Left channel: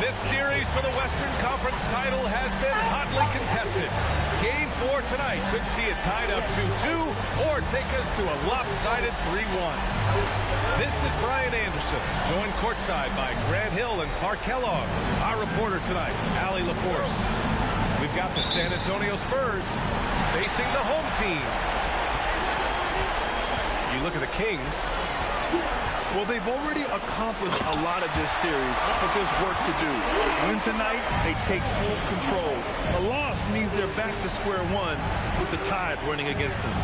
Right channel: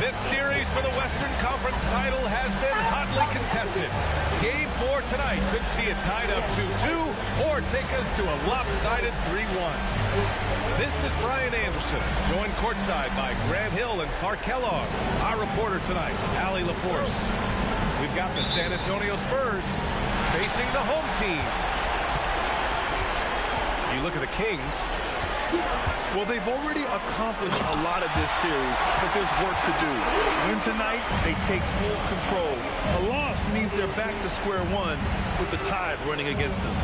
This series for the Western Conference title has been hotly contested. Game 4 tonight could see it tied up 2-2 or take us to a lopsided 3-1. This is Brian Anderson, joined courtside by Grant Hill and Clark Kellogg. Our reporter tonight, Allie LaForce. We've got the San Antonio Spurs facing the home team. You look at the Kings. Well, they've already accomplished a lot of this series, but there's work to do. Win tonight, they take full control. A loss means they're back to square one with the tide running against them.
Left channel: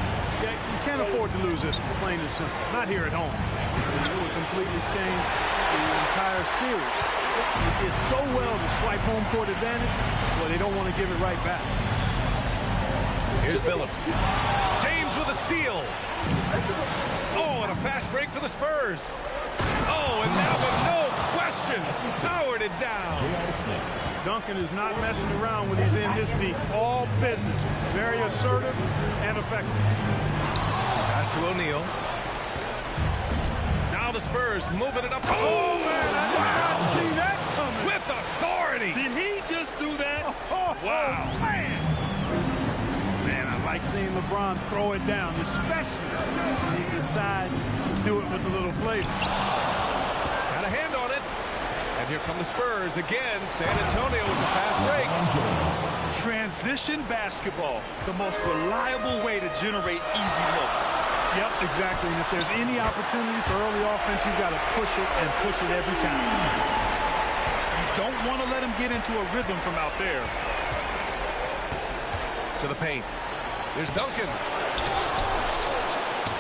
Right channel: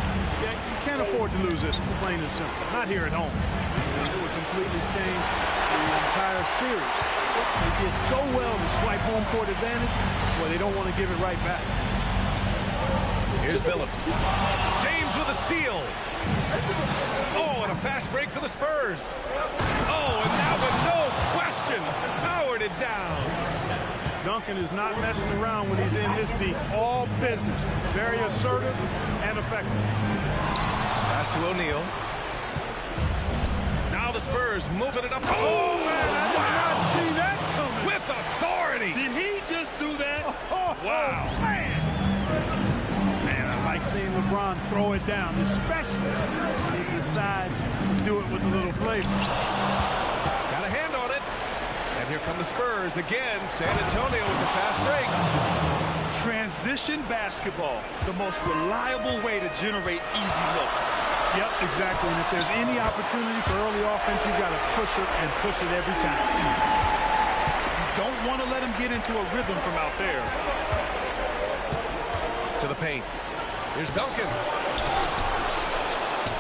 Yeah, you can't afford to lose this, plain and simple. Not here at home. It would completely change the entire series. They did so well to swipe home court advantage, well, they don't want to give it right back. Here's Billups. James with a steal. Oh, and a fast break for the Spurs. Oh, and that one, no question, powered it down. Duncan is not messing around when he's in this deep. All business. Very assertive and effective. Pass to O'Neal. Now the Spurs moving it up. Oh, man, I did not see that coming. With authority. Did he just do that? Wow. Man. I like seeing LeBron throw it down, especially when he decides to do it with a little flavor. Got a hand on it. And here come the Spurs again. San Antonio with the fast break. Transition basketball, the most reliable way to generate easy looks. Yep, exactly. And if there's any opportunity for early offense, you've got to push it and push it every time. You don't want to let him get into a rhythm from out there. To the paint. Here's Duncan.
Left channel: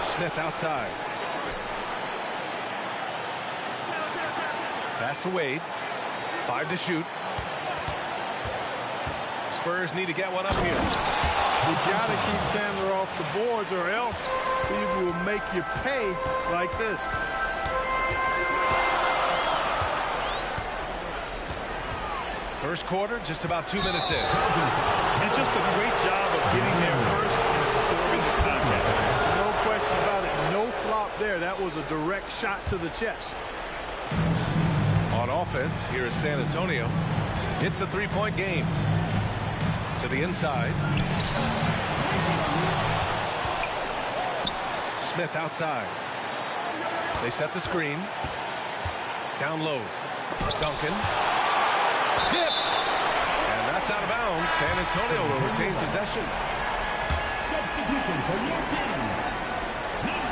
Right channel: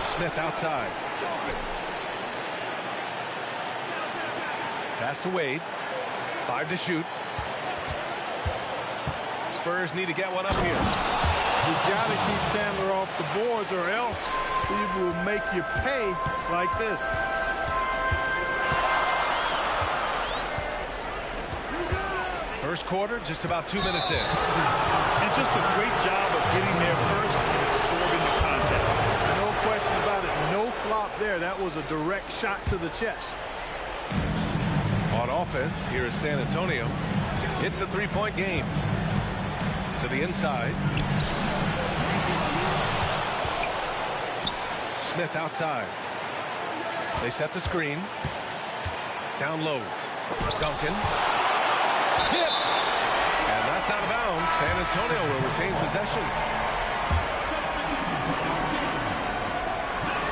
Smith outside. Pass to Wade. 5 to shoot. Spurs need to get one up here. You've got to keep Chandler off the boards or else he will make you pay like this. First quarter, just about 2 minutes in. And just a great job of getting there first and absorbing the contact. No question about it. No flop there. That was a direct shot to the chest. On offense, here is San Antonio. It's a three-point game. To the inside. Smith outside. They set the screen. Down low. Duncan. Tipped. And that's out of bounds. San Antonio will retain possession.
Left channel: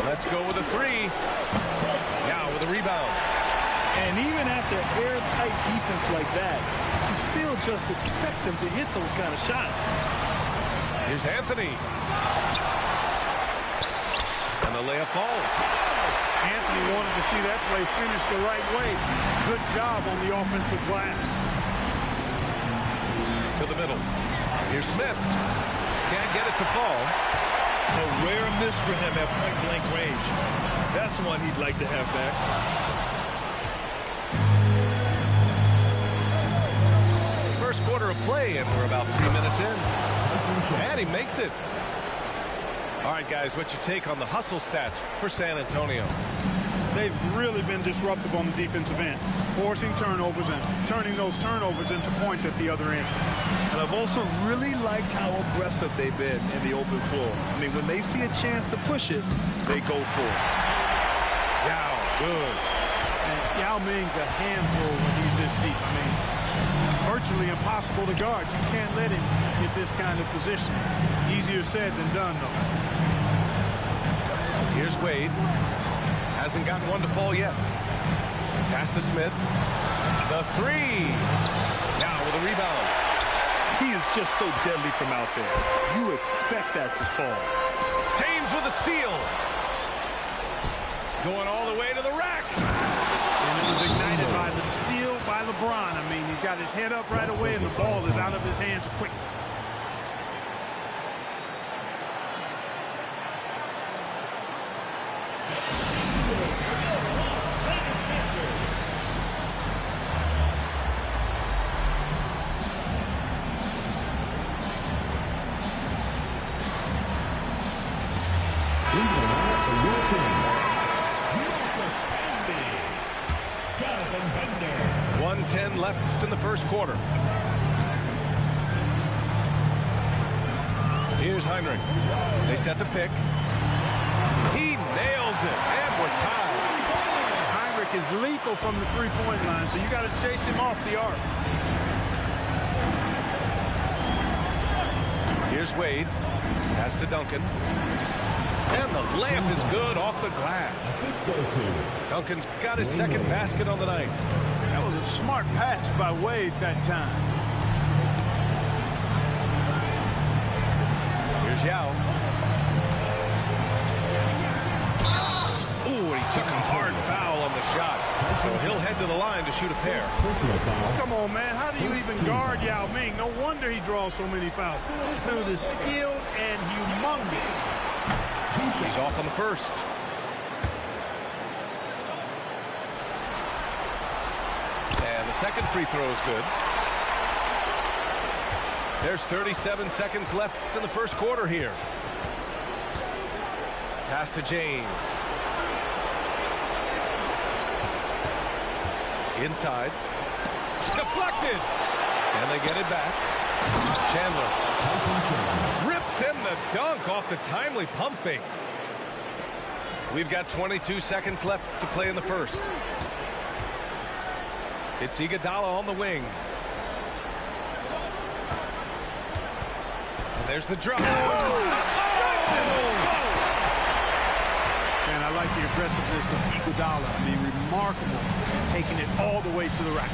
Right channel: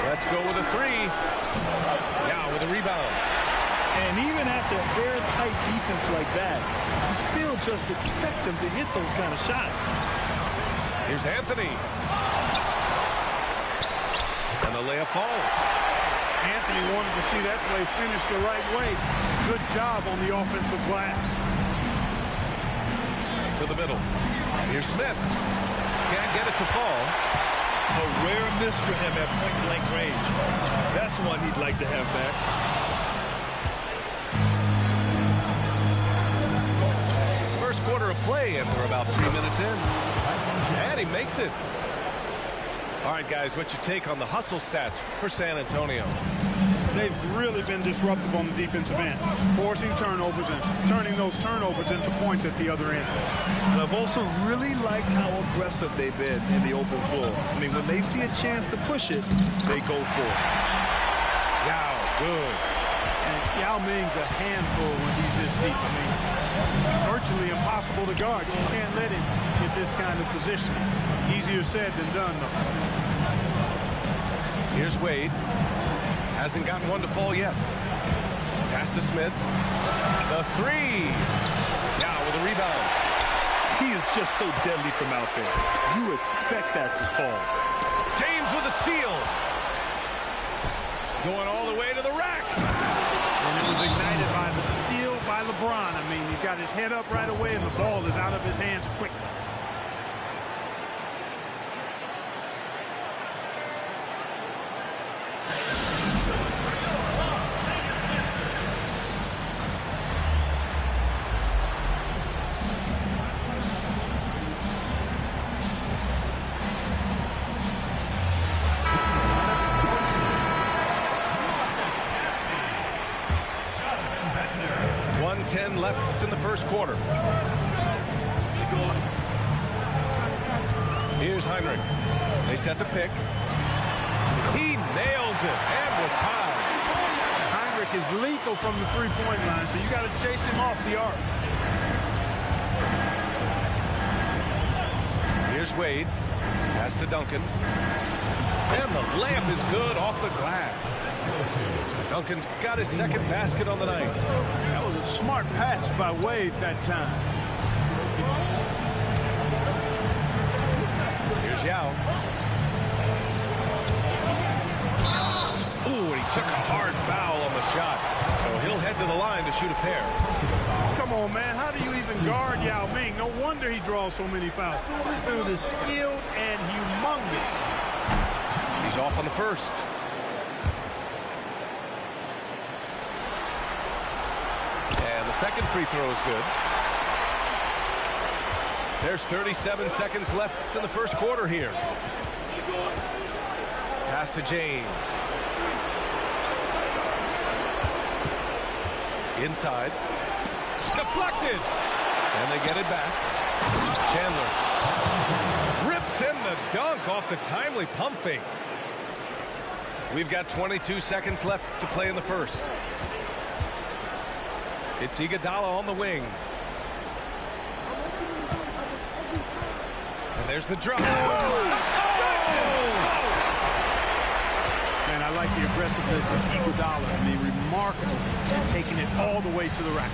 Let's go with a three. Now with a rebound. And even after airtight defense like that, you still just expect him to hit those kind of shots. Here's Anthony. And the layup falls. Anthony wanted to see that play finish the right way. Good job on the offensive glass. To the middle. Here's Smith. Can't get it to fall. A rare miss for him at point-blank range. That's one he'd like to have back. First quarter of play, and we're about 3 minutes in. And he makes it. All right, guys, what's your take on the hustle stats for San Antonio? They've really been disruptive on the defensive end, forcing turnovers and turning those turnovers into points at the other end. And I've also really liked how aggressive they've been in the open floor. I mean, when they see a chance to push it, they go for it. Yao, good. And Yao Ming's a handful when he's this deep. I mean, virtually impossible to guard. You can't let him get this kind of positioning. Easier said than done, though. Here's Wade. Hasn't gotten one to fall yet. Pass to Smith. The three. Now with a rebound. He is just so deadly from out there. You expect that to fall. James with a steal. Going all the way to the rack. And it was ignited by the steal by LeBron. I mean, he's got his head up right away, and the ball is out of his hands quickly. 1:10 left in the first quarter. Here's Heinrich. They set the pick. He nails it, and we're tied. Heinrich is lethal from the three-point line, so you got to chase him off the arc. Here's Wade. Pass to Duncan. And the layup is good off the glass. Duncan's got his second basket on the night. That was a smart pass by Wade that time. Here's Yao. Ooh, and he took a hard foul on the shot. So he'll head to the line to shoot a pair. Come on, man. How do you even guard Yao Ming? No wonder he draws so many fouls. This dude is skilled and humongous. He's off on the first. And the second free throw is good. There's 37 seconds left in the first quarter here. Pass to James. Inside. Deflected. And they get it back. Chandler. Rips in the dunk off the timely pump fake. We've got 22 seconds left to play in the first. It's Iguodala on the wing. And there's the drop. Man, I like the aggressiveness of Iguodala. I mean, remarkable in taking it all the way to the rack.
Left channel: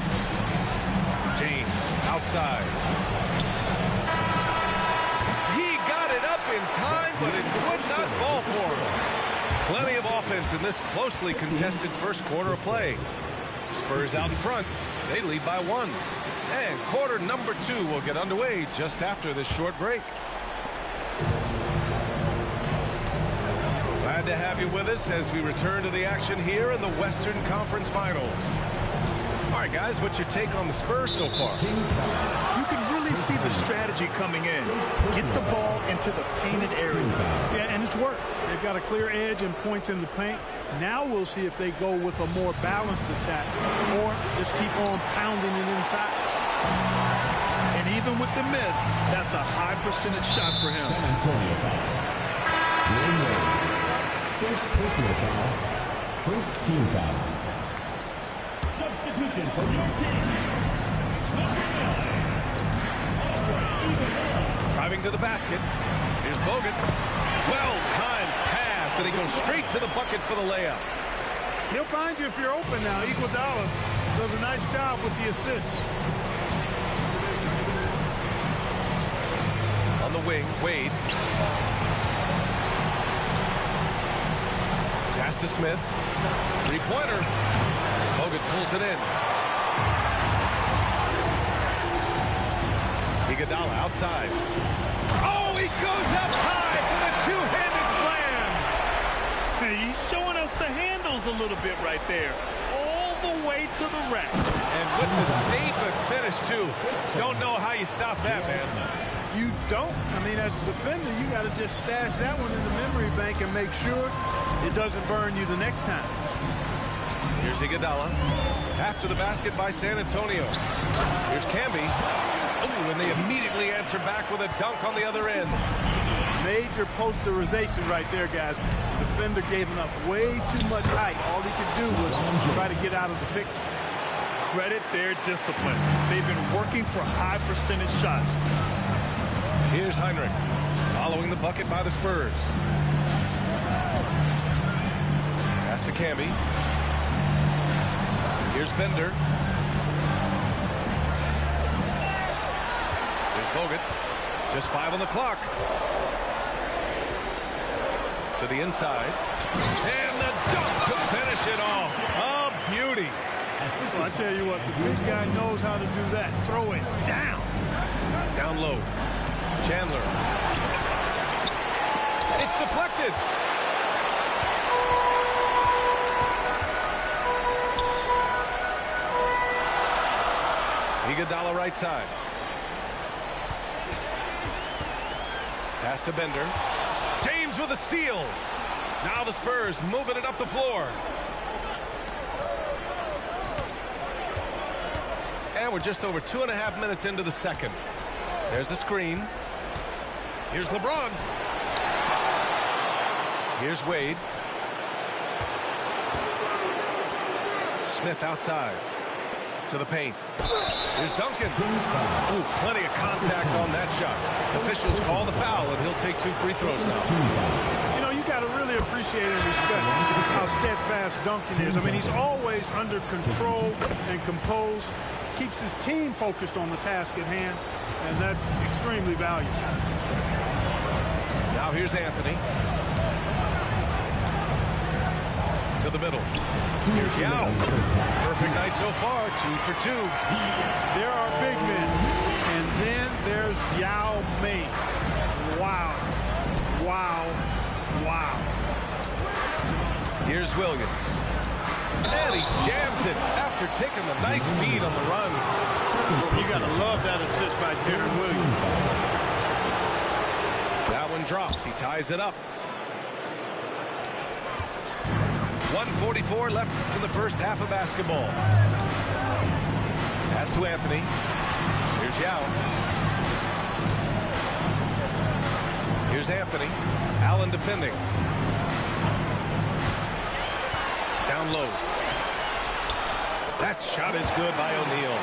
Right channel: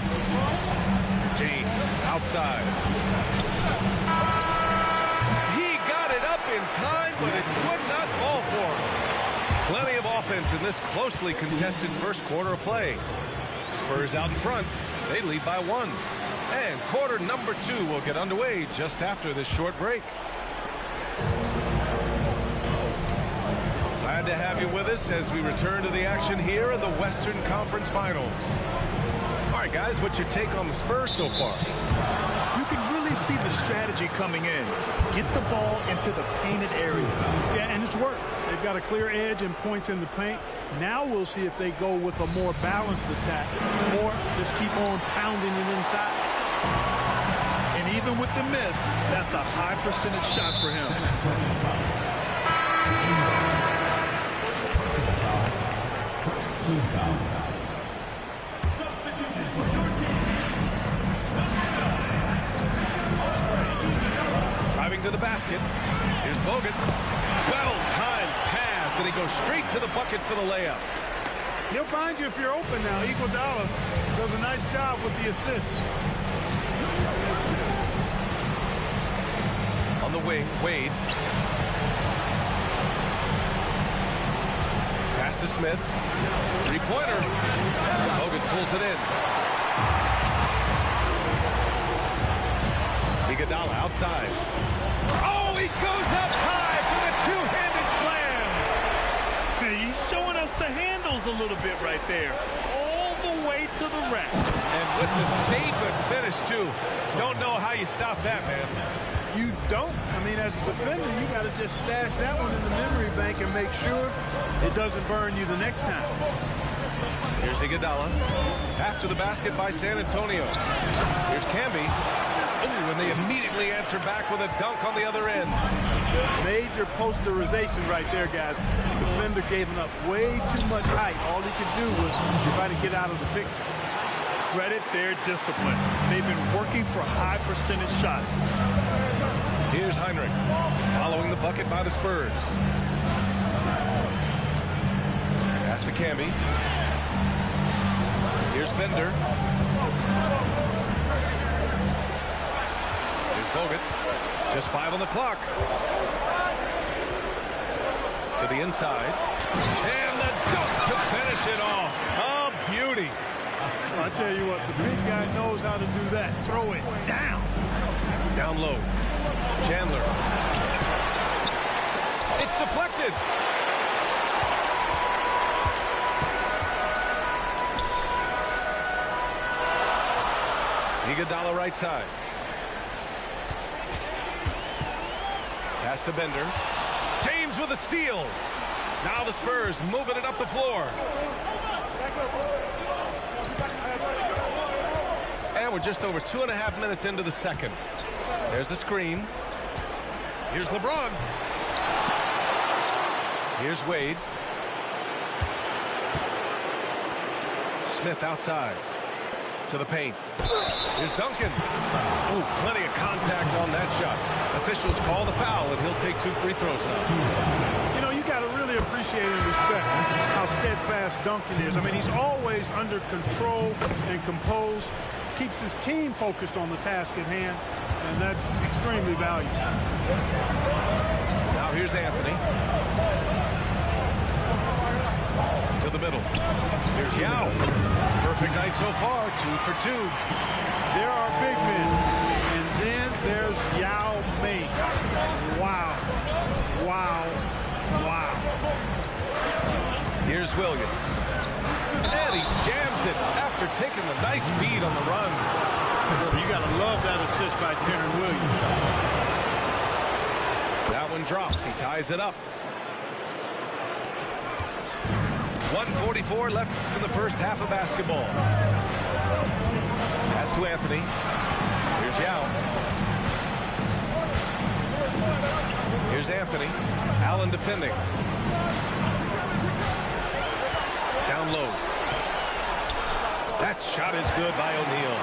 James outside. He got it up in time, but it would not fall for him. Plenty of offense in this closely contested first quarter of play. Spurs out in front. They lead by 1. And quarter number 2 will get underway just after this short break. Glad to have you with us as we return to the action here in the Western Conference Finals. All right, guys, what's your take on the Spurs so far? You can really see the strategy coming in. Get the ball into the painted area. Yeah, and it's worked. They've got a clear edge and points in the paint. Now we'll see if they go with a more balanced attack or just keep on pounding it inside. And even with the miss, that's a high percentage shot for him. First personal foul. First team foul. Substitution for your teams. Driving to the basket. Here's Bogut. Well-timed pass, and he goes straight to the bucket for the layup. He'll find you if you're open now. Iguodala does a nice job with the assist. On the wing, Wade. Pass to Smith. Three-pointer. Bogut pulls it in. Iguodala outside. Oh, he goes up high for the two-handed slam. He's showing us the handles a little bit right there. All the way to the rack. And with the statement finish, too. Don't know how you stop that, man. You don't. I mean, as a defender, you got to just stash that one in the memory bank and make sure it doesn't burn you the next time. Here's Iguodala. After the basket by San Antonio. Here's Camby. Oh, and they immediately answer back with a dunk on the other end. Major posterization right there, guys. The defender gave him up way too much height. All he could do was try to get out of the picture. Credit their discipline. They've been working for high percentage shots. Here's Heinrich, following the bucket by the Spurs. Pass to Camby. Here's Bender. Here's Bogut. Just 5 on the clock. To the inside. And the dunk to finish it off. A beauty. Well, I tell you what, the big guy knows how to do that. Throw it down. Down low. Chandler. It's deflected. Iguodala right side. Pass to Bender. James with a steal. Now the Spurs moving it up the floor. And we're just over 2.5 minutes into the second. There's a screen. Here's LeBron. Here's Wade. Smith outside to the paint. Here's Duncan. Oh, plenty of contact on that shot. Officials call the foul, and he'll take 2 free throws now. You know, you got to really appreciate and respect how steadfast Duncan is. I mean, he's always under control and composed, keeps his team focused on the task at hand, and that's extremely valuable. Now here's Anthony. To the middle. Here's Yao. Perfect night so far, 2 for 2. There are big men, and then there's Yao Ming. Wow. Wow. Wow. Here's Williams. And he jams it after taking the nice feed on the run. You got to love that assist by Darren Williams. That one drops. He ties it up. 1:44 left in the first half of basketball. Pass to Anthony. Here's Yao. Here's Anthony. Allen defending. Down low. That shot is good by O'Neal.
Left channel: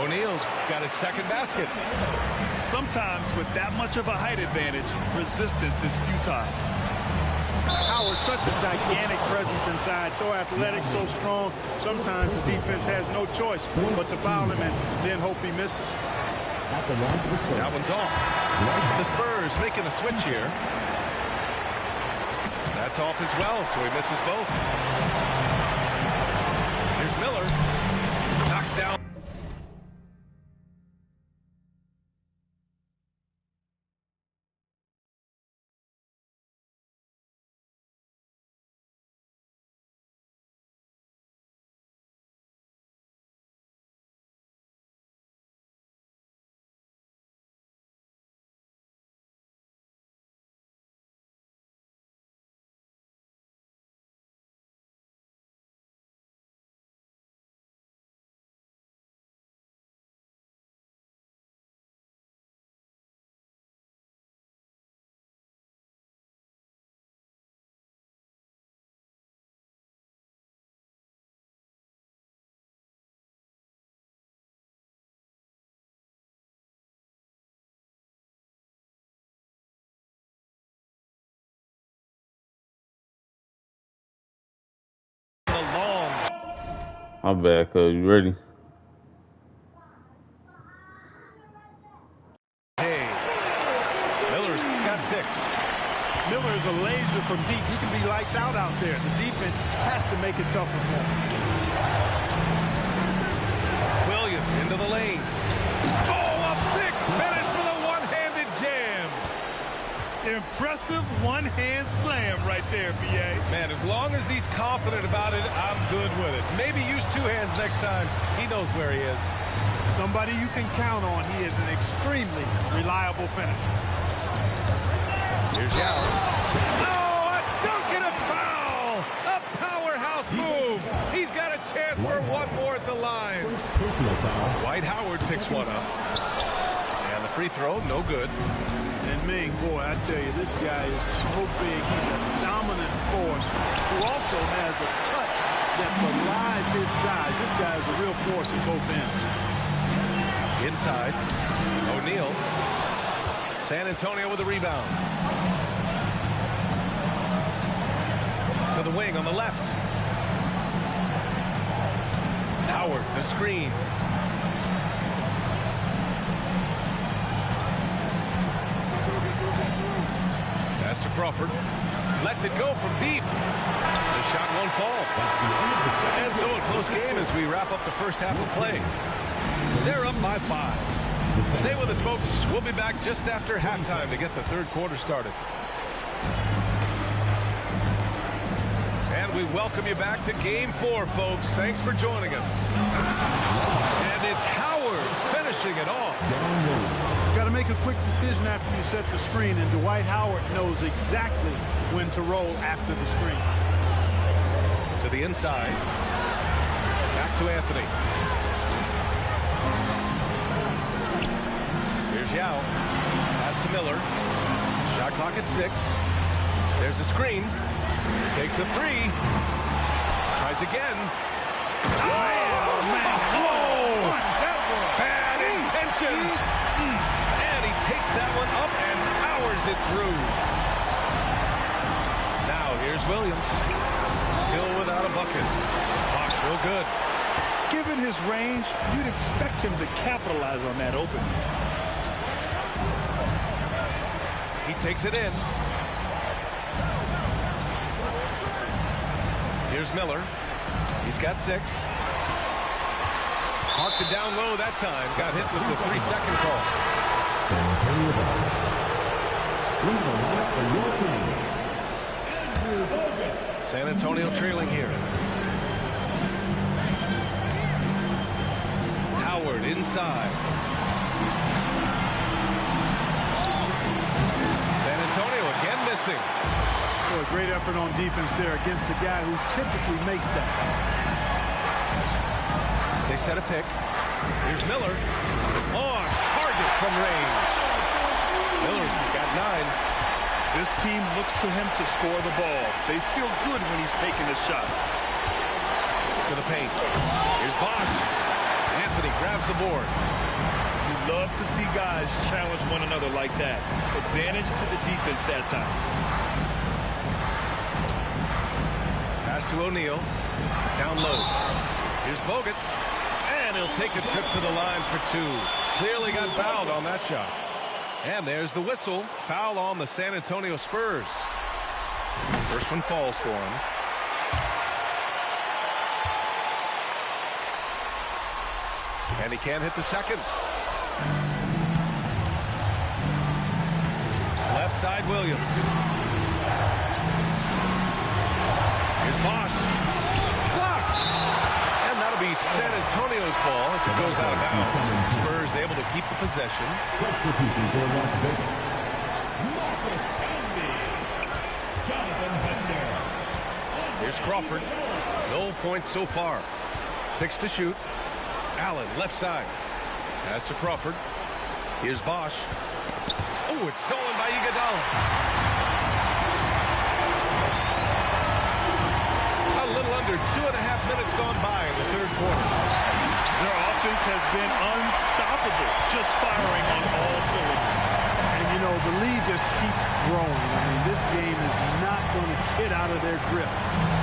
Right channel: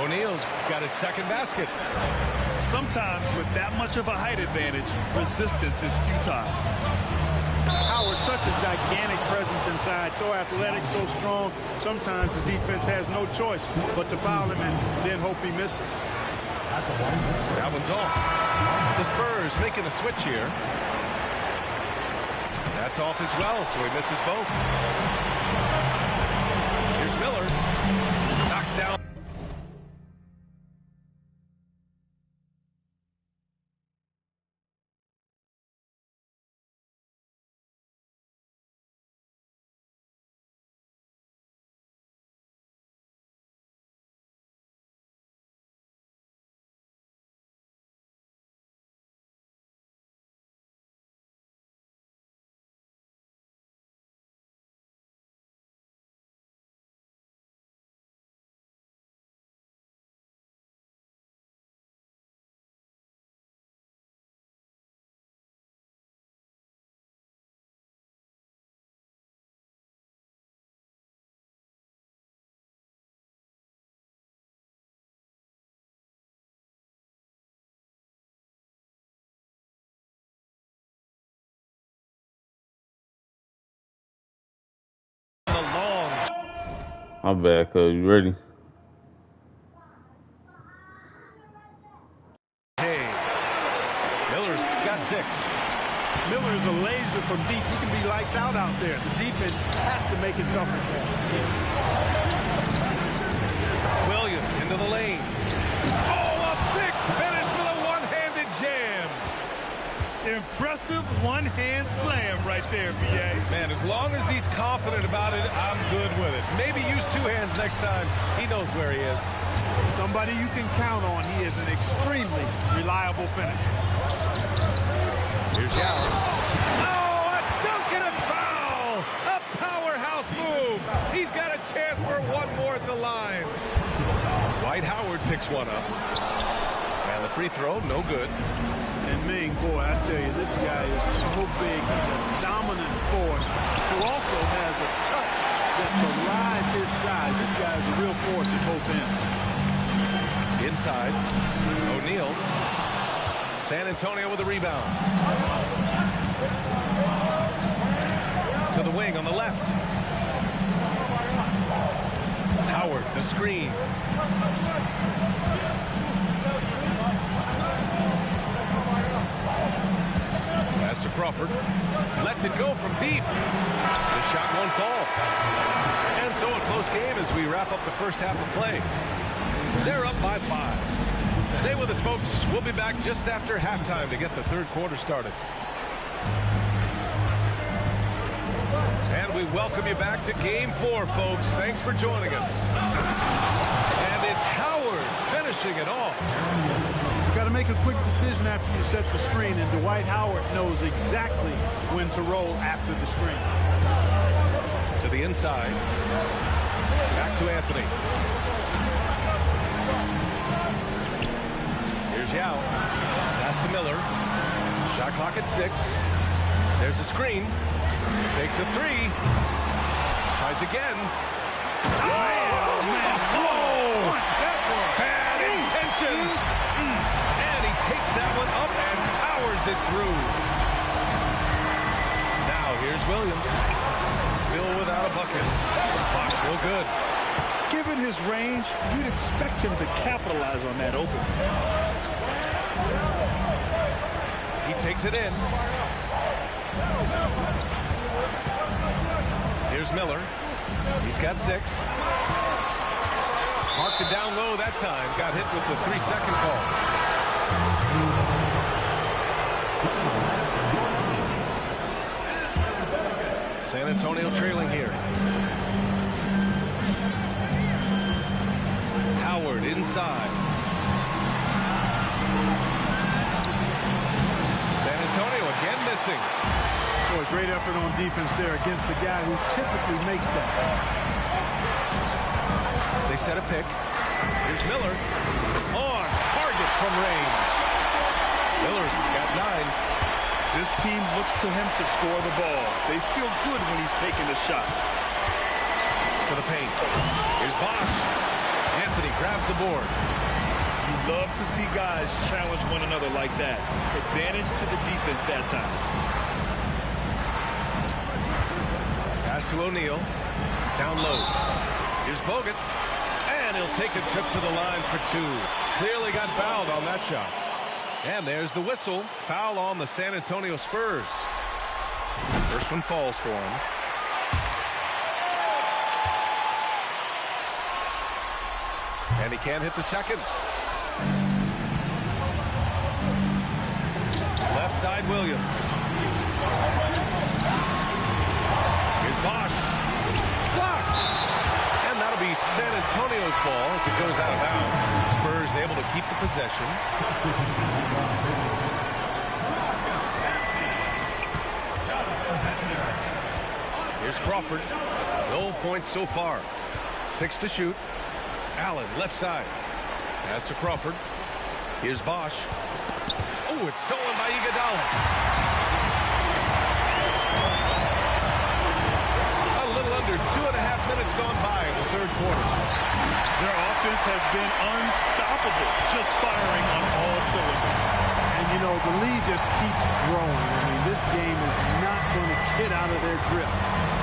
O'Neal's got his second basket. Sometimes with that much of a height advantage, resistance is futile. Howard, such a gigantic presence inside, so athletic, so strong. Sometimes the defense has no choice but to foul him and then hope he misses. That one's off. The Spurs making a switch here. That's off as well, so he misses both. Here's Miller. Knocks down. Long. My bad, cuz. You ready? Hey, Miller's got 6. Miller is a laser from deep. He can be lights out there. The defense has to make it tougher for him. Williams into the lane. Oh, a big finish with a one-handed jam. Impressive one-hand slam right there, B.A. Man, as long as he's confident about it, I'm good with it. Maybe use 2 hands next time. He knows where he is. Somebody you can count on. He is an extremely reliable finisher. Here's Yao. Oh, a dunk and a foul! A powerhouse move. He's got a chance for one more at the line. Dwight Howard picks one up. And the free throw, no good. And Ming, boy, I tell you, this guy is so big. He's a dominant force who also has a touch that belies his size. This guy is a real force at both ends. Inside, O'Neal. San Antonio with a rebound. To the wing on the left. Howard, the screen. Pass to Crawford. Lets it go from deep. The shot won't fall. And so a close game as we wrap up the first half of play. They're up by 5. Stay with us, folks. We'll be back just after halftime to get the third quarter started. And we welcome you back to Game 4, folks. Thanks for joining us. And it's Howard finishing it off. You've got to make a quick decision after you set the screen, and Dwight Howard knows exactly when to roll after the screen. To the inside. Back to Anthony. Here's Yao. Pass to Miller. Shot clock at 6. There's a screen. Takes a 3. Tries again. Oh, man. Whoa. Bad intentions. And he takes that one up and powers it through. Now here's Williams. Still without a bucket. Bosh real good. Given his range, you'd expect him to capitalize on that opening. He takes it in. Here's Miller. He's got 6. Marked it down low that time. Got hit with the 3-second call. San Antonio ball. Running the line for your Kings, Andrew Bogut. San Antonio trailing here. Howard inside. San Antonio again missing. Boy, great effort on defense there against a guy who typically makes that. They set a pick. Here's Miller. On target from range. Miller's got 9. This team looks to him to score the ball. They feel good when he's taking the shots. To the paint. Here's Bosh. Anthony grabs the board. You love to see guys challenge one another like that. Advantage to the defense that time. Pass to O'Neal. Down low. Here's Bogut. And he'll take a trip to the line for 2. Clearly got fouled on that shot. And there's the whistle. Foul on the San Antonio Spurs. First one falls for him. And he can't hit the second. Left side, Williams. Here's Bosh. Blocked. And that'll be San Antonio's ball as it goes out of bounds. Spurs able to keep the possession. Substitution for Las Vegas. Marcus Camby. Jonathan Bender. Here's Crawford. No points so far. 6 to shoot. Allen left side. Pass to Crawford. Here's Bosh. Oh, it's stolen by Iguodala. A little under 2.5 minutes gone by in the third quarter. Their offense has been unstoppable, just firing on all cylinders. And, you know, the lead just keeps growing. I mean, this game is not going to get out of their grip.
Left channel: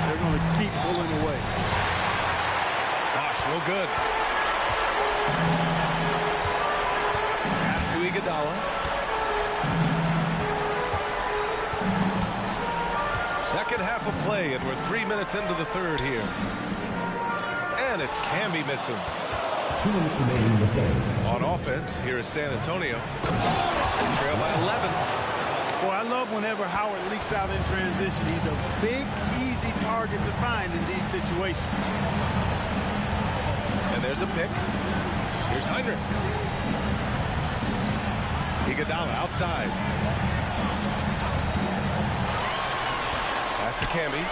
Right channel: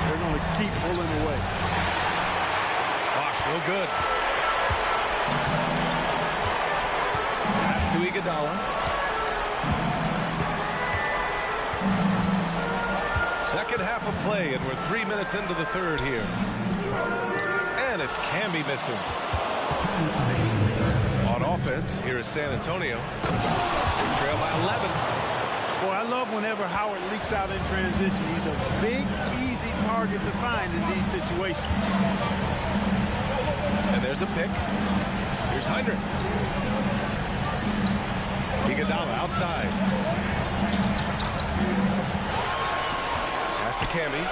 They're going to keep pulling away. Bosh, real good. Pass to Iguodala. Second half of play, and we're 3 minutes into the third here. And it's Camby missing. 2 minutes remaining in the third. On offense, here is San Antonio. They trail by 11. Boy, I love whenever Howard leaks out in transition. He's a big, easy target to find in these situations. And there's a pick. Here's Heinrich. Iguodala outside. Pass to Camby.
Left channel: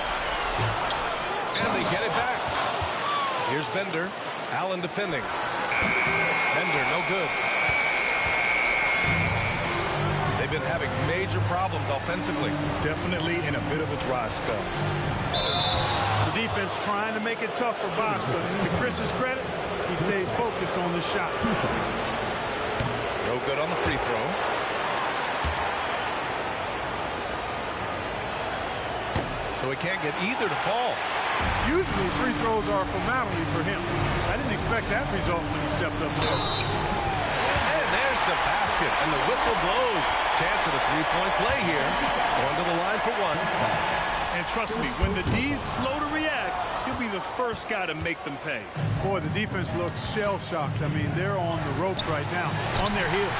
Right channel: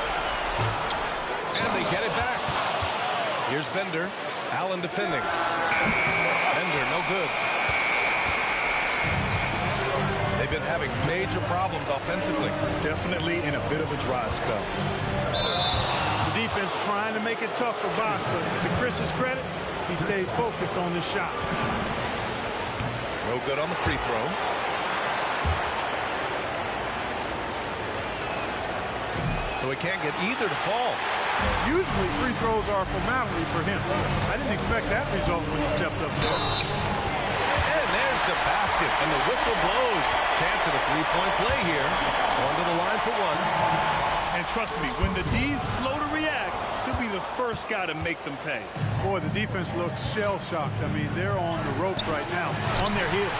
And they get it back. Here's Bender. Allen defending. Bender, no good. They've been having major problems offensively. Definitely in a bit of a dry spell. The defense trying to make it tough for Bosh, but to Chris's credit, he stays focused on this shot. No good on the free throw. So he can't get either to fall. Usually free throws are a formality for him. I didn't expect that result when he stepped up there. And there's the basket, and the whistle blows. Chance at a three-point play here. Going to the line for 1. And trust me, when the D's slow to react, he'll be the first guy to make them pay. Boy, the defense looks shell-shocked. I mean, they're on the ropes right now, on their heels.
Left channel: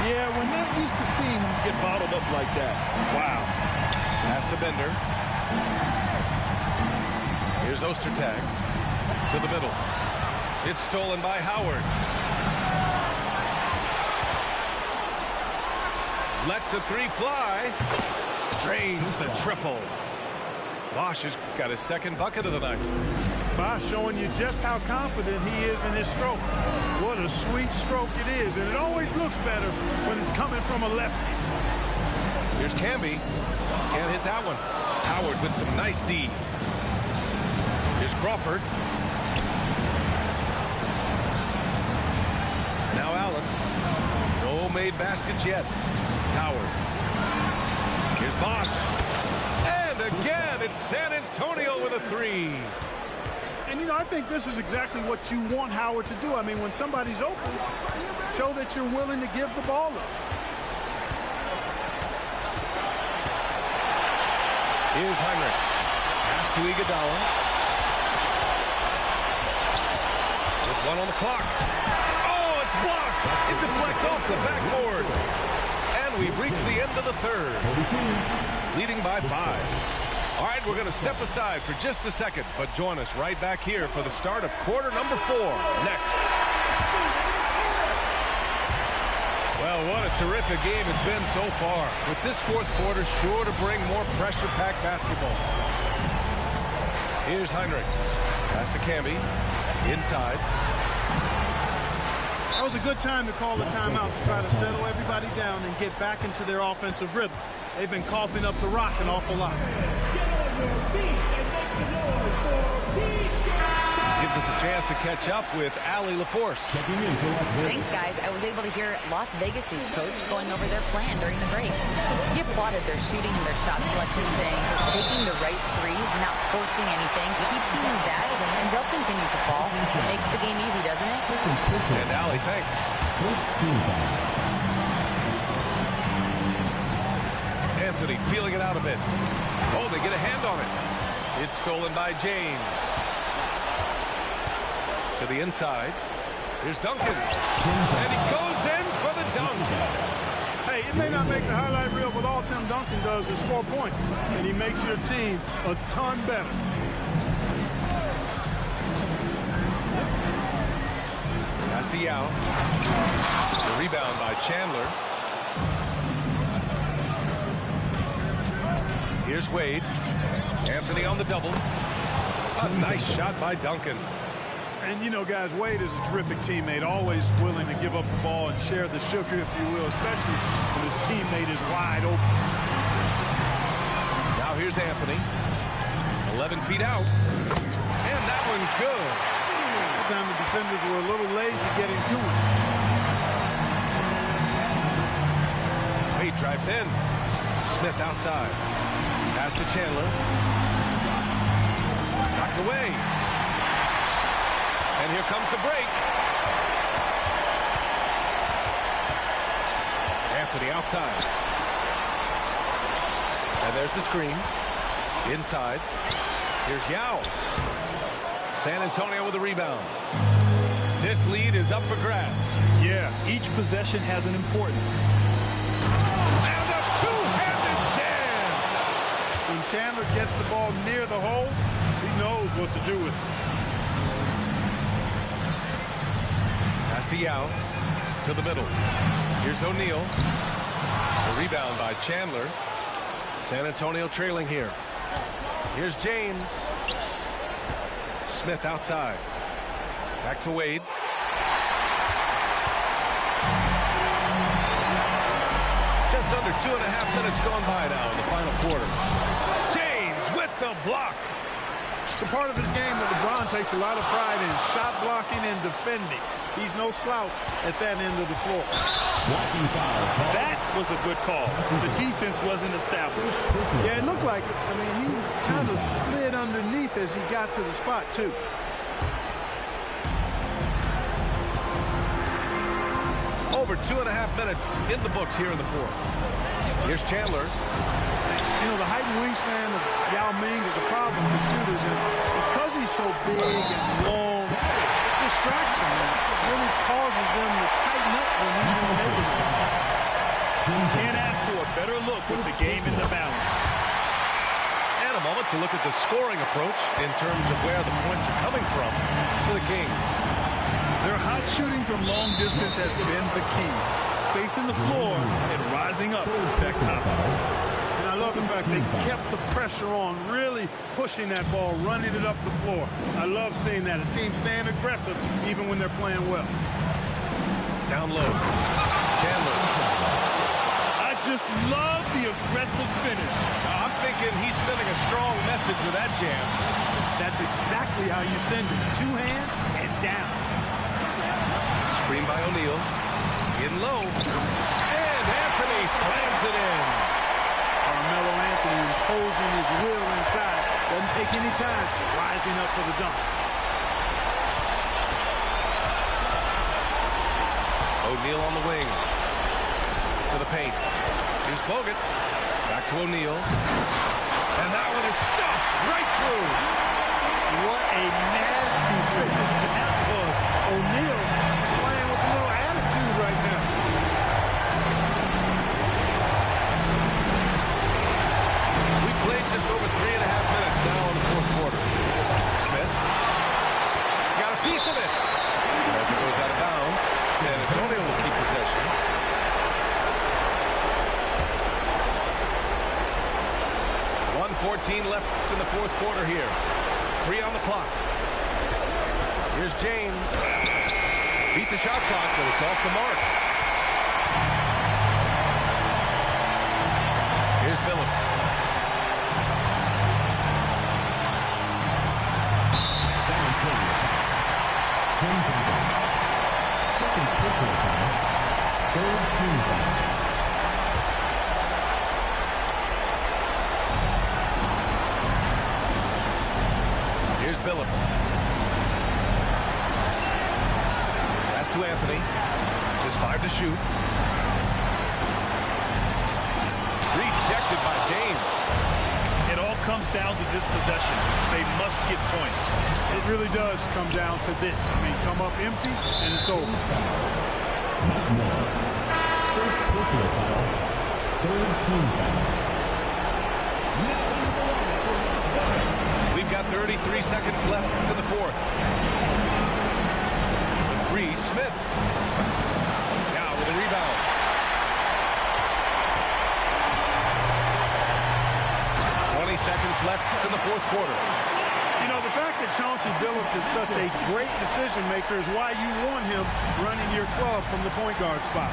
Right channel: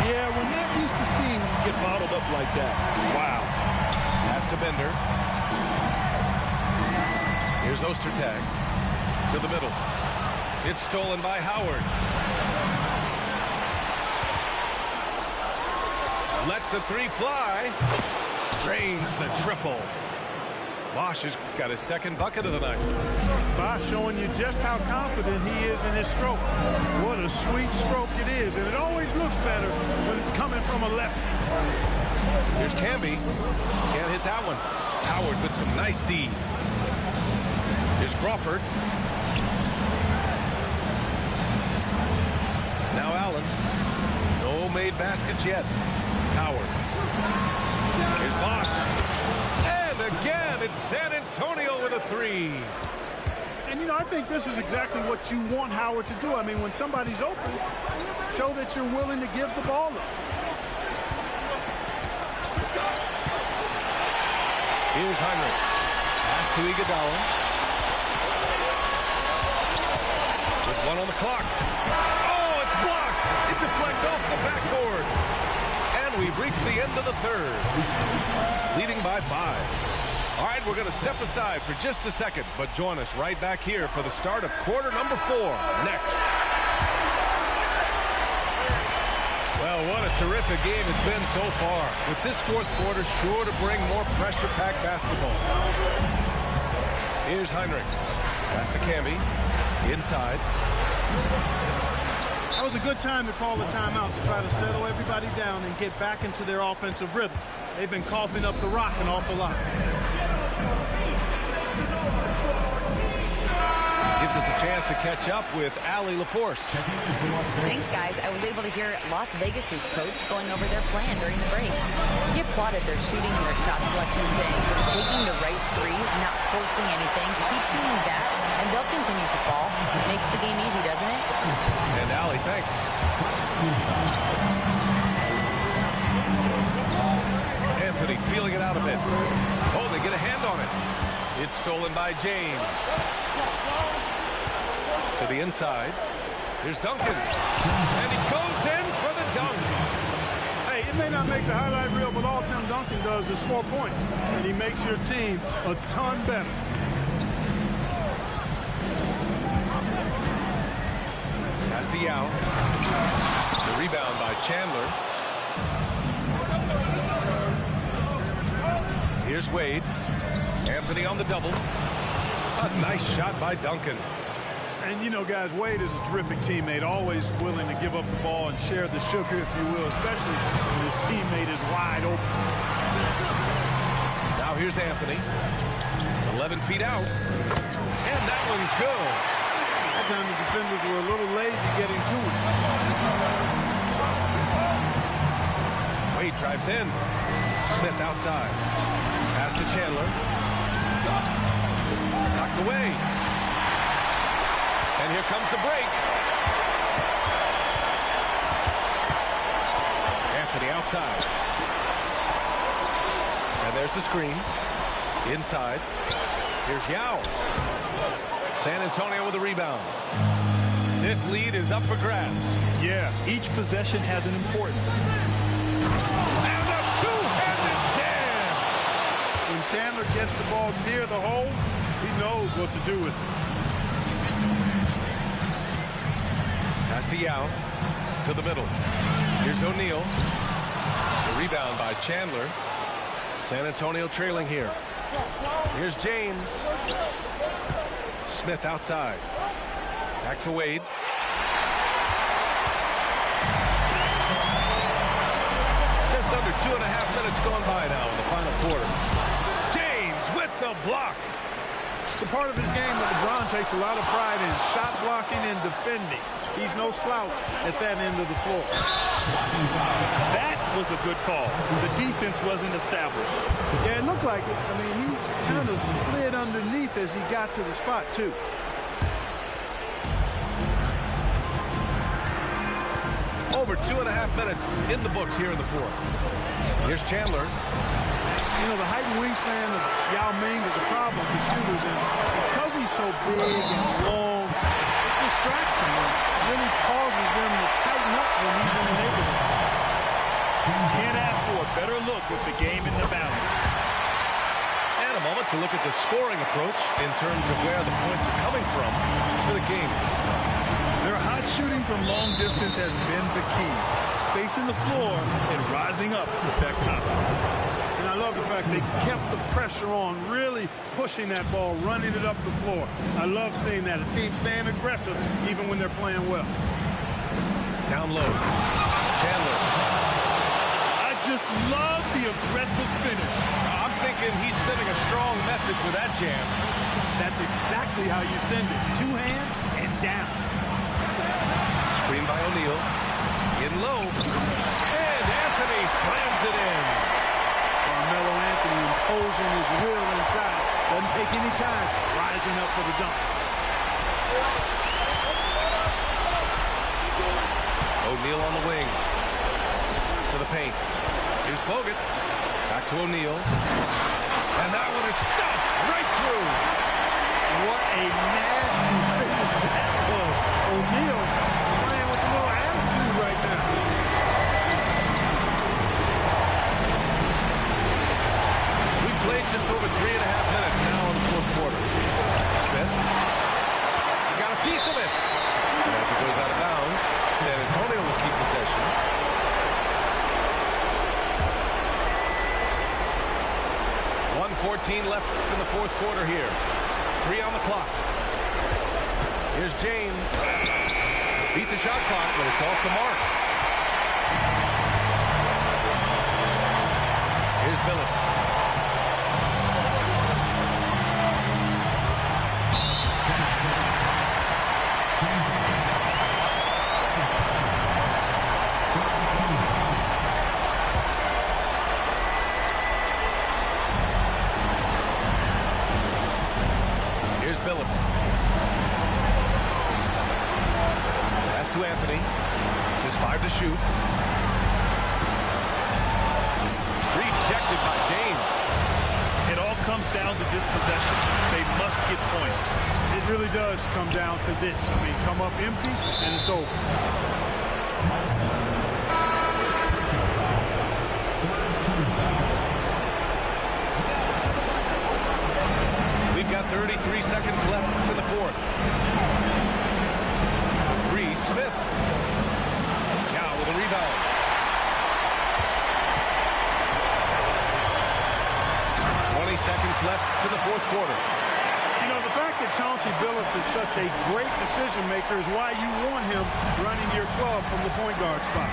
Yeah, we're not used to seeing him get bottled up like that. Wow. Pass to Bender. Here's Ostertag to the middle. It's stolen by Howard. Lets the 3 fly. Drains the triple. Bosch has got his second bucket of the night. Bosch showing you just how confident he is in his stroke. What a sweet stroke it is, and it always looks better when it's coming from a lefty. Here's Camby. Can't hit that one. Howard with some nice D. Here's Crawford. Now Allen. No made baskets yet. Howard. Here's Bosch. And again, it's San Antonio with a three. And, you know, I think this is exactly what you want Howard to do. I mean, when somebody's open, show that you're willing to give the ball up. Here's Heinrich. Pass to Iguodala. With one on the clock. Oh, it's blocked. It deflects off the backboard. And we've reached the end of the third. Leading by 5. All right, we're going to step aside for just a second, but join us right back here for the start of quarter number 4 next. Well, what a terrific game it's been so far, with this fourth quarter sure to bring more pressure-packed basketball. Here's Heinrich. Pass to Camby. Inside. That was a good time to call the timeout to try to settle everybody down and get back into their offensive rhythm. They've been coughing up the rock an awful lot. Gives us a chance to catch up with Allie LaForce. Thanks, guys. I was able to hear Las Vegas's coach going over their plan during the break. He applauded their shooting and their shot selection, saying they're taking the right threes, not forcing anything. Keep doing that, and they'll continue to fall. Makes the game easy, doesn't it? And Allie, thanks. Anthony feeling it out a bit. Oh, they get a hand on it. It's stolen by James. To the inside. Here's Duncan. And he goes in for the dunk. Hey, it may not make the highlight reel, but all Tim Duncan does is score points. And he makes your team a ton better. Pass to Yao. The rebound by Chandler. Here's Wade. Anthony on the double. A nice shot by Duncan. And, you know, guys, Wade is a terrific teammate, always willing to give up the ball and share the sugar, if you will, especially when his teammate is wide open. Now here's Anthony. 11 feet out. And that one's good. That time the defenders were a little lazy getting to him. Wade drives in. Smith outside. Pass to Chandler. Knocked away. And here comes the break. Anthony outside. And there's the screen. Inside. Here's Yao. San Antonio with a rebound. This lead is up for grabs. Yeah, each possession has an importance. And a two-handed jam. When Chandler gets the ball near the hole, he knows what to do with it. Pass to Yao. To the middle. Here's O'Neal. The rebound by Chandler. San Antonio trailing here. Here's James. Smith outside. Back to Wade. Just under 2.5 minutes gone by now in the final quarter. James with the block. It's a part of his game that LeBron takes a lot of pride in, shot blocking and defending. He's no slouch at that end of the floor. That was a good call. The defense wasn't established. Yeah, it looked like it. I mean, he kind of slid underneath as he got to the spot, too. Over 2.5 minutes in the books here in the fourth. Here's Chandler. You know, the height and wingspan of Yao Ming is a problem for shooters, and because he's so big and long, it distracts them and really causes them to tighten up when he's in the neighborhood. Can't ask for a better look with the game in the balance. And a moment to look at the scoring approach in terms of where the points are coming from for the Kings. Their hot shooting from long distance has been the key. Spacing the floor and rising up with that confidence. And I love the fact they kept the pressure on, really pushing that ball, running it up the floor. I love seeing that. A team staying aggressive even when they're playing well. Down low. Chandler. I just love the aggressive finish. I'm thinking he's sending a strong message with that jam. That's exactly how you send it. Two hands and down. Screen by O'Neal. In low. And Anthony slams it in. Carmelo Anthony imposing his will inside. Doesn't take any time. Rising up for the dunk. O'Neal on the wing. To the paint. Here's Bogut. Back to O'Neal. And that one is stuffed right through. What a nasty finish that was. O'Neal playing with a little attitude right now. We've played just over 3.5 minutes now in the fourth quarter. Smith got a piece of it. And as he goes out of bounds, San Antonio will keep possession. .114 left in the fourth quarter here. 3 on the clock. Here's James. Beat the shot clock, but it's off the mark. Here's Billups. San Antonio. Team foul. Second personal foul. Third team foul. Here's Billups. Pass to Anthony. Just 5 to shoot. Rejected by James. It all comes down to this possession. They must get points. It really does come down to this. I mean, come up empty, and it's over. First personal foul. Third team foul. We've got 33 seconds left in the fourth. The three, Smith. Now with a rebound. Seconds left in the fourth quarter. You know, the fact that Chauncey Billups is such a great decision maker is why you want him running your club from the point guard spot.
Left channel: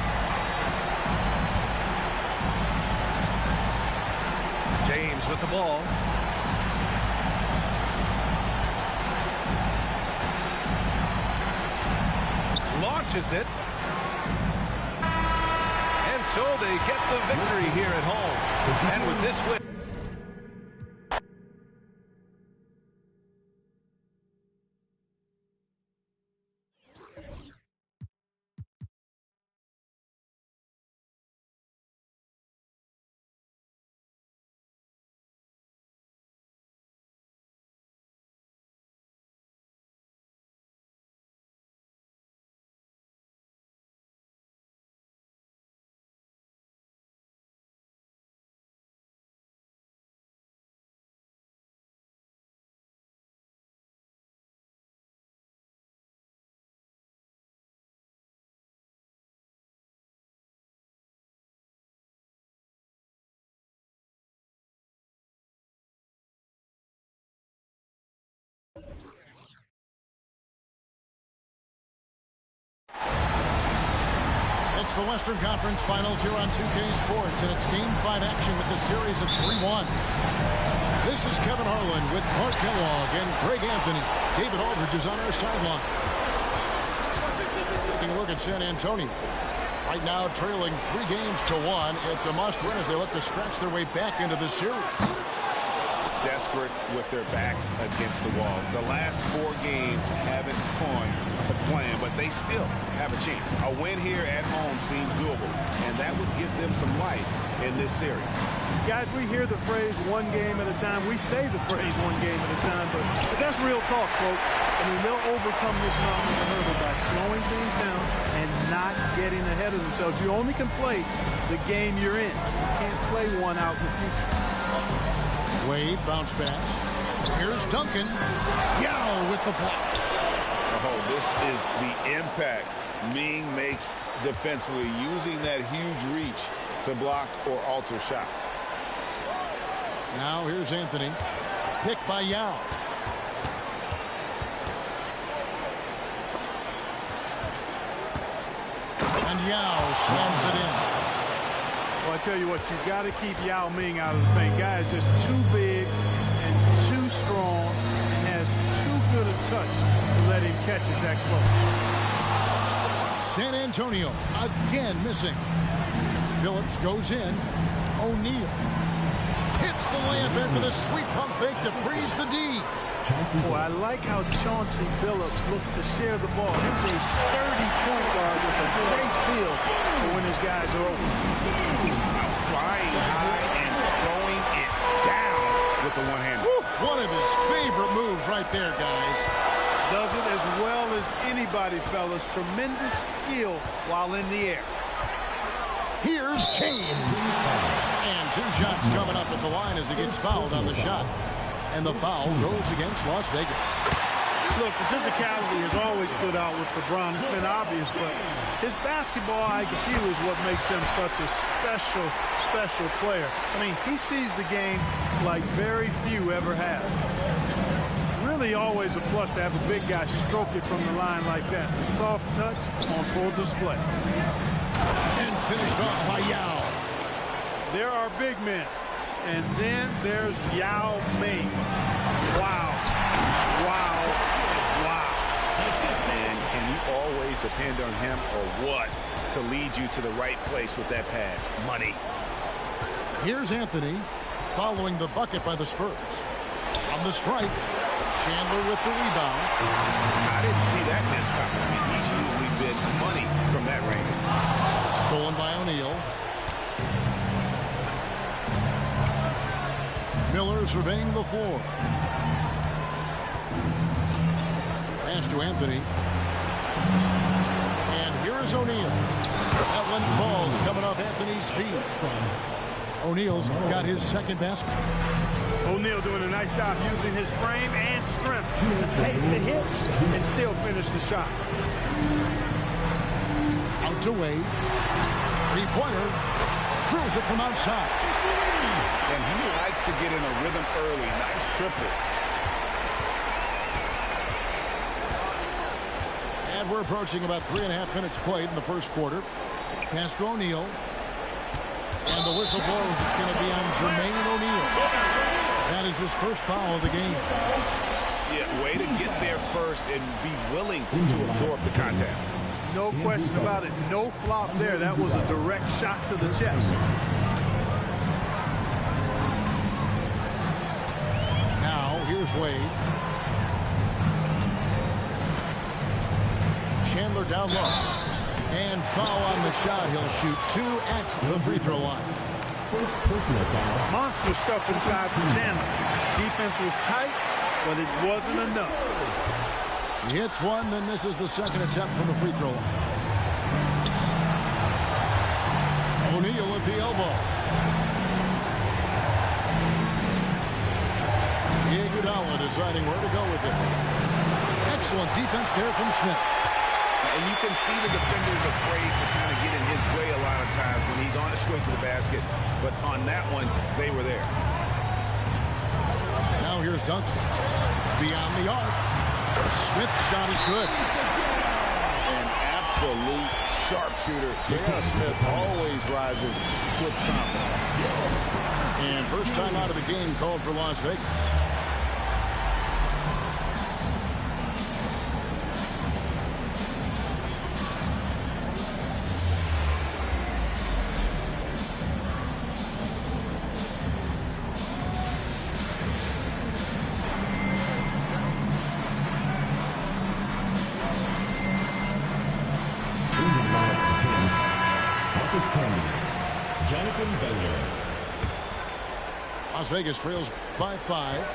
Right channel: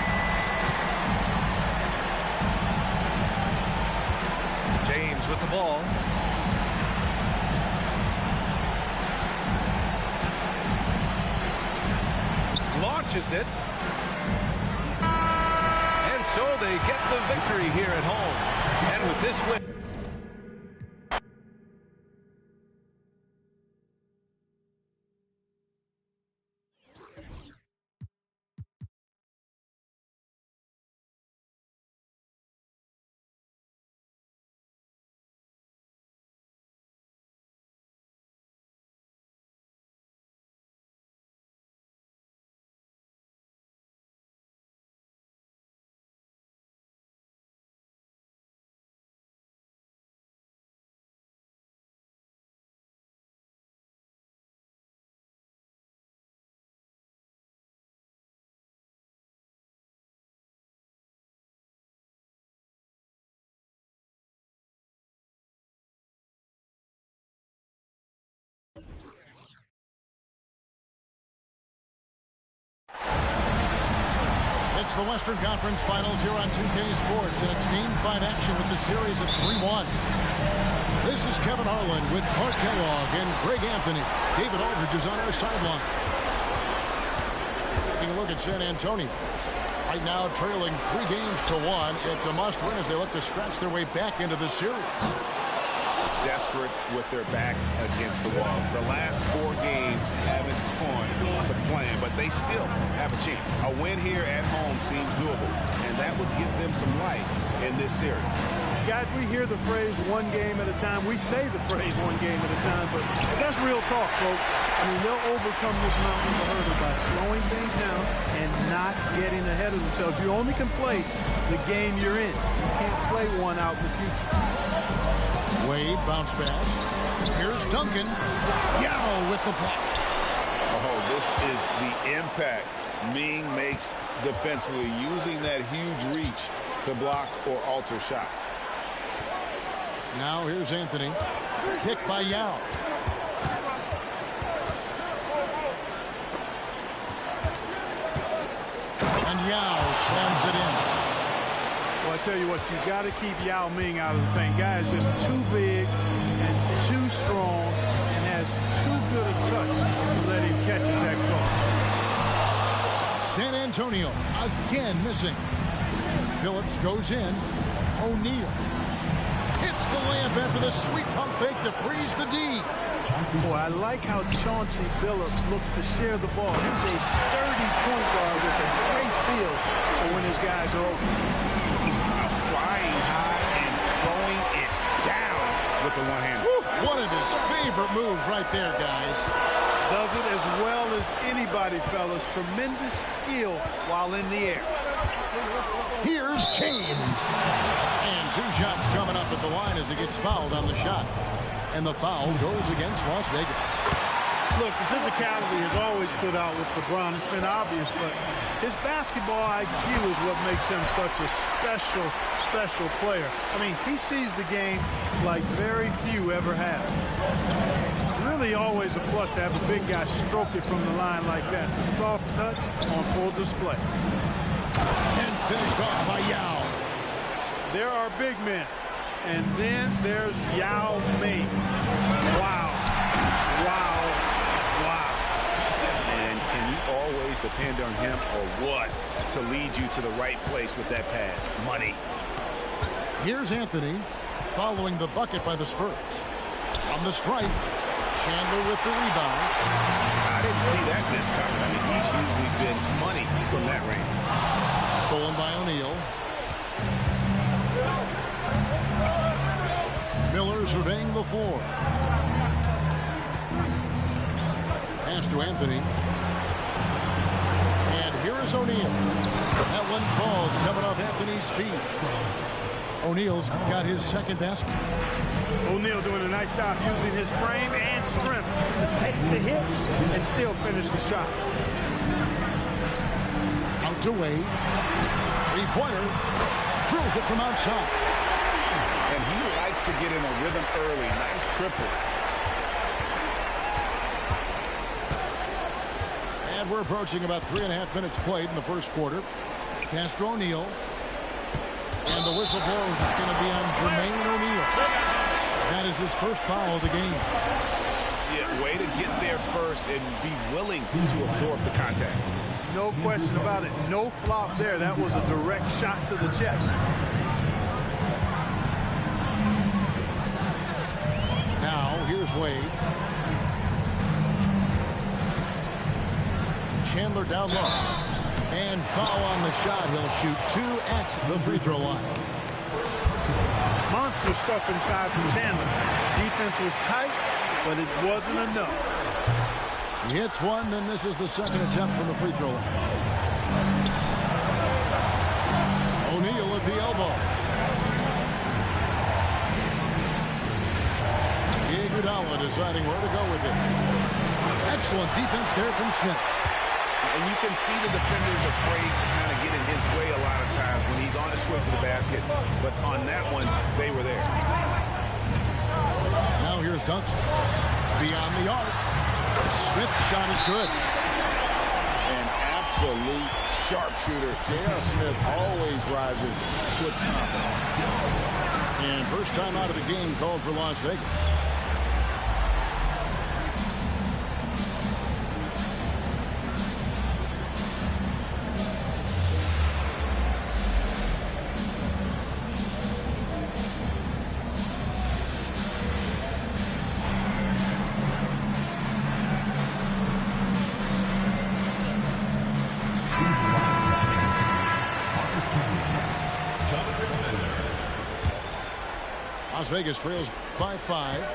James with the ball. Launches it. And so they get the victory here at home. And with this win. It's the Western Conference Finals here on 2K Sports, and it's Game 5 action with the series of 3-1. This is Kevin Harlan with Clark Kellogg and Greg Anthony. David Aldridge is on our sideline. Taking a look at San Antonio. Right now trailing 3-1. It's a must-win as they look to scratch their way back into the series. Desperate with their backs against the wall. The last 4 games haven't gone to plan, but they still have a chance. A win here at home seems doable, and that would give them some life in this series. Guys, we hear the phrase one game at a time. We say the phrase one game at a time, but that's real talk, folks. I mean, they'll overcome this mountain of a hurdle by slowing things down and not getting ahead of themselves. You only can play the game you're in. You can't play one out in the future. Wade, bounce pass. Here's Duncan. Yao with the block. Oh, this is the impact Ming makes defensively, using that huge reach to block or alter shots. Now here's Anthony. Picked by Yao. And Yao slams it in. Well, I tell you what, you got to keep Yao Ming out of the paint. Guy is just too big and too strong and has too good a touch to let him catch it that close. San Antonio again missing. Phillips goes in. O'Neal hits the layup in for the sweet pump fake to freeze the D. Boy, I like how Chauncey Billups looks to share the ball. He's a sturdy point guard with a great feel for when his guys are open. Flying high and throwing it down with the one-hander. One of his favorite moves right there, guys. Does it as well as anybody, fellas. Tremendous skill while in the air. Here's James. And 2 shots coming up at the line as he gets fouled on the shot. And the foul goes against Las Vegas. Look, the physicality has always stood out with LeBron. It's been obvious, but his basketball IQ is what makes him such a special player. I mean, he sees the game like very few ever have. Really always a plus to have a big guy stroke it from the line like that. The soft touch on full display. And finished off by Yao. There are big men. And then there's Yao Ming. Wow. Wow. Wow. And can you always depend on him or what to lead you to the right place with that pass? Money. Here's Anthony following the bucket by the Spurs. From the stripe, Chandler with the rebound. I didn't see that miss coming. I mean, he's usually been money from that range. Stolen by O'Neal. Miller surveying the floor. Pass to Anthony. And here is O'Neal. That one falls coming off Anthony's feet. O'Neal's got his second basket. O'Neal doing a nice job using his frame and strength to take the hit and still finish the shot. Out to Wade. Three-pointer. Drills it from outside. And he likes to get in a rhythm early. Nice triple. And we're approaching about 3.5 minutes played in the first quarter. Pass to O'Neal. And the whistle blows. It's going to be on Jermaine O'Neal. That is his first foul of the game. Yeah, way to get there first and be willing to absorb the contact. No question about it. No flop there. That was a direct shot to the chest. Now, here's Wade. Chandler down low. And foul on the shot. He'll shoot 2 at the free throw line. First personal foul. Monster stuff inside from Chandler. Defense was tight, but it wasn't enough. He hits one, then misses the second attempt from the free throw line. O'Neal at the elbow. Iguodala deciding where to go with it. Excellent defense there from Smith. And you can see the defenders afraid to kind of get in his way a lot of times when he's on his way to the basket. But on that one, they were there. Now here's Duncan. Beyond the arc. Smith's shot is good. An absolute sharpshooter. J.R. Smith always rises with confidence. And first time out of the game called for Las Vegas. Las Vegas trails by 5.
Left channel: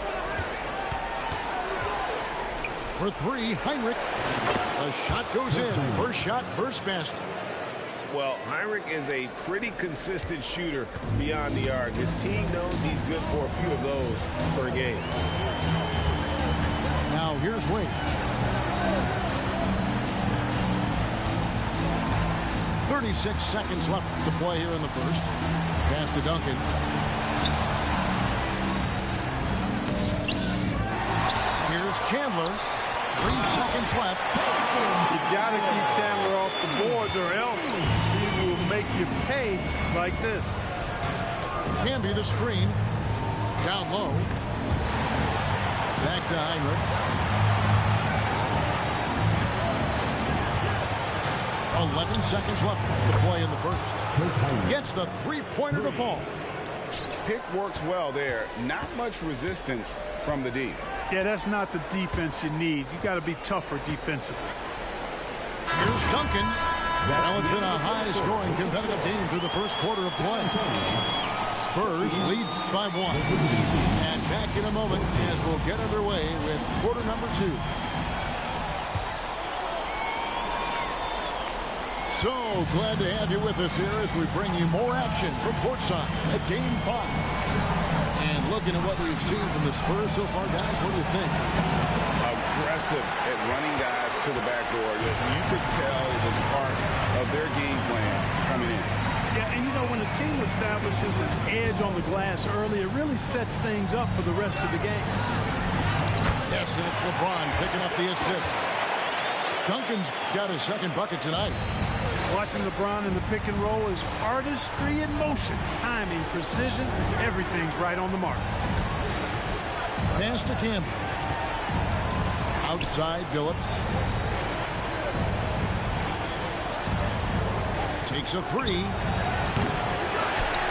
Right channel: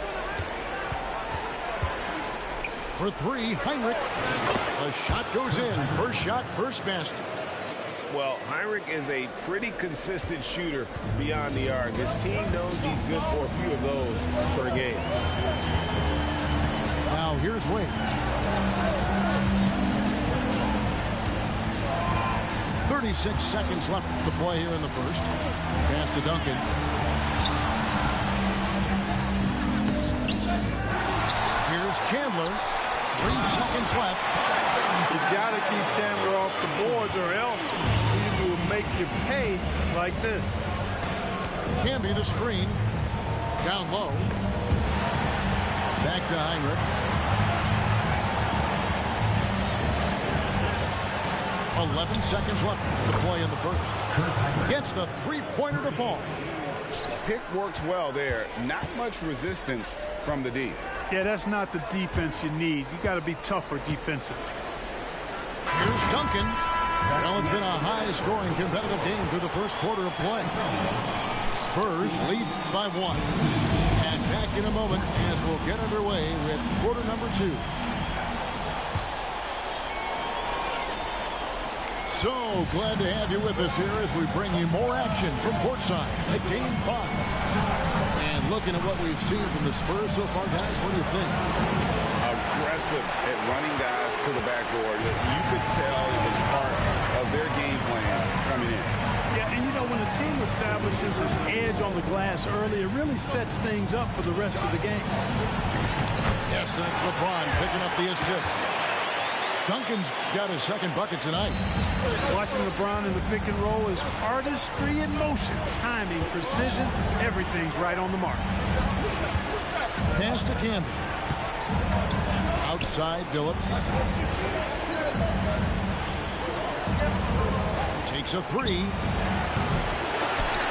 For 3, Heinrich. The shot goes in. First shot, first basket. Well, Heinrich is a pretty consistent shooter beyond the arc. His team knows he's good for a few of those per game. Now here's Wade. 36 seconds left to play here in the first. Pass to Duncan. Here's Chandler. 3 seconds left. You got to keep Chandler off the boards or else he will make you pay like this. Can be the screen. Down low. Back to Heinrich. 11 seconds left to play in the first. Gets the three-pointer to fall. Pick works well there. Not much resistance from the D. Yeah, that's not the defense you need. You got to be tougher defensively. Here's Duncan. Well, it's been a high-scoring competitive game through the first quarter of play. Spurs lead by 1. And back in a moment as we'll get underway with quarter number 2. So glad to have you with us here as we bring you more action from courtside at Game 5. And looking at what we've seen from the Spurs so far, guys, what do you think? Aggressive at running guys to the backdoor. You could tell it was part of their game plan coming in. Yeah, and you know, when a team establishes an edge on the glass early, it really sets things up for the rest of the game. Yes, and it's LeBron picking up the assist. Duncan's got his second bucket tonight. Watching LeBron in the pick and roll is artistry in motion. Timing, precision, everything's right on the mark. Pass to Campbell. Outside Billups. Takes a 3.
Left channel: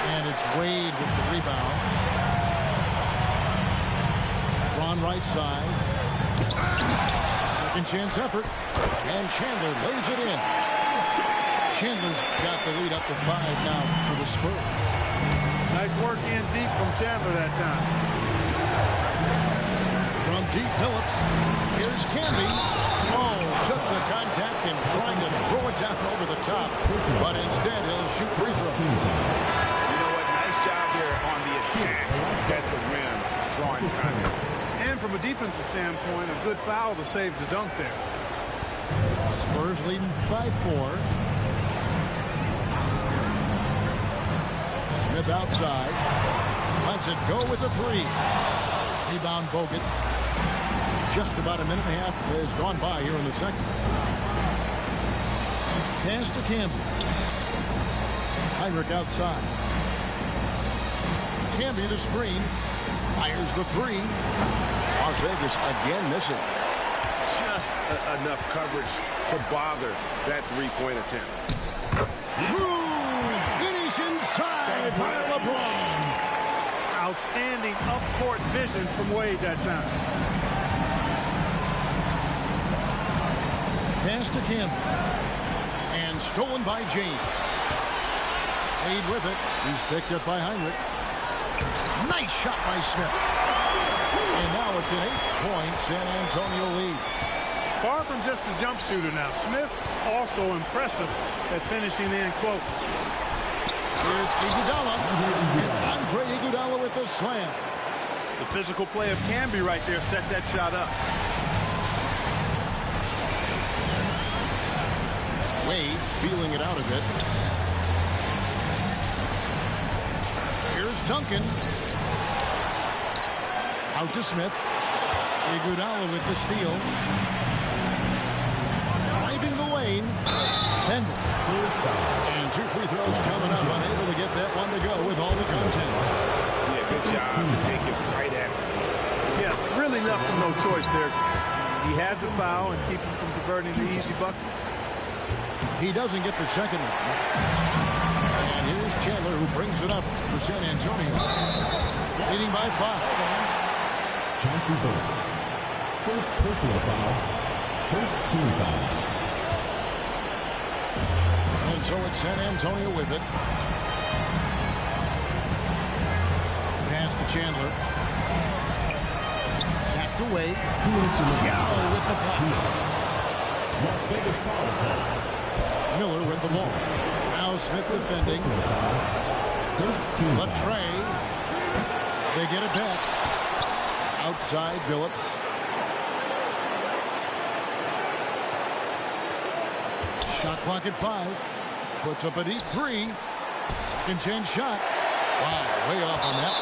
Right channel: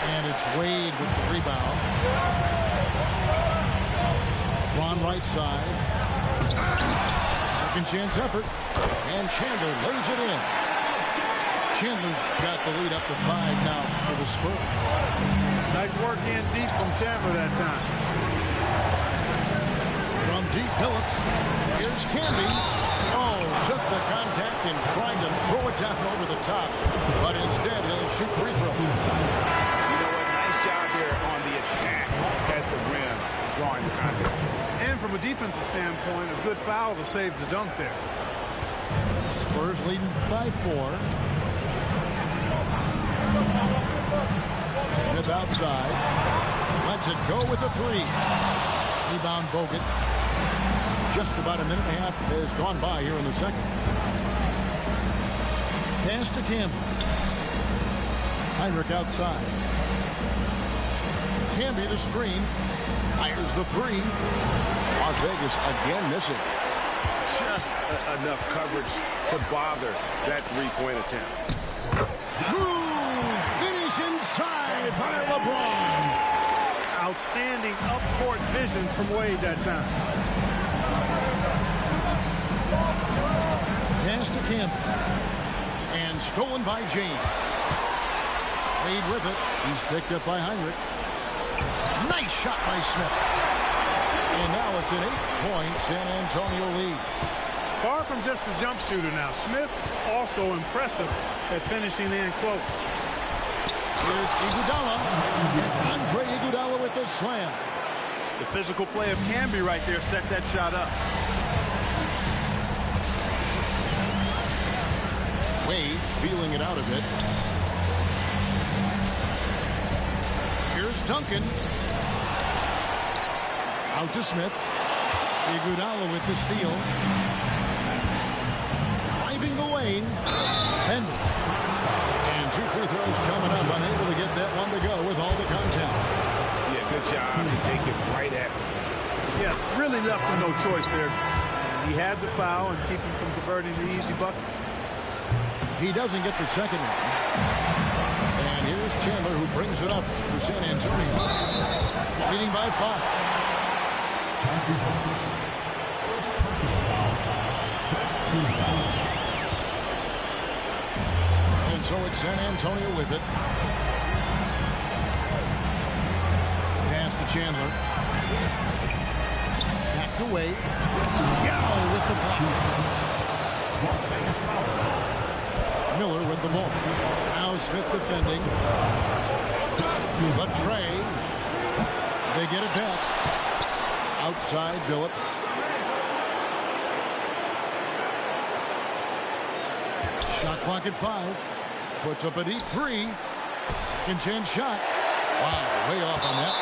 And it's Wade with the rebound. LeBron right side. Second chance effort. And Chandler lays it in. Chandler's got the lead up to 5 now for the Spurs. Nice work in deep from Chandler that time. From deep, Billups. Here's Canby. Oh, took the contact and trying to throw it down over the top. But instead, he'll shoot free throw. You know what? Nice job there on the attack at the rim, drawing the contact. And from a defensive standpoint, a good foul to save the dunk there. Spurs leading by 4. Smith outside. Lets it go with a 3. Rebound Bogut. Just about a minute and a half has gone by here in the second. Pass to Campbell. Heinrich outside. Canby the screen. Fires the 3. Las Vegas again missing. Just enough coverage to bother that three-point attempt. Smooth finish inside by LeBron. Outstanding up-court vision from Wade that time. Pass to Campbell. And stolen by James. Wade with it. He's picked up by Heinrich. Nice shot by Smith. And now it's an 8-point San Antonio lead. Far from just a jump shooter now. Smith also impressive at finishing in close. Here's Iguodala. And Andre Iguodala with the slam. The physical play of Canby right there set that shot up. Wade feeling it out a bit. Here's Duncan. Out to Smith. Iguodala with the steal. Driving the lane. Pending. And 2 free throws coming up. Unable to get that one to go with all the content. Yeah, good job to take it right at the Yeah, really left him no choice there. He had to foul and keep him from converting the easy bucket. He doesn't get the second one. And here's Chandler who brings it up for San Antonio. Leading by 5. Chauncey Billups. First personal foul. First team foul. And so it's San Antonio with it. Pass to Chandler. Back to Wade. Yao with the block. Las Vegas foul. Miller with the ball. Now Smith defending. Latre. They get it back. Outside Billups. Shot clock at 5. Puts up a deep three. Second chance shot. Wow, way off on that.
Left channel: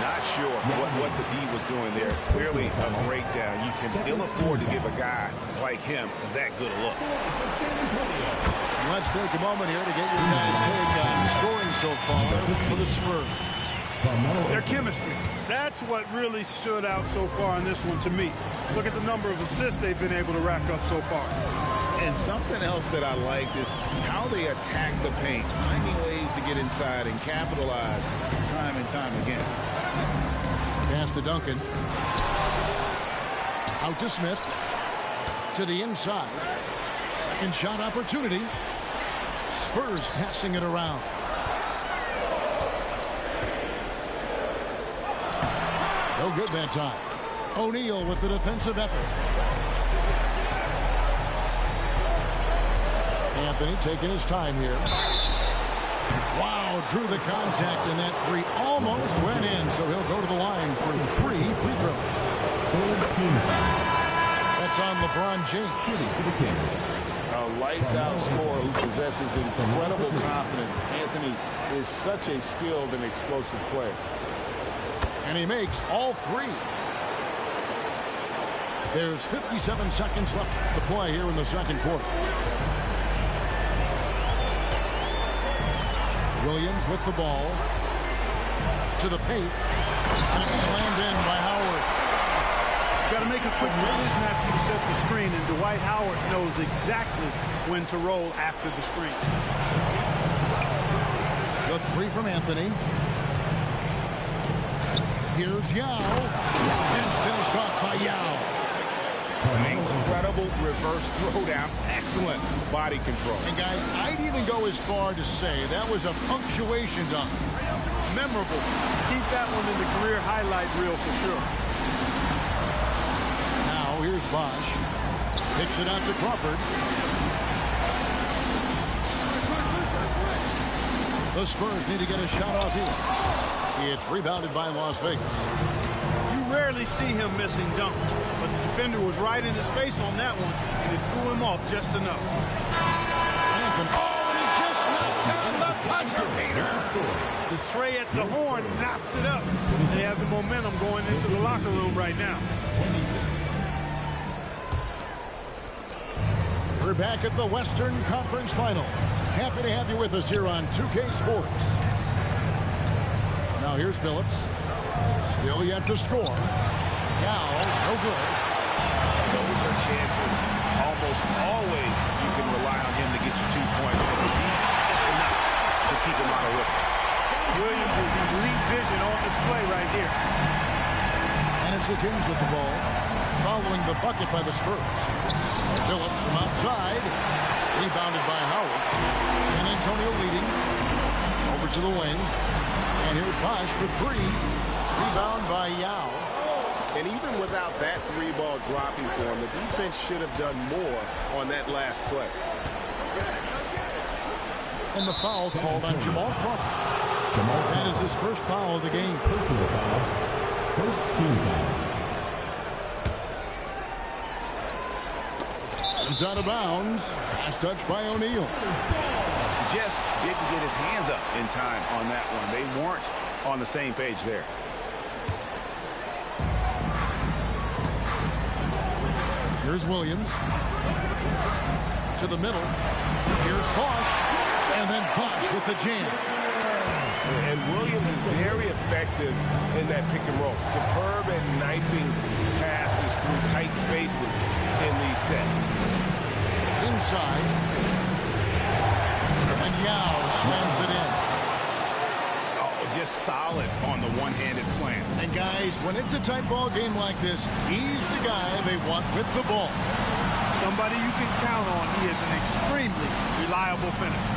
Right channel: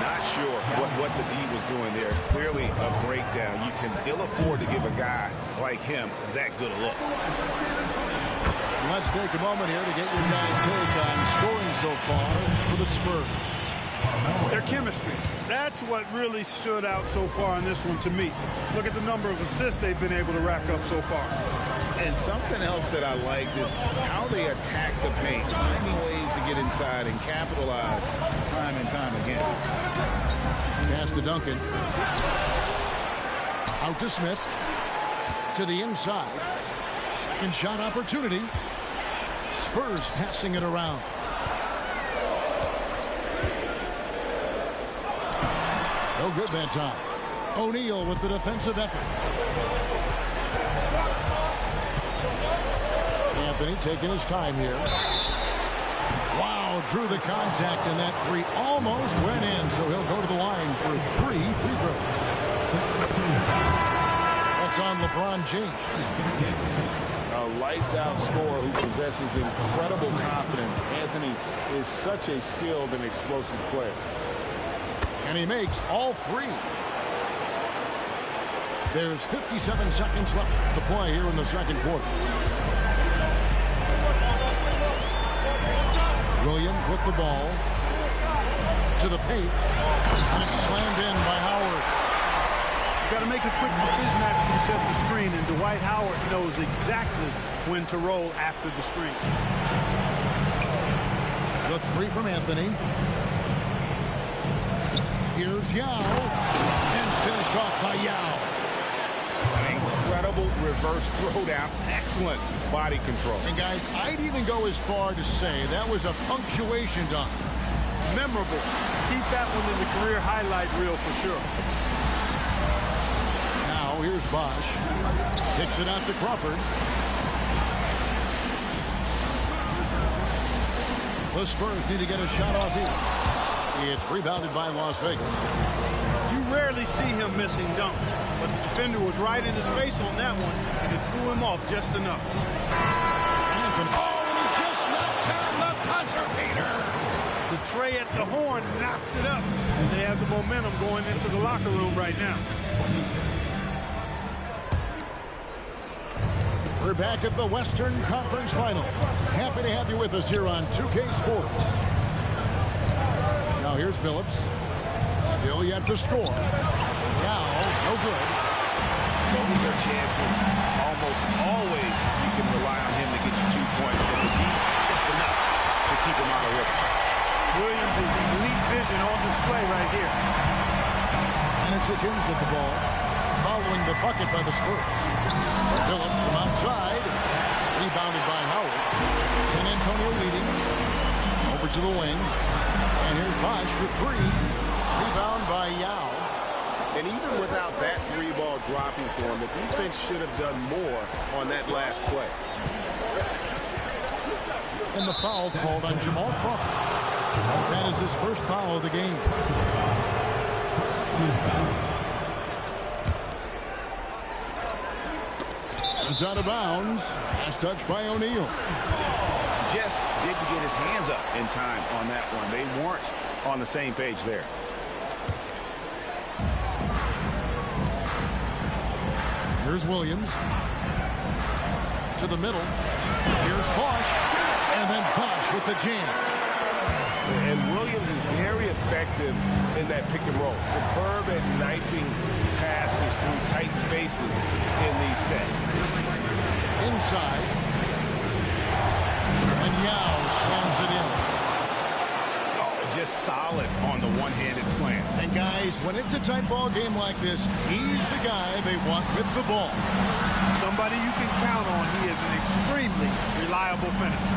Not sure what the D was doing there. Clearly a breakdown. You can ill afford to give a guy like him that good a look. Let's take a moment here to get your guys' take on scoring so far for the Spurs. Their chemistry. That's what really stood out so far in this one to me. Look at the number of assists they've been able to rack up so far. And something else that I liked is how they attack the paint, finding ways to get inside and capitalize time and time again. Pass to Duncan. Out to Smith. To the inside. Second shot opportunity. Spurs passing it around. No good that time. O'Neal with the defensive effort. Anthony taking his time here. Wow, drew the contact, and that three almost went in, so he'll go to the line for 3 free throws. That's on LeBron James. A lights-out scorer who possesses incredible confidence. Anthony is such a skilled and explosive player. And he makes all 3. There's 57 seconds left to play here in the second quarter. Williams with the ball. To the paint. And it's slammed in by Howard. You got to make a quick decision after you set the screen, and Dwight Howard knows exactly when to roll after the screen. The 3 from Anthony. Here's Yao. And finished off by Yao. Incredible reverse throwdown. Excellent body control. And guys, I'd even go as far to say that was a punctuation dunk. Memorable. Keep that one in the career highlight reel for sure. Now here's Bosch. Picks it out to Crawford. The Spurs need to get a shot off here. It's rebounded by Las Vegas. You rarely see him missing dunks, but the defender was right in his face on that one, and it threw him off just enough. Anthony. Oh, and he just knocked down the buzzer beater. The tray at the horn knocks it up. They have the momentum going into the locker room right now. We're back at the Western Conference Finals. Happy to have you with us here on 2K Sports. Now here's Phillips. Still yet to score. Now, no good. Those are chances. Almost always you can rely on him to get you 2 points, but the D, just enough to keep him out of rhythm. Williams' elite vision on display right here. And it's the Kings with the ball, following the bucket by the Spurs. Phillips from outside, rebounded by Howard. San Antonio leading. Over to the wing. And here's Bosch for 3. Rebound by Yao. And even without that 3-ball dropping for him, the defense should have done more on that last play. And the foul called on Jamal Crawford. That is his first foul of the game. Personal foul. First team foul. It's out of bounds. Pass touch by O'Neal. Just didn't get his hands up in time on that one. They weren't on the same page there. Here's Williams. To the middle. Here's Bosch. And then Bosch with the jam. And Williams is very effective in that pick and roll. Superb at knifing passes through tight spaces in these sets. Inside. And Yao slams it in. Oh, just solid on the one-handed slam. And guys, when it's a tight ball game like this, he's the guy they want with the ball. Somebody you can count on. He is an extremely reliable finisher.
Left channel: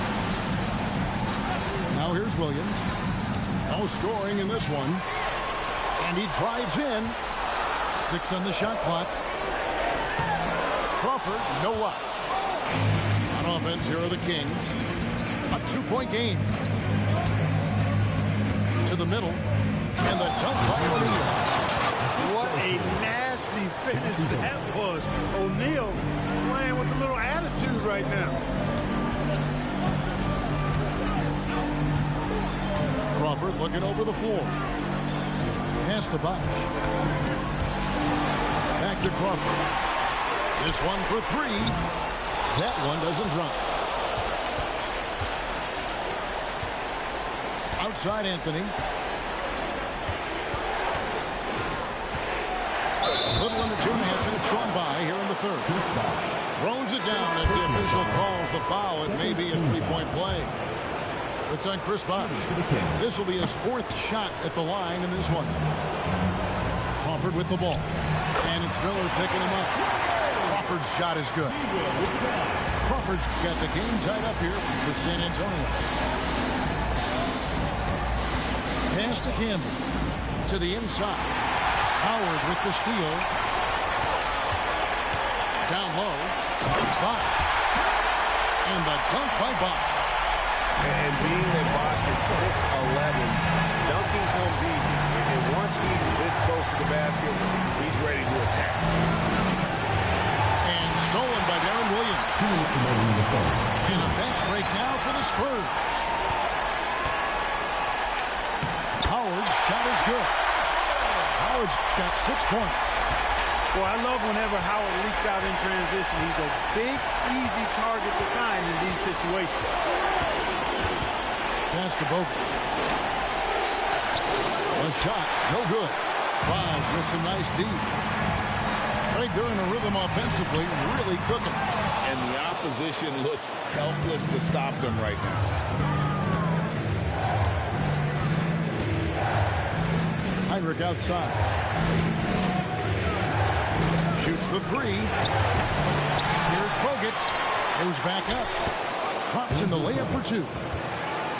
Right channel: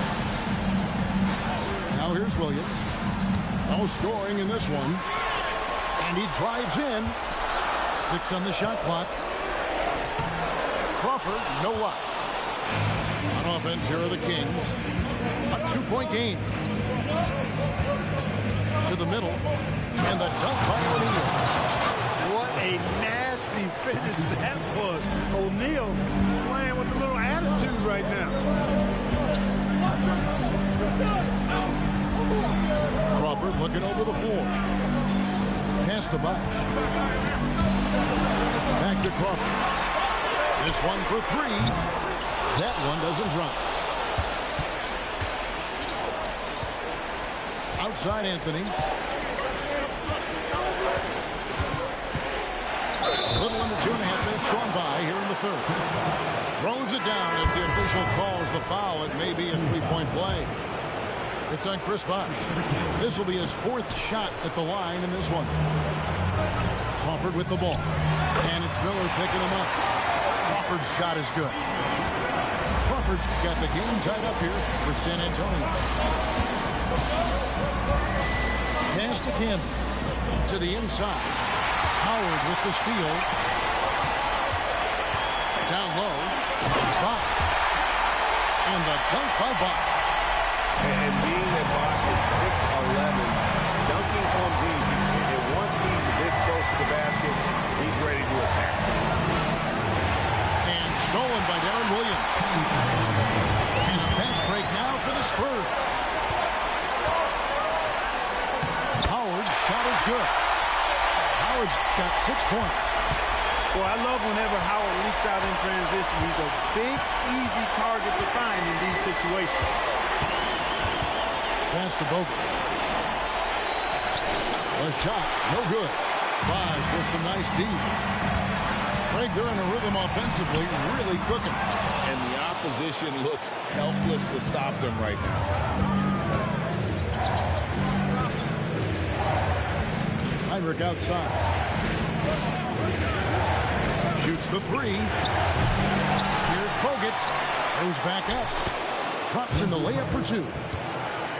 Now here's Williams. No scoring in this one. And he drives in. 6 on the shot clock. Crawford, no luck. On offense, here are the Kings. A 2-point game. To the middle. And the dunk by O'Neal. What a nasty finish that was. O'Neal playing with a little attitude right now. Crawford looking over the floor. Pass to Bosch. Back to Crawford. This one for three. That one doesn't drop. Outside Anthony. A little under 2.5 minutes gone by here in the third. Throws it down as the official calls the foul. It may be a three-point play. It's on Chris Bosch. This will be his fourth shot at the line in this one. Crawford with the ball. And it's Miller picking him up. Crawford's shot is good. Crawford's got the game tied up here for San Antonio. Pass to Campbell. To the inside. Howard with the steal. Down low. Bosch. And the dunk by Bosch. And being that Bosch is 6'11", dunking comes easy. And once he's this close to the basket, he's ready to attack. And stolen by Darren Williams. And a fast break now for the Spurs. Howard's shot is good. Howard's got 6 points. Boy, I love whenever Howard leaks out in transition. He's a big, easy target to find in these situations. Pass to Bogut. A shot, no good. Bosch with some nice D. Greg, they're in a rhythm offensively, really cooking. And the opposition looks helpless to stop them right now. Heinrich outside. Shoots the three. Here's Bogut. Goes back up. Drops in the layup for two.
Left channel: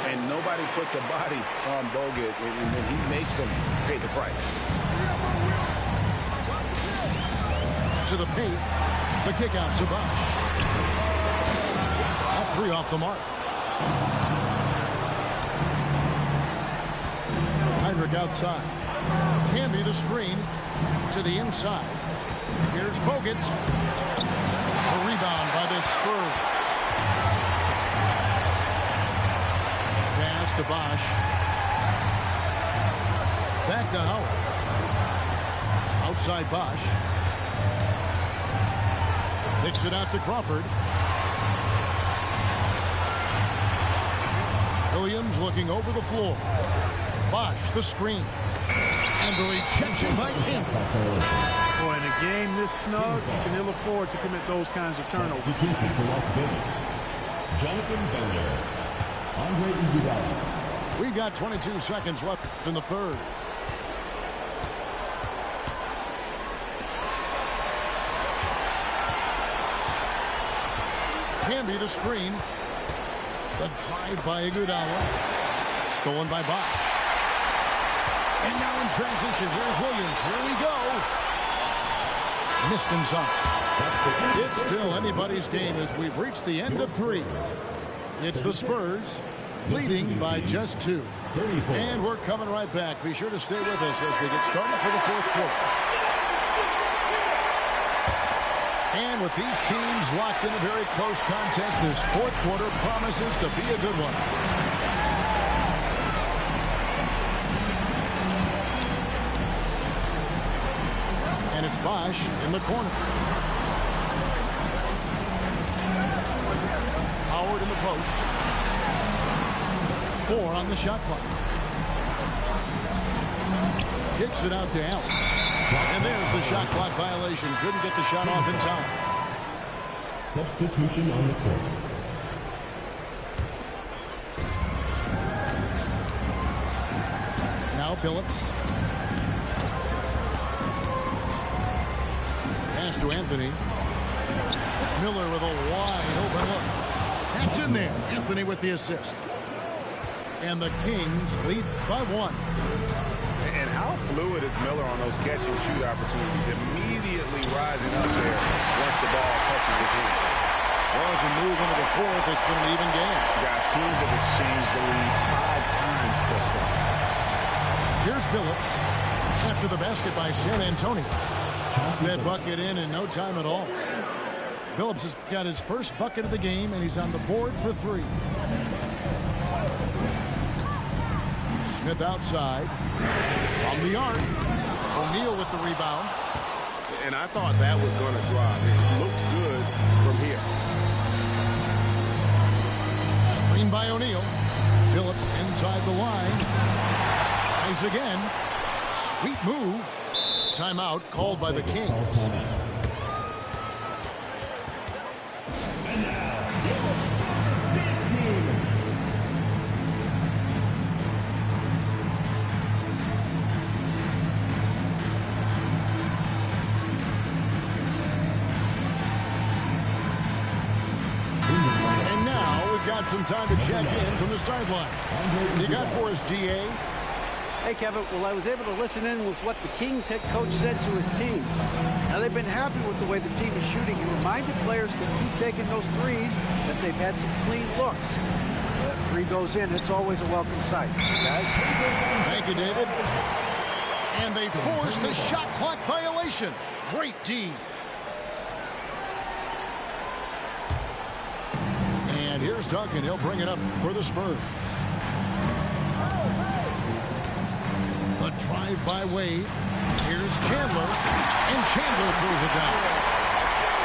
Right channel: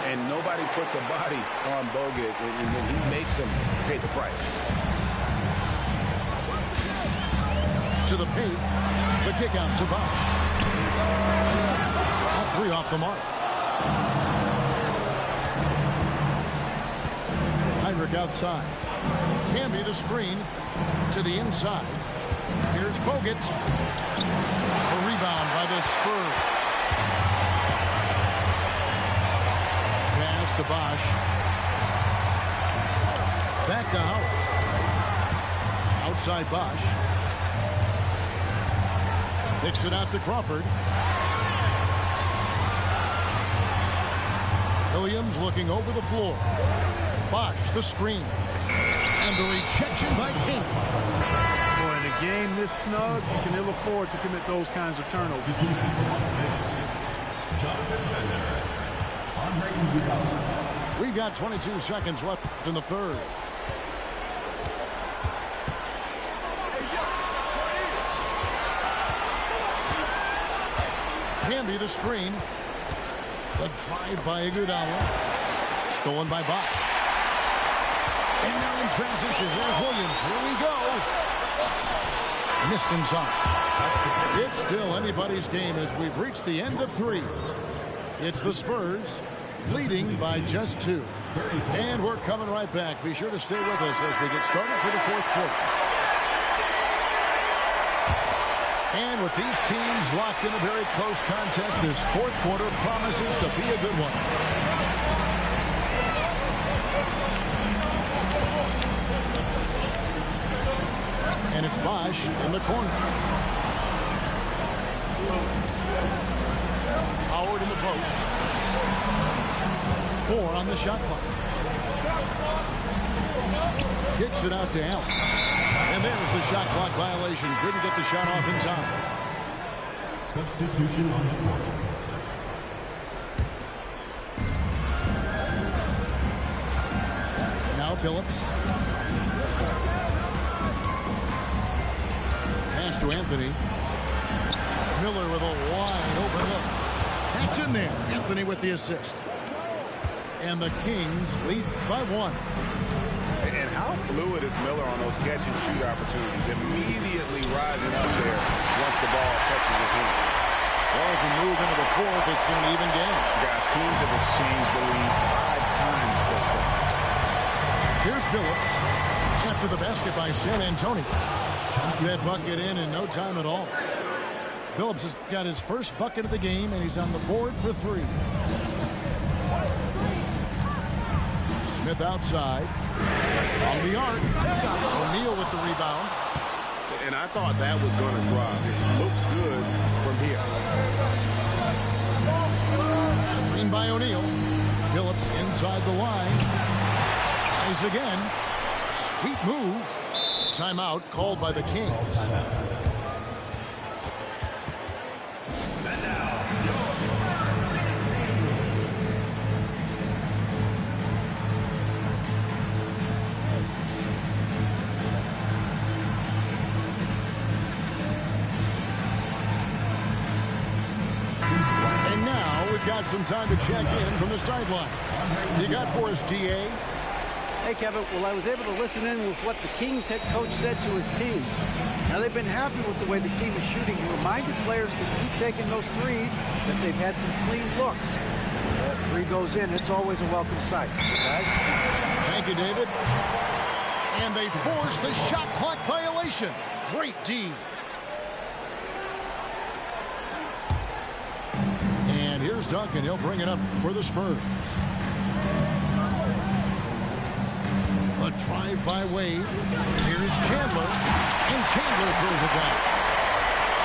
And nobody puts a body on Bogut, and then he makes them pay the price. To the paint. The kick out to Bosch. That three off the mark. Heinrich outside. Camby the screen to the inside. Here's Bogut. A rebound by the Spurs. Pass to Bosch. Back to Howard. Outside Bosch. Kicks it out to Crawford. Williams looking over the floor. Bosch the screen. And the rejection by Campbell. Boy, in a game this snug, you can ill afford to commit those kinds of turnovers. Jonathan Bender. Andre Iguodala. We've got 22 seconds left in the third. Camby the screen. The drive by Iguodala. Stolen by Bosch. And now in transition, here's Williams. Here we go. Missed inside. It's still anybody's game as we've reached the end of three. It's the Spurs leading by just 2. And we're coming right back. Be sure to stay with us as we get started for the fourth quarter. And with these teams locked in a very close contest, this fourth quarter promises to be a good one. And it's Bosch in the corner. Howard in the post. 4 on the shot clock. Kicks it out to Allen. And there's the shot clock violation. Couldn't get the shot off in time. Substitution on the court. Now Billups. Pass to Anthony. Miller with a wide open look. That's in there. Anthony with the assist. And the Kings lead by 1. And how fluid is Miller on those catch-and-shoot opportunities? Immediately rising up there once the ball touches his hands. Well, as we move into the fourth, it's been an even game. Guys, teams have exchanged the lead 5 times thus far. Here's Billups after the basket by San Antonio. That bucket in no time at all. Billups has got his first bucket of the game, and he's on the board for 3. Smith outside. From the arc. O'Neal with the rebound. And I thought that was going to drop. It looked good from here. Screen by O'Neal. Phillips inside the line. Tries again. Sweet move. Timeout called by the Kings. And now, your first dance team. And now we've got some time to check in from the sideline. You got for us, DA? Hey, Kevin. Well, I was able to listen in with what the Kings head coach said to his team. Now, they've been happy with the way the team is shooting. He reminded players to keep taking those threes, that they've had some clean looks. When that three goes in, it's always a welcome sight. Guys? Thank you, David. And they force the shot clock violation. Great D. And here's Duncan. He'll bring it up for the Spurs. A drive by Wade. Here's Chandler. And Chandler throws it down.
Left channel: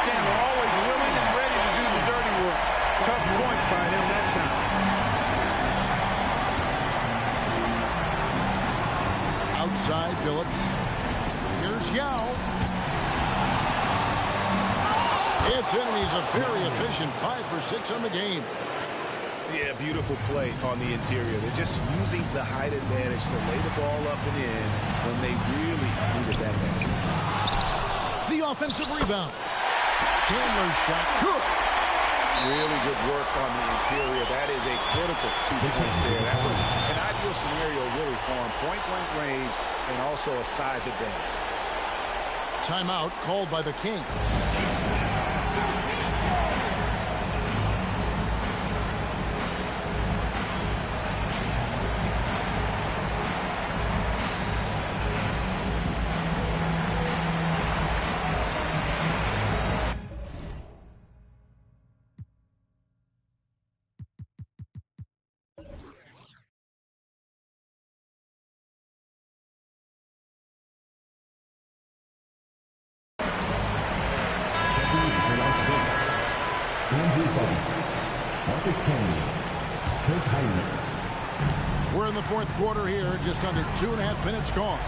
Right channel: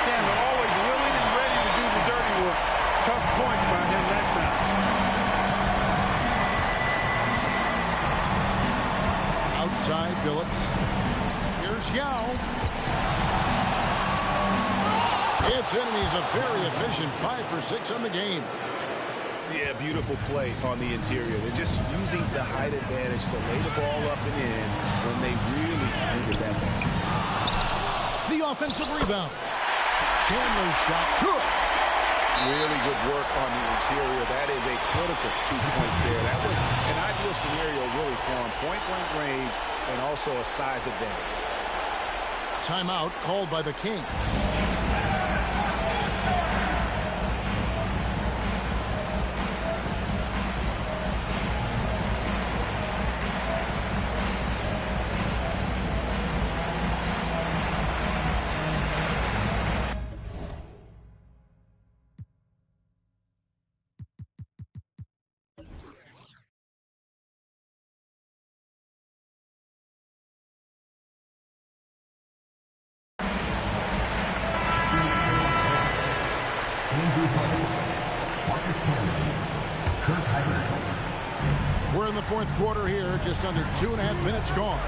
Chandler always willing and ready to do the dirty work. Tough points by him that time. Outside Phillips. Here's Yao. It's in, and he's a very efficient 5 for 6 on the game. Yeah, beautiful play on the interior. They're just using the height advantage to lay the ball up and in when they really needed that basket. The offensive rebound. Chandler's shot. Good. Really good work on the interior. That is a critical 2 points there. That was an ideal scenario really for him. Point-blank range and also a size advantage. Timeout called by the Kings. Marcus Camden, Kirk Hyman. We're in the fourth quarter here, just under 2.5 minutes gone.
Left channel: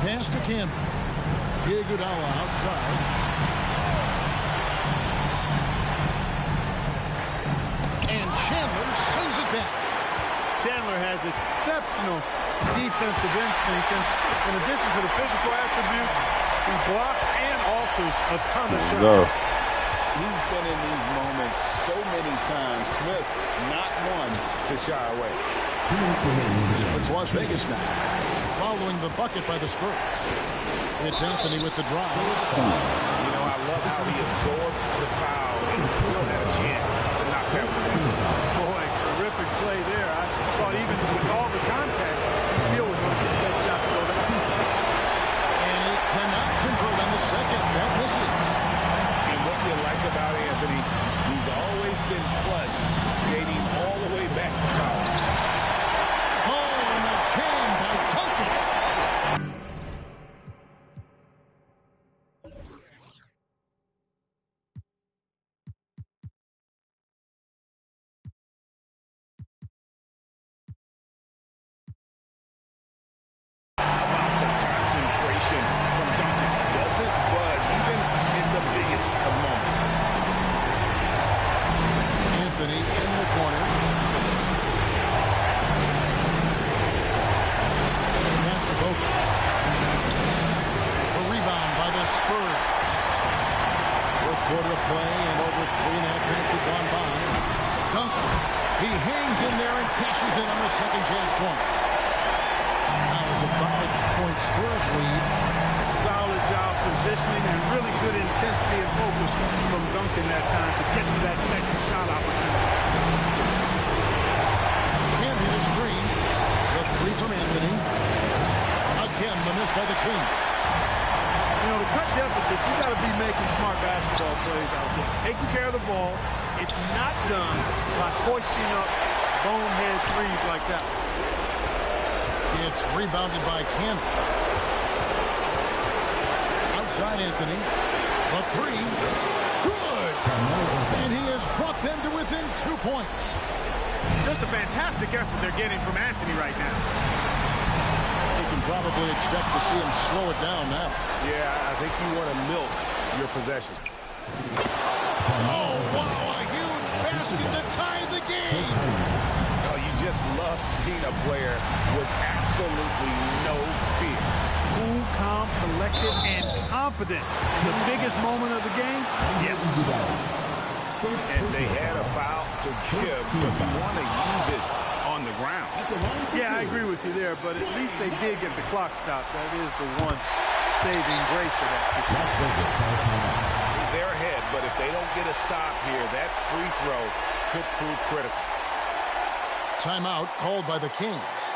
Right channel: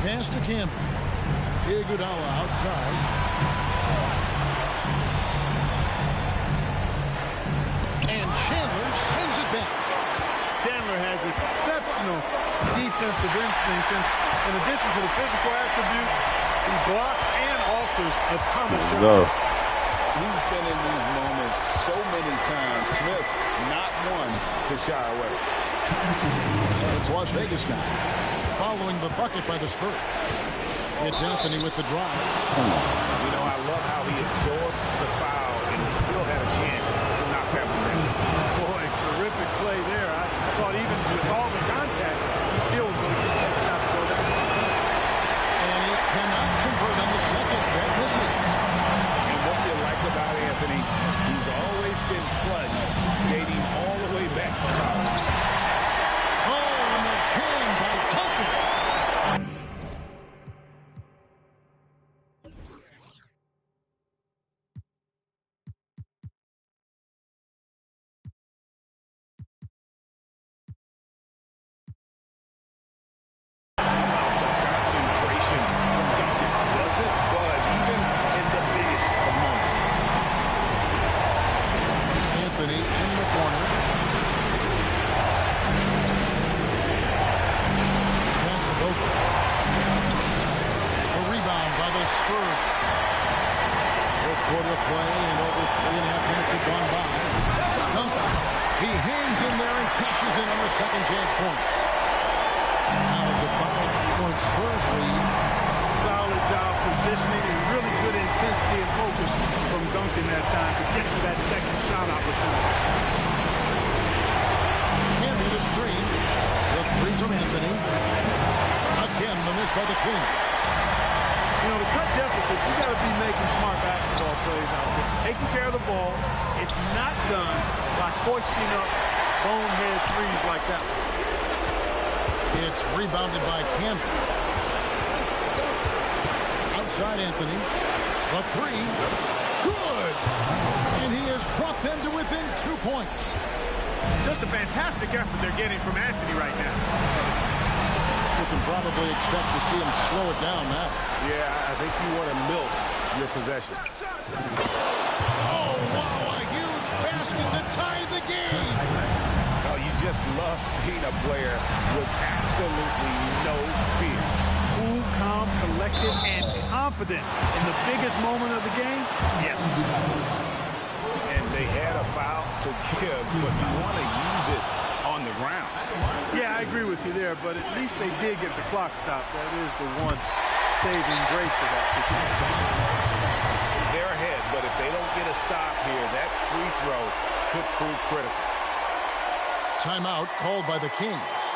Pass to Campbell. Iguodala outside. And Chandler sends it back. Chandler has exceptional defensive instincts, and in addition to the physical attributes, he blocks and alters a ton of shots. He's been in these moments so many times. Smith, not one to shy away. It's Las Vegas now, following the bucket by the Spurs. It's Anthony with the drive. You know, I love how he absorbs the foul and he still had a chance to knock that one down. Boy, terrific play there. I thought even with all the contact, he still was going to get that shot to go down. And he cannot convert on the second. That misses. And what you like about Anthony, he's always been clutch, dating all the way back to college. Oh, and the jam by Duncan. From Duncan doesn't budge even in the biggest of moments. Anthony in the corner. Pass to Boca. A rebound by the Spurs. Fourth quarter of play and over 3.5 minutes have gone by. Duncan. He hangs in there and cashes in on the second chance points. Now it's a 5-point Spurs lead. Solid job positioning and really good intensity and focus from Duncan that time to get to that second shot opportunity. Candy the screen. The three from Anthony. Again, the miss by the Kings. You know, to cut deficits, you got to be making smart basketball plays out there. Taking care of the ball. It's not done by foisting up bonehead threes like that. It's rebounded by Campbell. Outside Anthony. The three. Good. And he has brought them to within 2 points. Just a fantastic effort they're getting from Anthony right now. You can probably expect to see him slow it down now. Yeah, I think you want to milk your possessions. Oh, wow, a huge basket to tie the game. Oh, you just love seeing a player with absolutely no fear. Cool, calm, collected, and confident in the biggest moment of the game. Yes. And they had a foul to give, but you want to use it on the ground. Yeah, I agree with you there, but at least they did get the clock stopped. That is the one saving grace of that situation. They're ahead, but if they don't get a stop here, that free throw could prove critical. Timeout called by the Kings.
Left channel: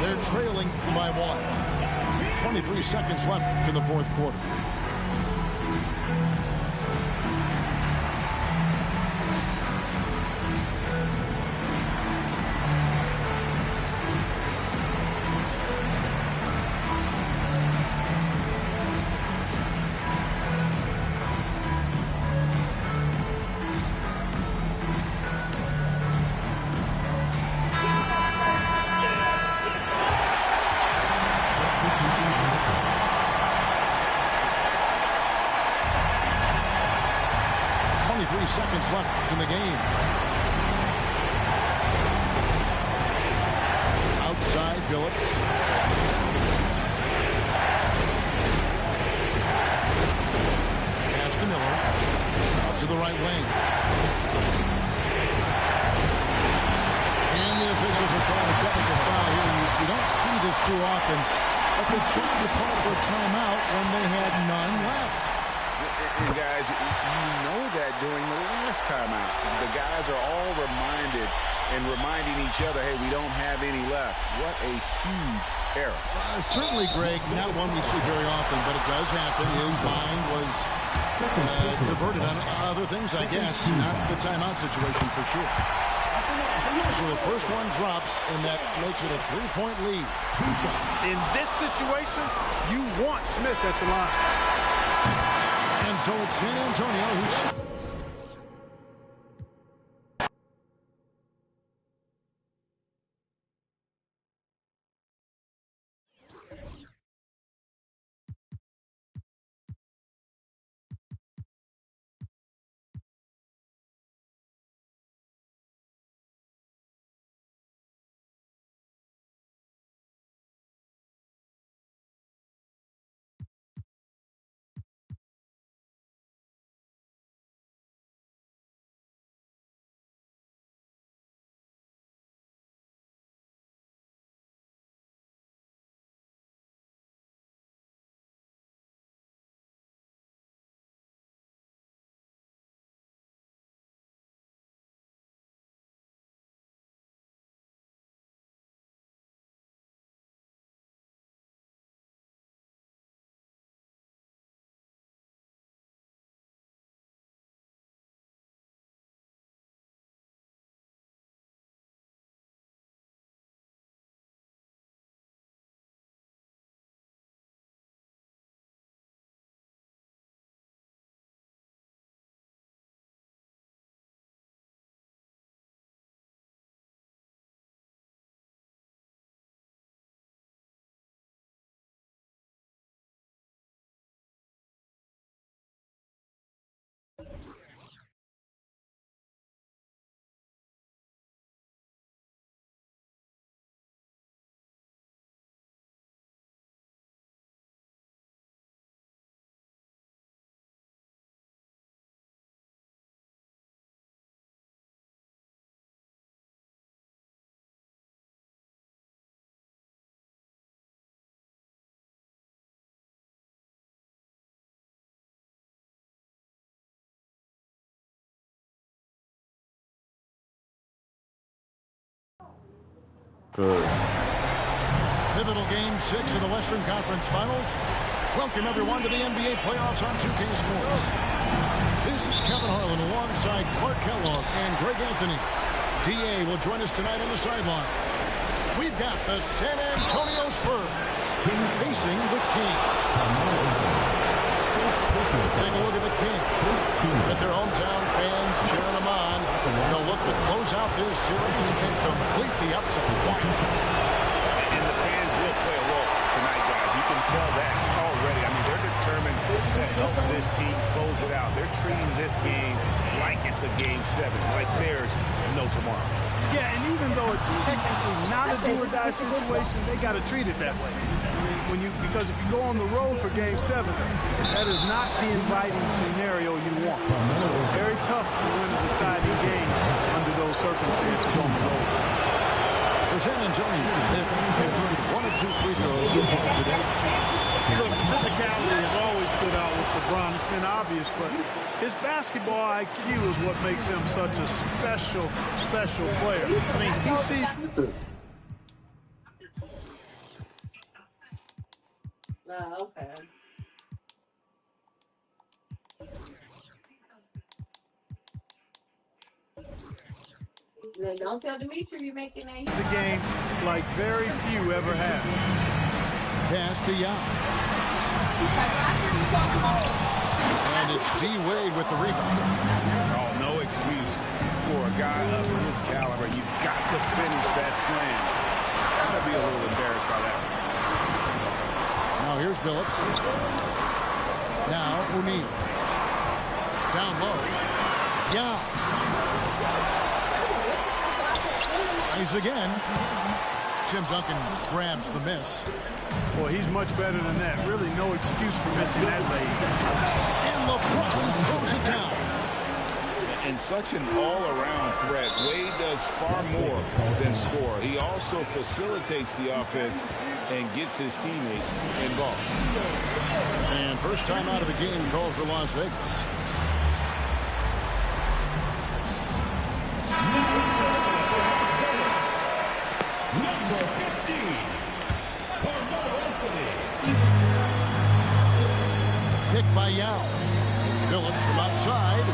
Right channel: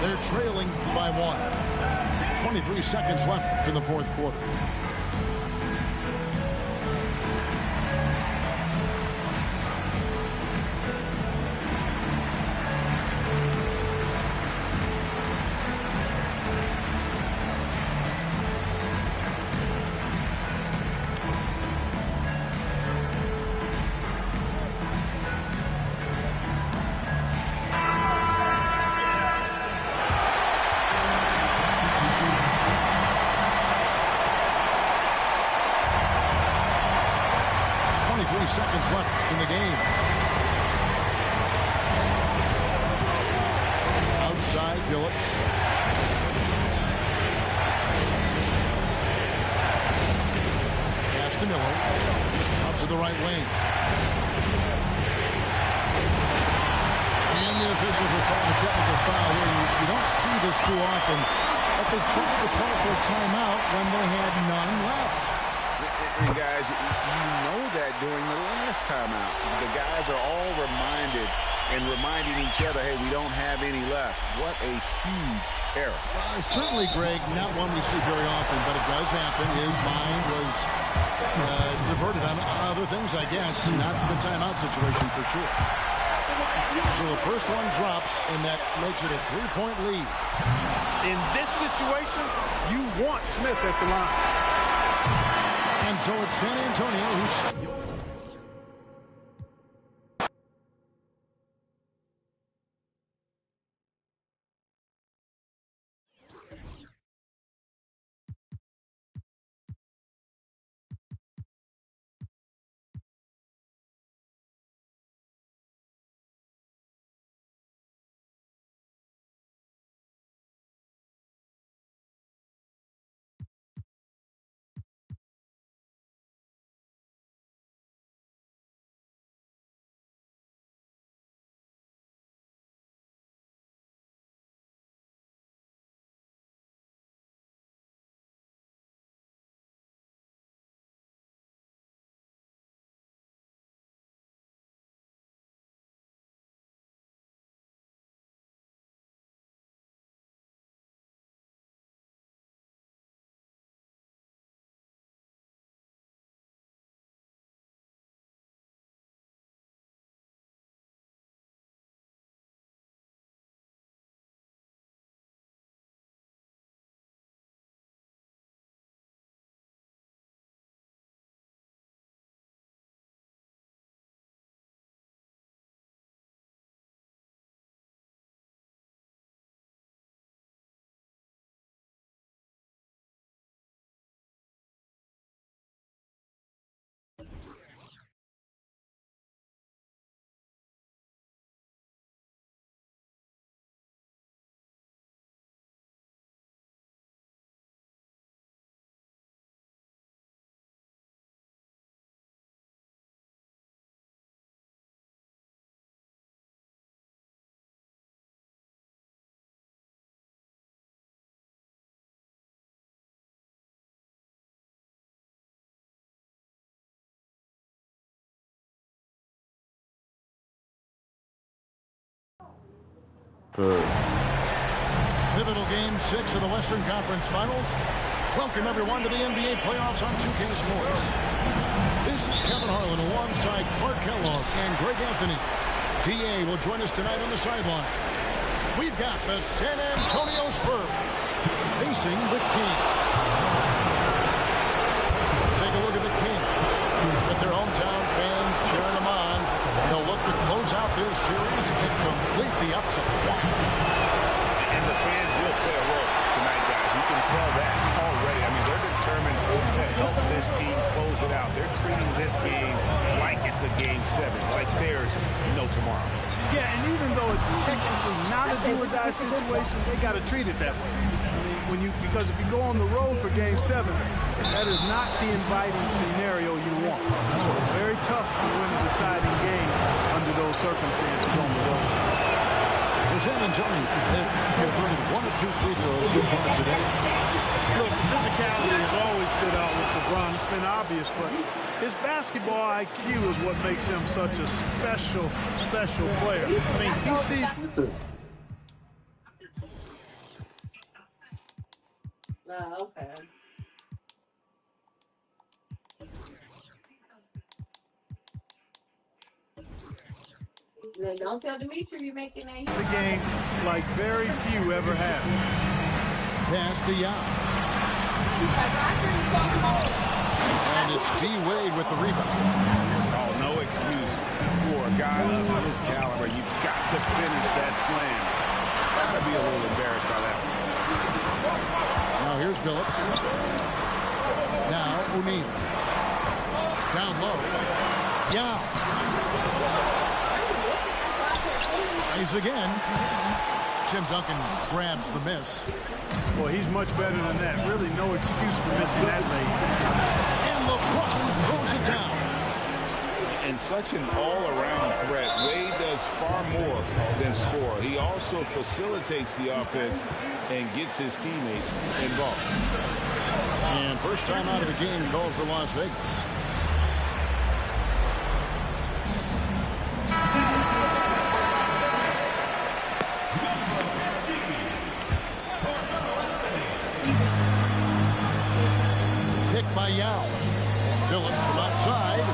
They're trailing by 1. 23 seconds left in the fourth quarter. Seconds left in the game. Outside Billups. Pass to Miller. Out to the right wing. And the officials are calling a technical foul here. You don't see this too often, but they tried to call for a timeout when they had none left. And guys, you know that during the last timeout, the guys are all reminding each other, hey, we don't have any left. What a huge error. Certainly, Greg, not one we see very often, but it does happen. His mind was diverted on other things, I guess, not the timeout situation for sure. So the first one drops, and that makes it a 3-point lead. In this situation, you want Smith at the line. And so it's San Antonio who's... Good. Pivotal game 6 of the Western Conference Finals. Welcome, everyone, to the NBA playoffs on 2K Sports. This is Kevin Harlan alongside Clark Kellogg and Greg Anthony. DA will join us tonight on the sideline. We've got the San Antonio Spurs facing the Kings. Take a look at the Kings. With their hometown fans cheering them on, they'll look to close out this series and complete the upset. And the fans will play a role tonight, guys. You can tell that already. I mean, they're determined to help this team close it out. They're treating this game like it's a Game 7, like there's no tomorrow. Yeah, and even though it's technically not a do-or-die situation, they got to treat it that way. I mean, because if you go on the road for Game 7, that is not the inviting scenario you want. Very tough to win a deciding game under those circumstances on the road. San Antonio have converted 1 of 2 free throws so far today. Look, physicality has always stood out with LeBron. It's been obvious, but his basketball IQ is what makes him such a special player. I mean, he sees... Okay. Don't tell Dimitri you're making that. The game like very few ever have. Pass to Yao. And it's D. Wade with the rebound. Oh, no excuse for a guy of his caliber. You've got to finish that slam. Gotta be a little embarrassed by that one. Now here's Billups. Now O'Neal. Down low. Yao. He's again. Tim Duncan grabs the miss. Well, he's much better than that. Really no excuse for missing that lane. And LeBron throws it down. And such an all-around threat. Wade does far more than score. He also facilitates the offense and gets his teammates involved. And first time out of the game called for Las Vegas. Kick by Yao. Billups from outside.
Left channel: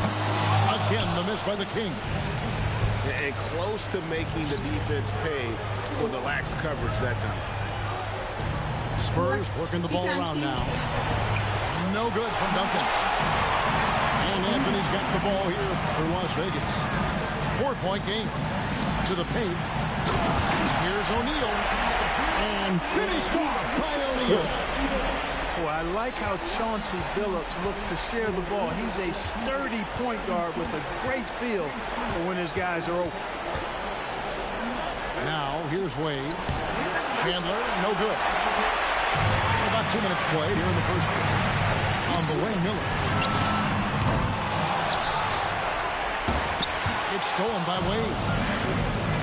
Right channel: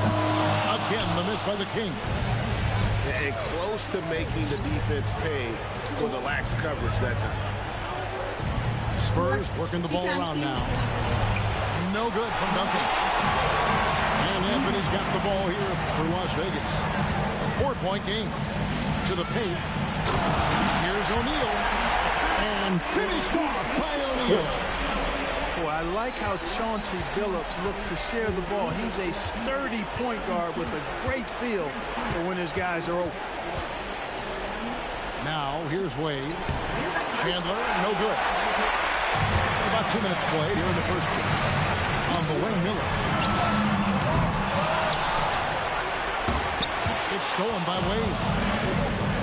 Again, the miss by the Kings. And close to making the defense pay for the lax coverage that time. Spurs working the ball around now. No good from Duncan. And Anthony's got the ball here for Las Vegas. 4-point game. To the paint. Here's O'Neal. And finished off by O'Neal. Boy, I like how Chauncey Billups looks to share the ball. He's a sturdy point guard with a great feel for when his guys are open. Now, here's Wade. Chandler, no good. About 2 minutes played here in the first quarter. On the wing, Miller. It's stolen by Wade.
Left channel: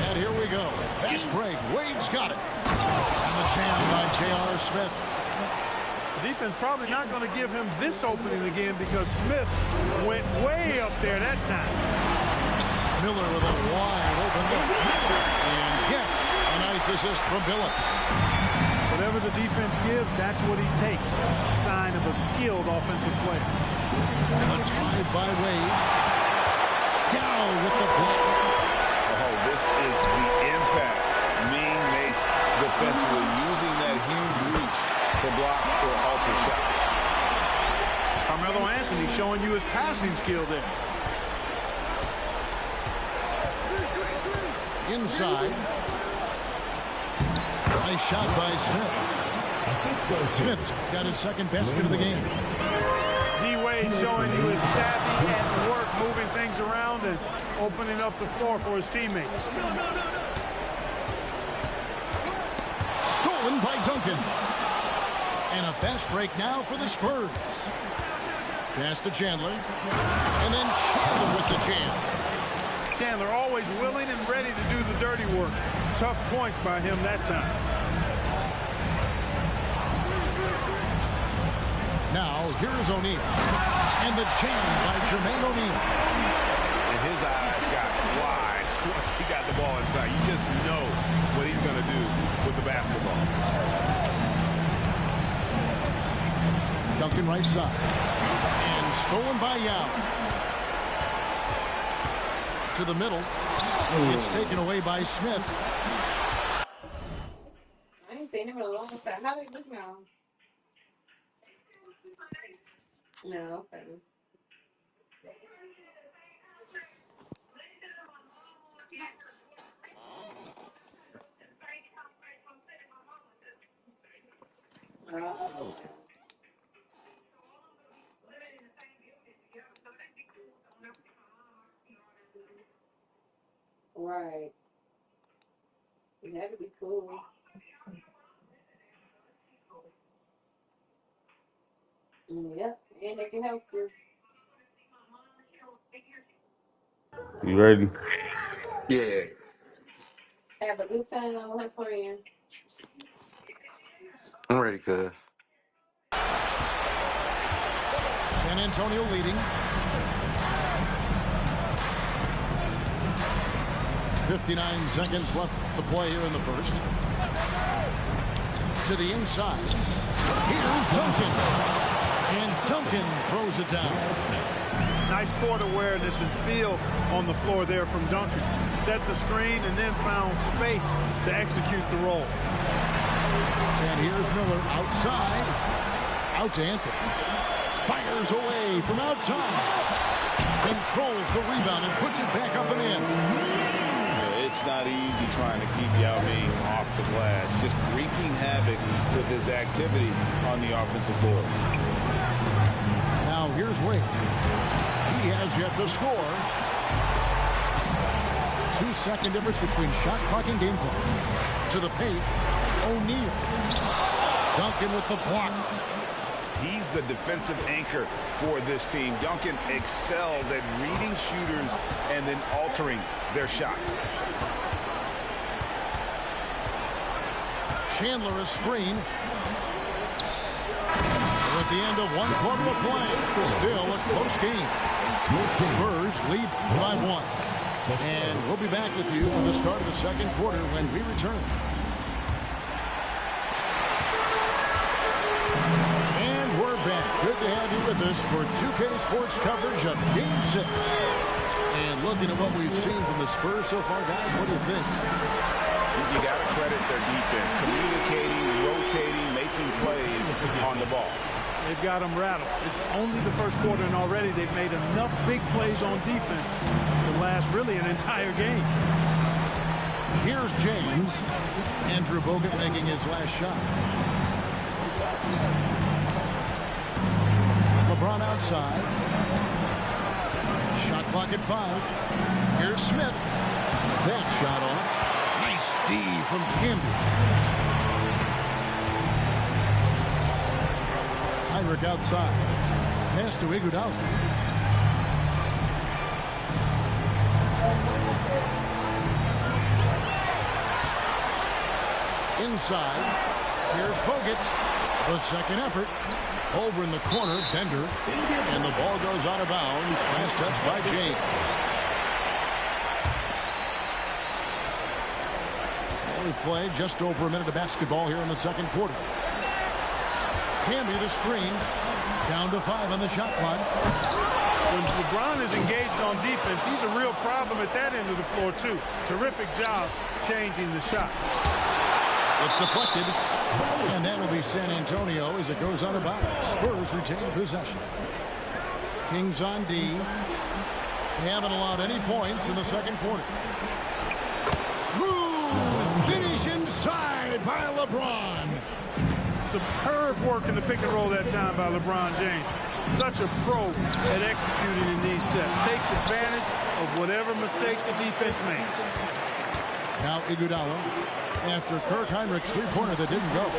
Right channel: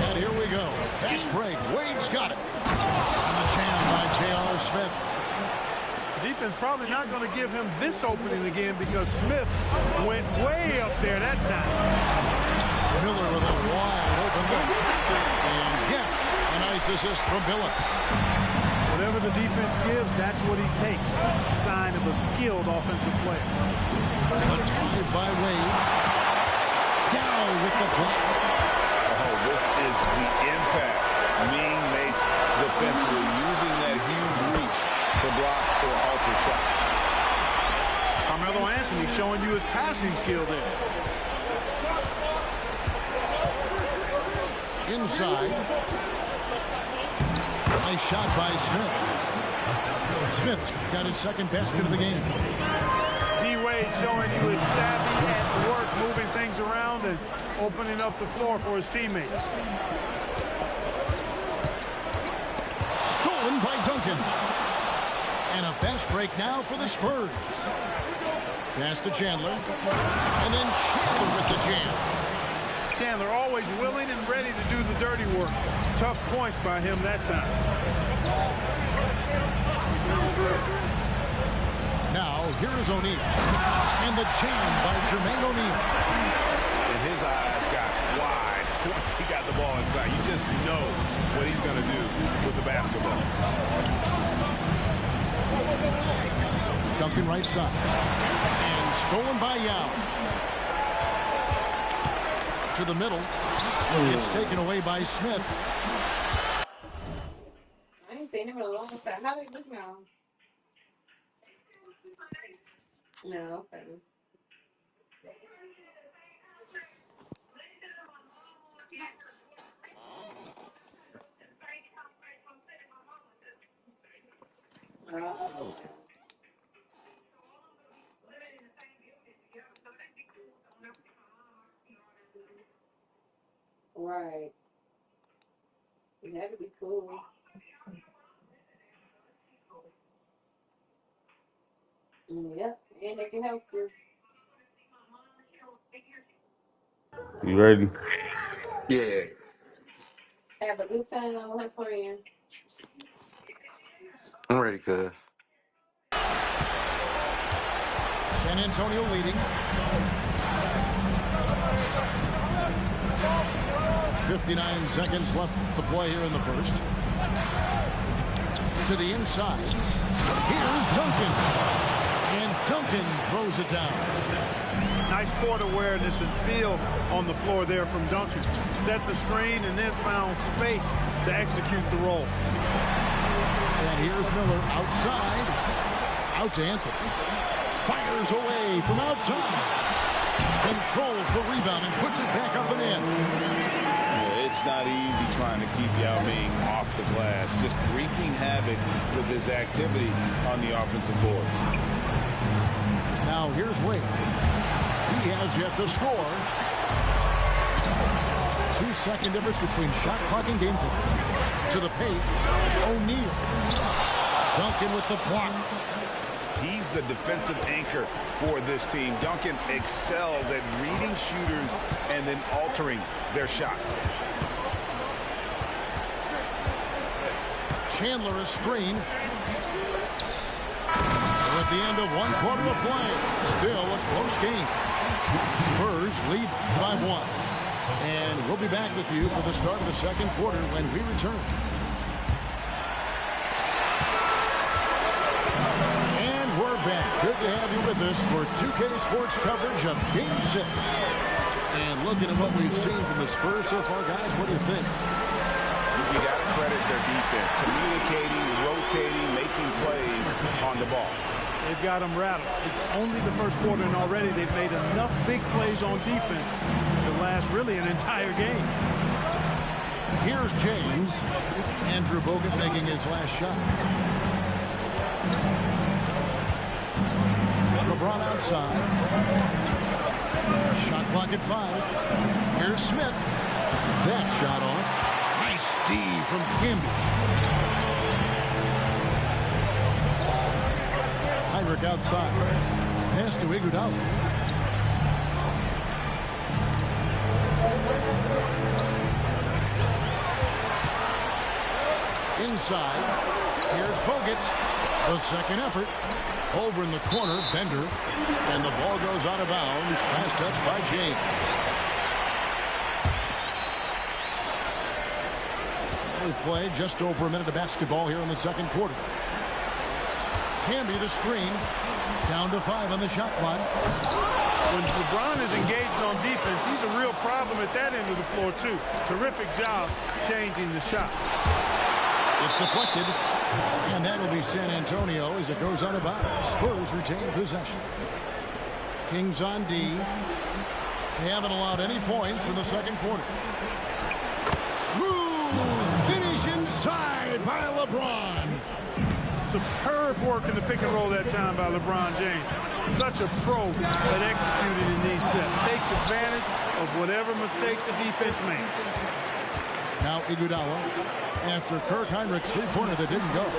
And here we go. Fast break. Wade's got it. And the jam by J.R. Smith. The defense probably not going to give him this opening again because Smith went way up there that time. Miller with a wide open look. And yes, a nice assist from Billups. Whatever the defense gives, that's what he takes. Sign of a skilled offensive player. The drive by Wade. Yao with the block. Oh, this is the impact Ming makes defensively, using that huge reach to block or alter shots. Carmelo Anthony showing you his passing skill there. Inside. Nice shot by Smith. Smith's got his second basket of the game. D-Wade showing you his savvy at work, moving things around and opening up the floor for his teammates. Stolen by Duncan. And a fast break now for the Spurs. Pass to Chandler. And then Chandler with the jam. Chandler always willing and ready to do the dirty work. Tough points by him that time. Now, here is O'Neal. And the jam by Jermaine O'Neal. And his eyes got wide once he got the ball inside. You just know what he's going to do with the basketball. Duncan right side. And stolen by Yao. To the middle. It's taken away by Smith. I ain't seen him in a long time. How they look now? No, okay. Right. That'd be cool. Yep, and they can help you. You ready? Yeah. Have a good time on her friend. I'm ready, cuz. San Antonio leading. 59 seconds left to play here in the first. To the inside. Here's Duncan. And Duncan throws it down. Nice court awareness and feel on the floor there from Duncan. Set the screen and then found space to execute the roll. And here's Miller outside. Out to Anthony. Fires away from outside. Controls the rebound and puts it back up and in. Yeah, it's not easy trying to keep Yao Ming off the glass. Just wreaking havoc with his activity on the offensive boards. Now here's Wade. He has yet to score. 2-second difference between shot clock and game clock. To the paint, O'Neal. Duncan with the block. He's the defensive anchor for this team. Duncan excels at reading shooters and then altering their shots. Chandler a screen. So at the end of 1 quarter of play, still a close game. Spurs lead by 1. And we'll be back with you for the start of the second quarter when we return. And we're back. Good to have you with us for 2K Sports coverage of Game 6. And looking at what we've seen from the Spurs so far, guys, what do you think? You got to credit their defense, communicating, rotating, making plays on the ball. They've got them rattled. It's only the first quarter, and already they've made enough big plays on defense to last really an entire game. Here's James. Andrew Bogut making his last shot. LeBron outside. Shot clock at 5. Here's Smith. That shot off. Nice D from Camby. Heinrich outside. Pass to Iguodala. Inside. Here's Bogut. The second effort. Over in the corner, Bender. And the ball goes out of bounds. Last touch by James. Well, we play just over a minute of basketball here in the second quarter. Camby the screen. Down to 5 on the shot clock. When LeBron is engaged on defense, he's a real problem at that end of the floor, too. Terrific job changing the shot. It's deflected. And that'll be San Antonio as it goes out of bounds. Spurs retain possession. Kings on D. They haven't allowed any points in the second quarter. Smooth finish inside by LeBron. Superb work in the pick and roll that time by LeBron James. Such a pro at executing in these sets. Takes advantage of whatever mistake the defense makes. Now Iguodala after Kirk Heinrich's three-pointer that didn't go.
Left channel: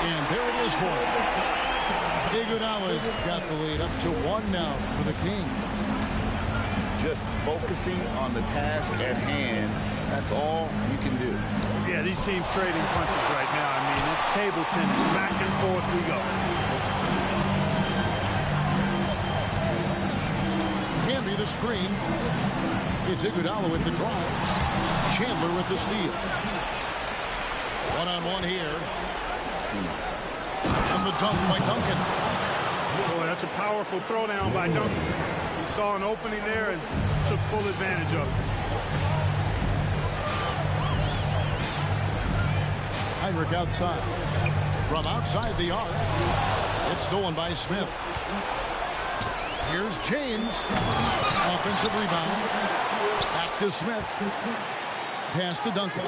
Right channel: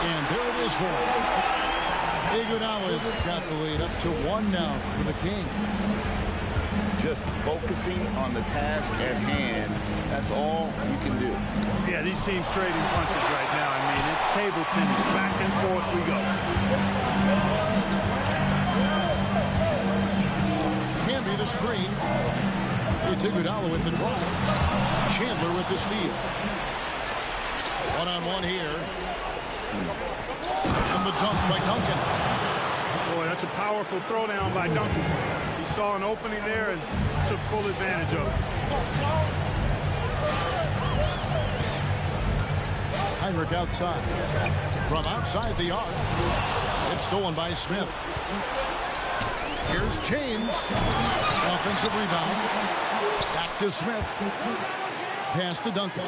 And there it is for him. Iguodala's got the lead up to 1 now for the Kings. Just focusing on the task at hand. That's all you can do. Yeah, these teams trading punches right now. I mean, it's table tennis. Back and forth we go. Camby the screen. It's Iguodala with the drive. Chandler with the steal. One-on-one here. And the dunk by Duncan. Boy, that's a powerful throwdown by Duncan. He saw an opening there and took full advantage of it. Heinrich outside. From outside the arc. It's stolen by Smith. Here's James. Offensive rebound. Back to Smith. Pass to Duncan.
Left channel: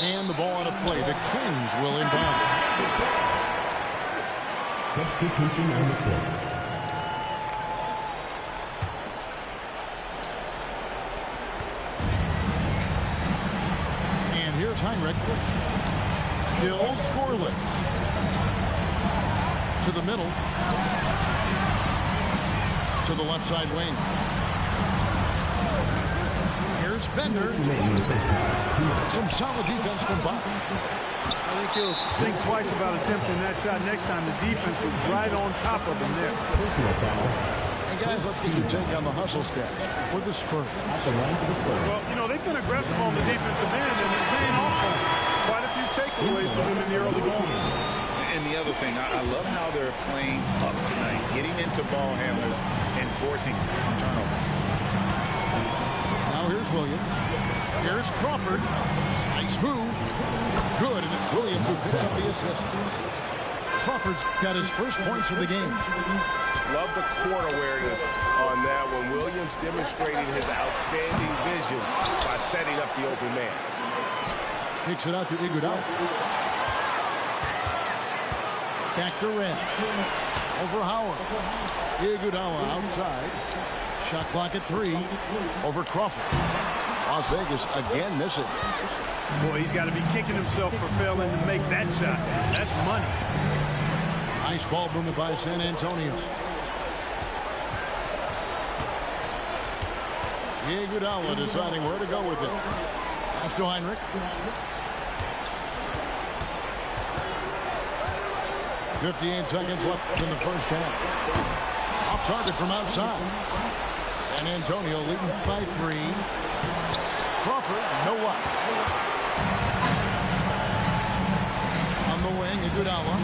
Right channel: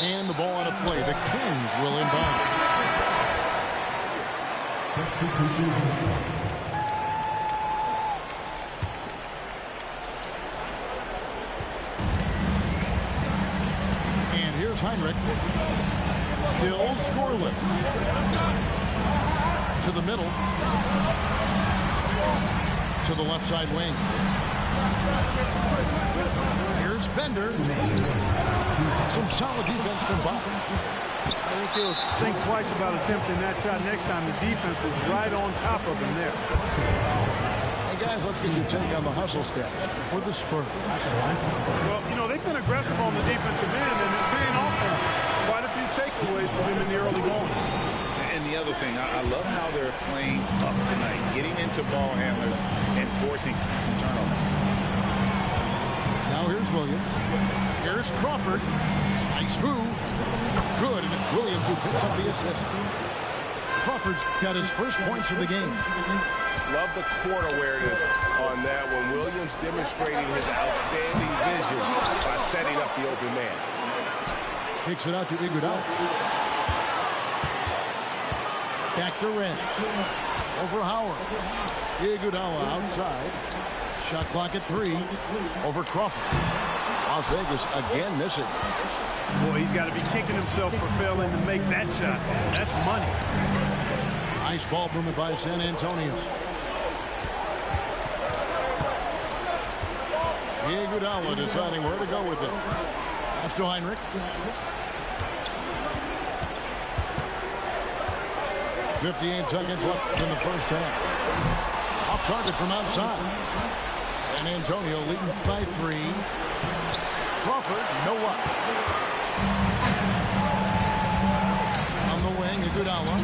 And the ball out of play. The Kings will inbound. Substitution on the court. And here's Heinrich. Still scoreless. To the middle. To the left side wing. Here's Bender. Some solid defense from Bosch. I think he'll think twice about attempting that shot next time. The defense was right on top of him there. And guys, let's get your take on the hustle stats for the Spurs. Well, you know, they've been aggressive on the defensive end, and it's paying off for them. Quite a few takeaways for them in the early going. And the other thing, I love how they're playing up tonight, getting into ball handlers and forcing some turnovers. Now here's Williams. Here's Crawford. Nice move. Good, and it's Williams who picks up the assist. Crawford's got his first points of the game. Love the court awareness on that one. Williams demonstrating his outstanding vision by setting up the open man. Takes it out to Iguodala. Back to Red. Over Howard. Iguodala outside. Shot clock at 3. Over Crawford. Las Vegas again missing. Boy, he's got to be kicking himself for failing to make that shot. That's money. Nice ball movement by San Antonio. Iguodala deciding where to go with it. Pass to Heinrich. 58 seconds left in the first half. Off target from outside. San Antonio leading by 3. Crawford, no luck. On the wing, Iguodala.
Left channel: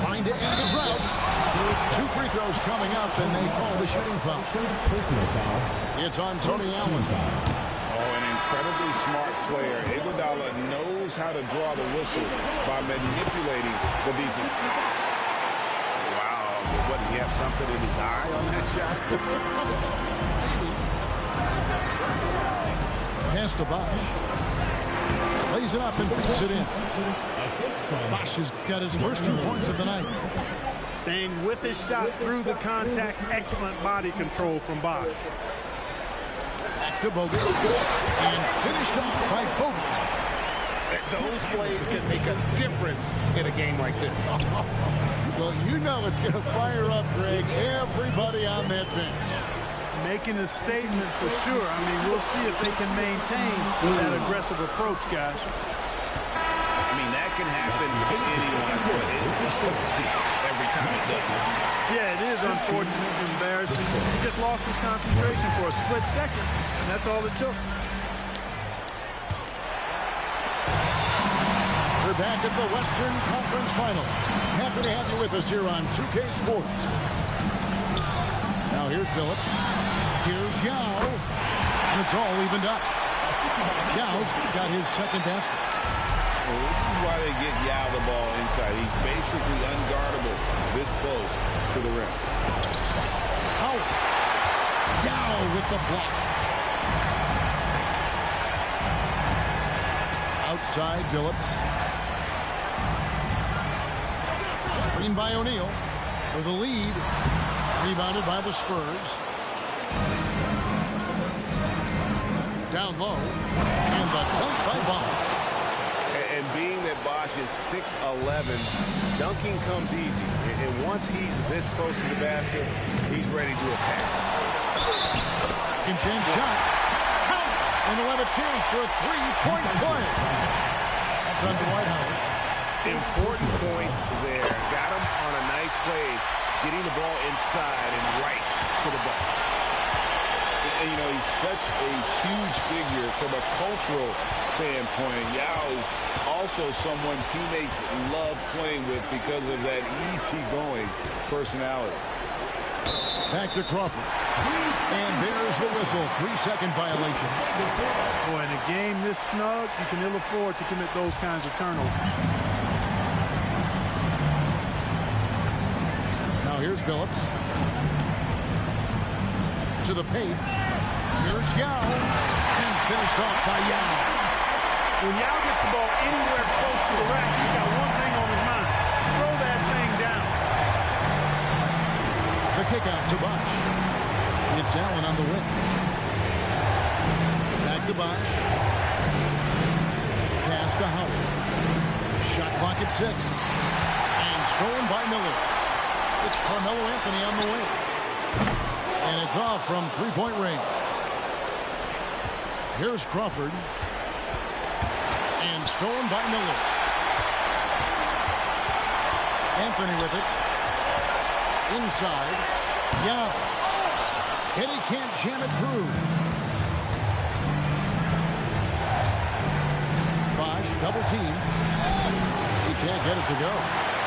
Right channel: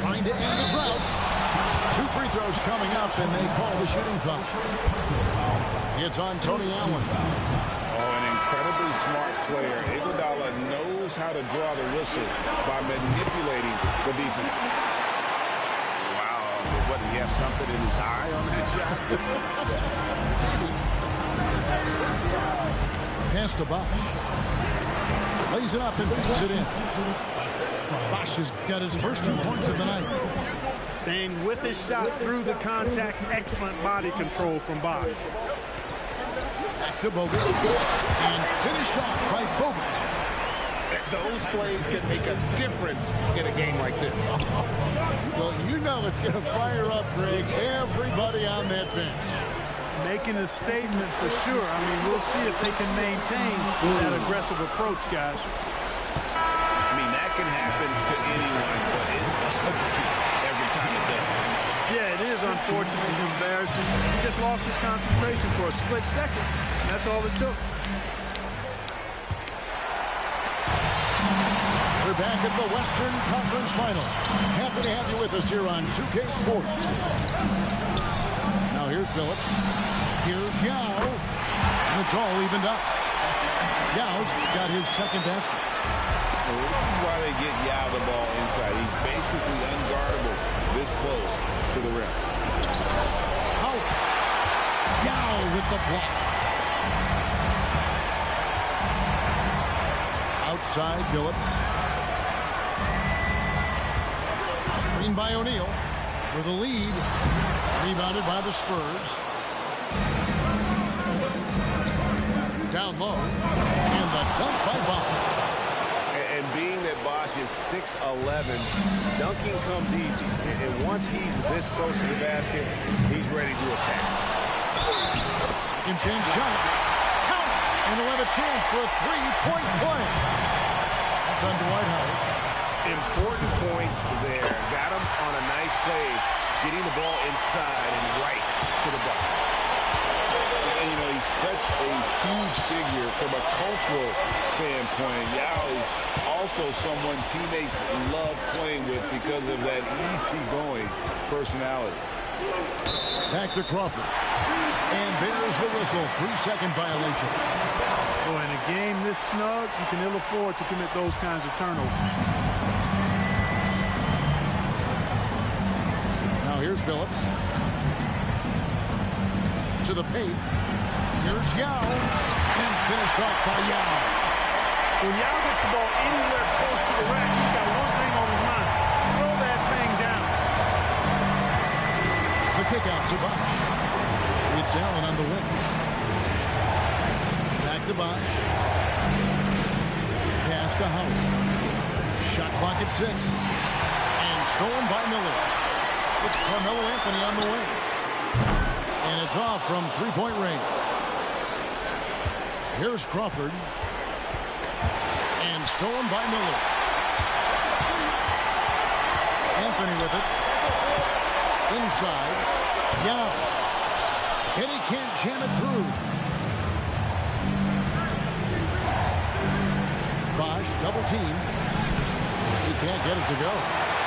Trying to end the drought. 2 free throws coming up, and they call the shooting foul. It's on Tony Allen. Oh, an incredibly smart player. Iguodala knows how to draw the whistle by manipulating the defense. Wow, what, did he have something in his eye on that shot? Maybe. Pass to Bosch. Lays it up and feeds it in. Bosch has got his first 2 points of the night. Staying with his shot through the contact. Excellent body control from Bosch. Back to Bogut. And finished off by Bogut. Those plays can make a difference in a game like this. Well, you know it's going to fire up, Greg, everybody on that bench. Making a statement for sure. I mean, we'll see if they can maintain that aggressive approach, guys. I mean, that can happen to anyone, but it's ugly every time it does. Yeah, it is unfortunate, embarrassing. He just lost his concentration for a split second, and that's all it took. We're back at the Western Conference Final. Happy to have you with us here on 2K Sports. Now here's Phillips. Here's Yao. And it's all evened up. Yao's got his second basket. Well, this is why they get Yao the ball inside. He's basically unguardable this close to the rim. Howard. Yao with the block. Outside, Phillips. Screen by O'Neal for the lead. Rebounded by the Spurs. Down low. And the dunk by Bosch. And being that Bosch is 6'11", dunking comes easy. And once he's this close to the basket, he's ready to attack. Second chance shot. Count. And he'll have a chance for a three-point play. That's on Dwight Howard. Important points there. Got him on a nice play, getting the ball inside and right to the bucket. And, you know, he's such a huge figure from a cultural standpoint. Yao is also someone teammates love playing with because of that easygoing personality. Back to Crawford. And there's the whistle. 3-second violation. Boy, in a game this snug, you can ill afford to commit those kinds of turnovers. Now here's Billups. To the paint. Here's Yao. And finished off by Yao. When Yao gets the ball anywhere close to the rack, he's got one thing on his mind. Throw that thing down. The kick out to Bosh. It's Allen on the wing. Back to Bosh. Pass to Howard. Shot clock at 6. And stolen by Miller. It's Carmelo Anthony on the wing. And it's off from three-point range. Here's Crawford. And stolen by Miller. Anthony with it. Inside. Yao. And he can't jam it through. Bosh double team. He can't get it to go.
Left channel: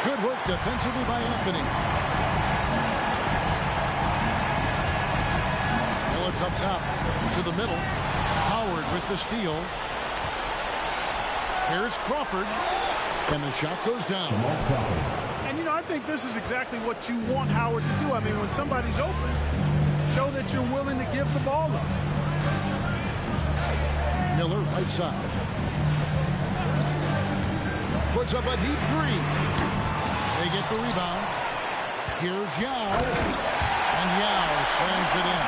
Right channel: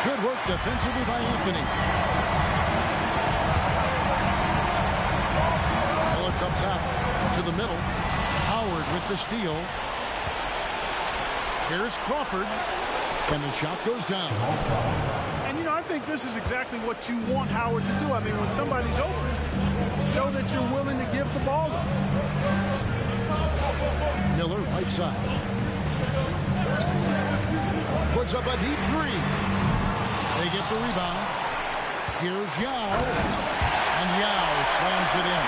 Good work defensively by Anthony. Phillips up top to the middle. Howard with the steal. Here's Crawford. And the shot goes down. And, you know, I think this is exactly what you want Howard to do. I mean, when somebody's open, show that you're willing to give the ball up. Miller right side. Puts up a deep three. They get the rebound. Here's Yao. And Yao slams it in.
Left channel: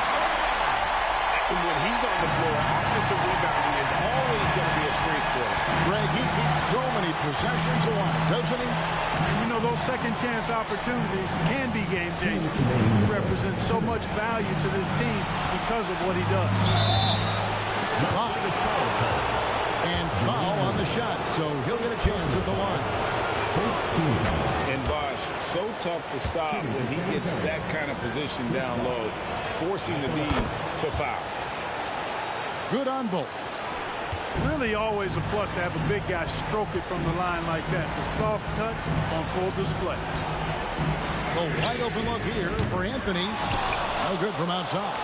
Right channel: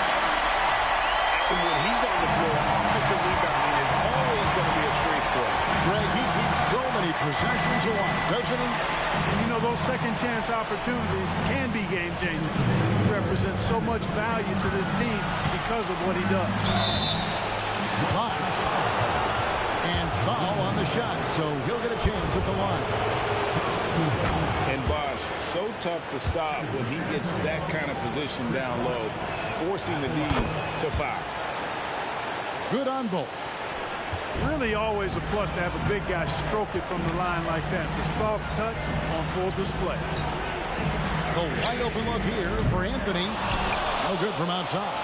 And when he's on the floor, offensive rebounding is always going to be a strength for him. Greg, he keeps so many possessions alive, doesn't he? And you know, those second chance opportunities can be game changers. He represents so much value to this team because of what he does. And foul on the shot, so he'll get a chance at the line. And Bosh, so tough to stop when he gets that kind of position down low, forcing the D to foul. Good on both. Really always a plus to have a big guy stroke it from the line like that. The soft touch on full display. The wide open look here for Anthony. No good from outside.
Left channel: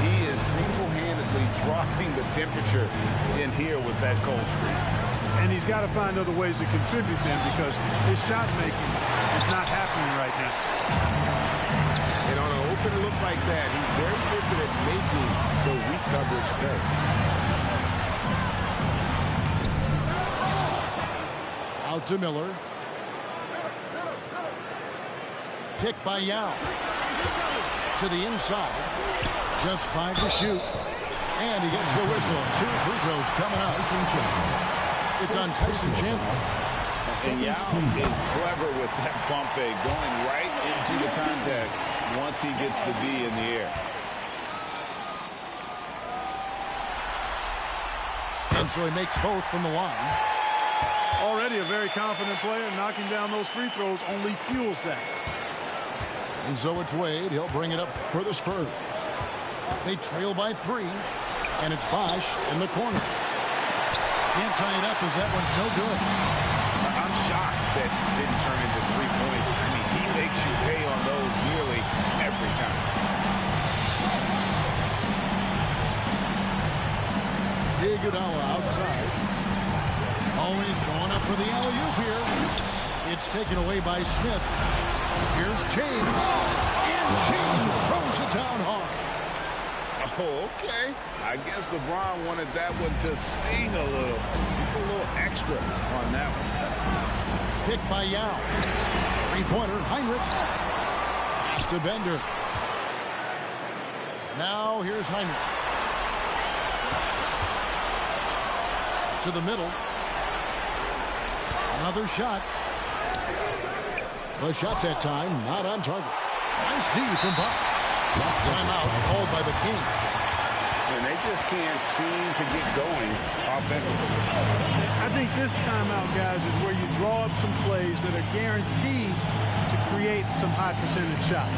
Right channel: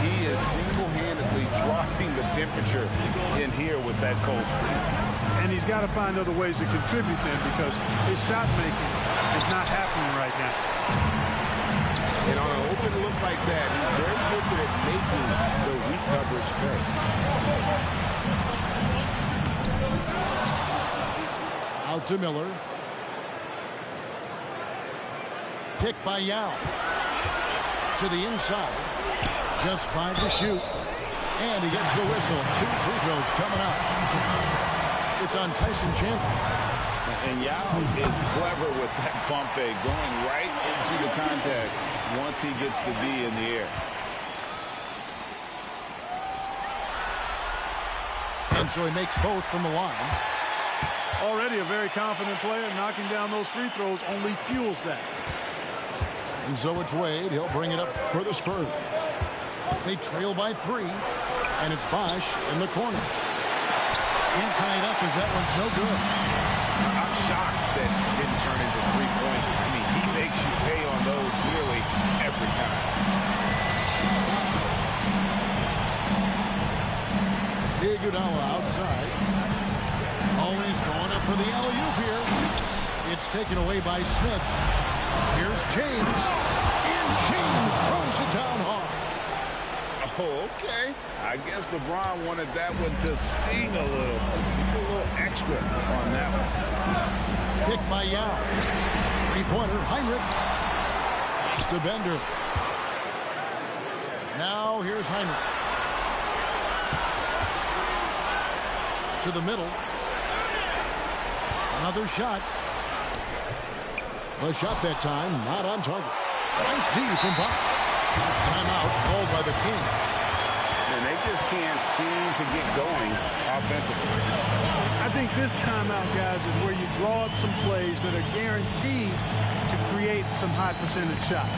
He is single-handedly dropping the temperature in here with that cold streak. And he's got to find other ways to contribute then, because his shot making is not happening right now. And on an open look like that, he's very gifted at making the weak coverage pay. Out to Miller. Pick by Yao. To the inside. Just 5 to shoot. And he gets the whistle. 2 free throws coming up. It's on Tyson Chandler. And Yao is clever with that pump fake, going right into the contact once he gets the D in the air. And so he makes both from the line. Already a very confident player. Knocking down those free throws only fuels that. And so it's Wade. He'll bring it up for the Spurs. They trail by 3. And it's Bosh in the corner. Can't tie it up as that one's no good. I'm shocked that didn't turn into 3 points. I mean, he makes you pay on those nearly every time. Iguodala outside. Always going up for the alley-oop here. It's taken away by Smith. Here's James. And James throws it down hard. Oh, okay. I guess LeBron wanted that one to sting a little. Give a little extra on that one. Pick by Yao. Three-pointer, Heinrich. Pass to Bender. Now here's Heinrich. To the middle. Another shot. The shot that time, not on target. Nice D from Bosh. Timeout called by the Kings. And they just can't seem to get going offensively. I think this timeout, guys, is where you draw up some plays that are guaranteed to to create some high percentage shots.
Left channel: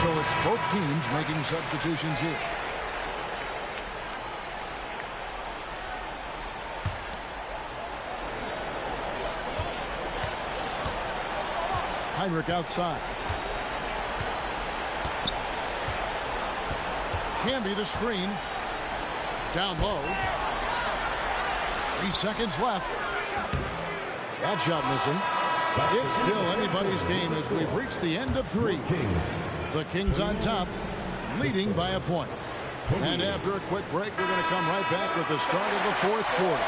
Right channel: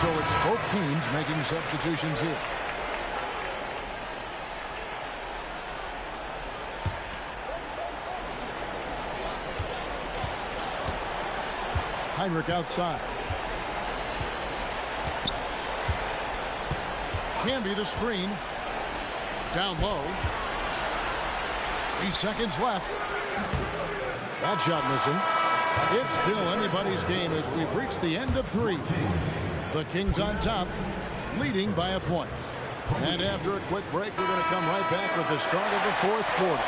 So it's both teams making substitutions here. Heinrich outside. Can be the screen. Down low. 3 seconds left. That shot missing. It's still anybody's game as we've reached the end of 3. The Kings on top, leading by a point. And after a quick break, we're going to come right back with the start of the 4th quarter.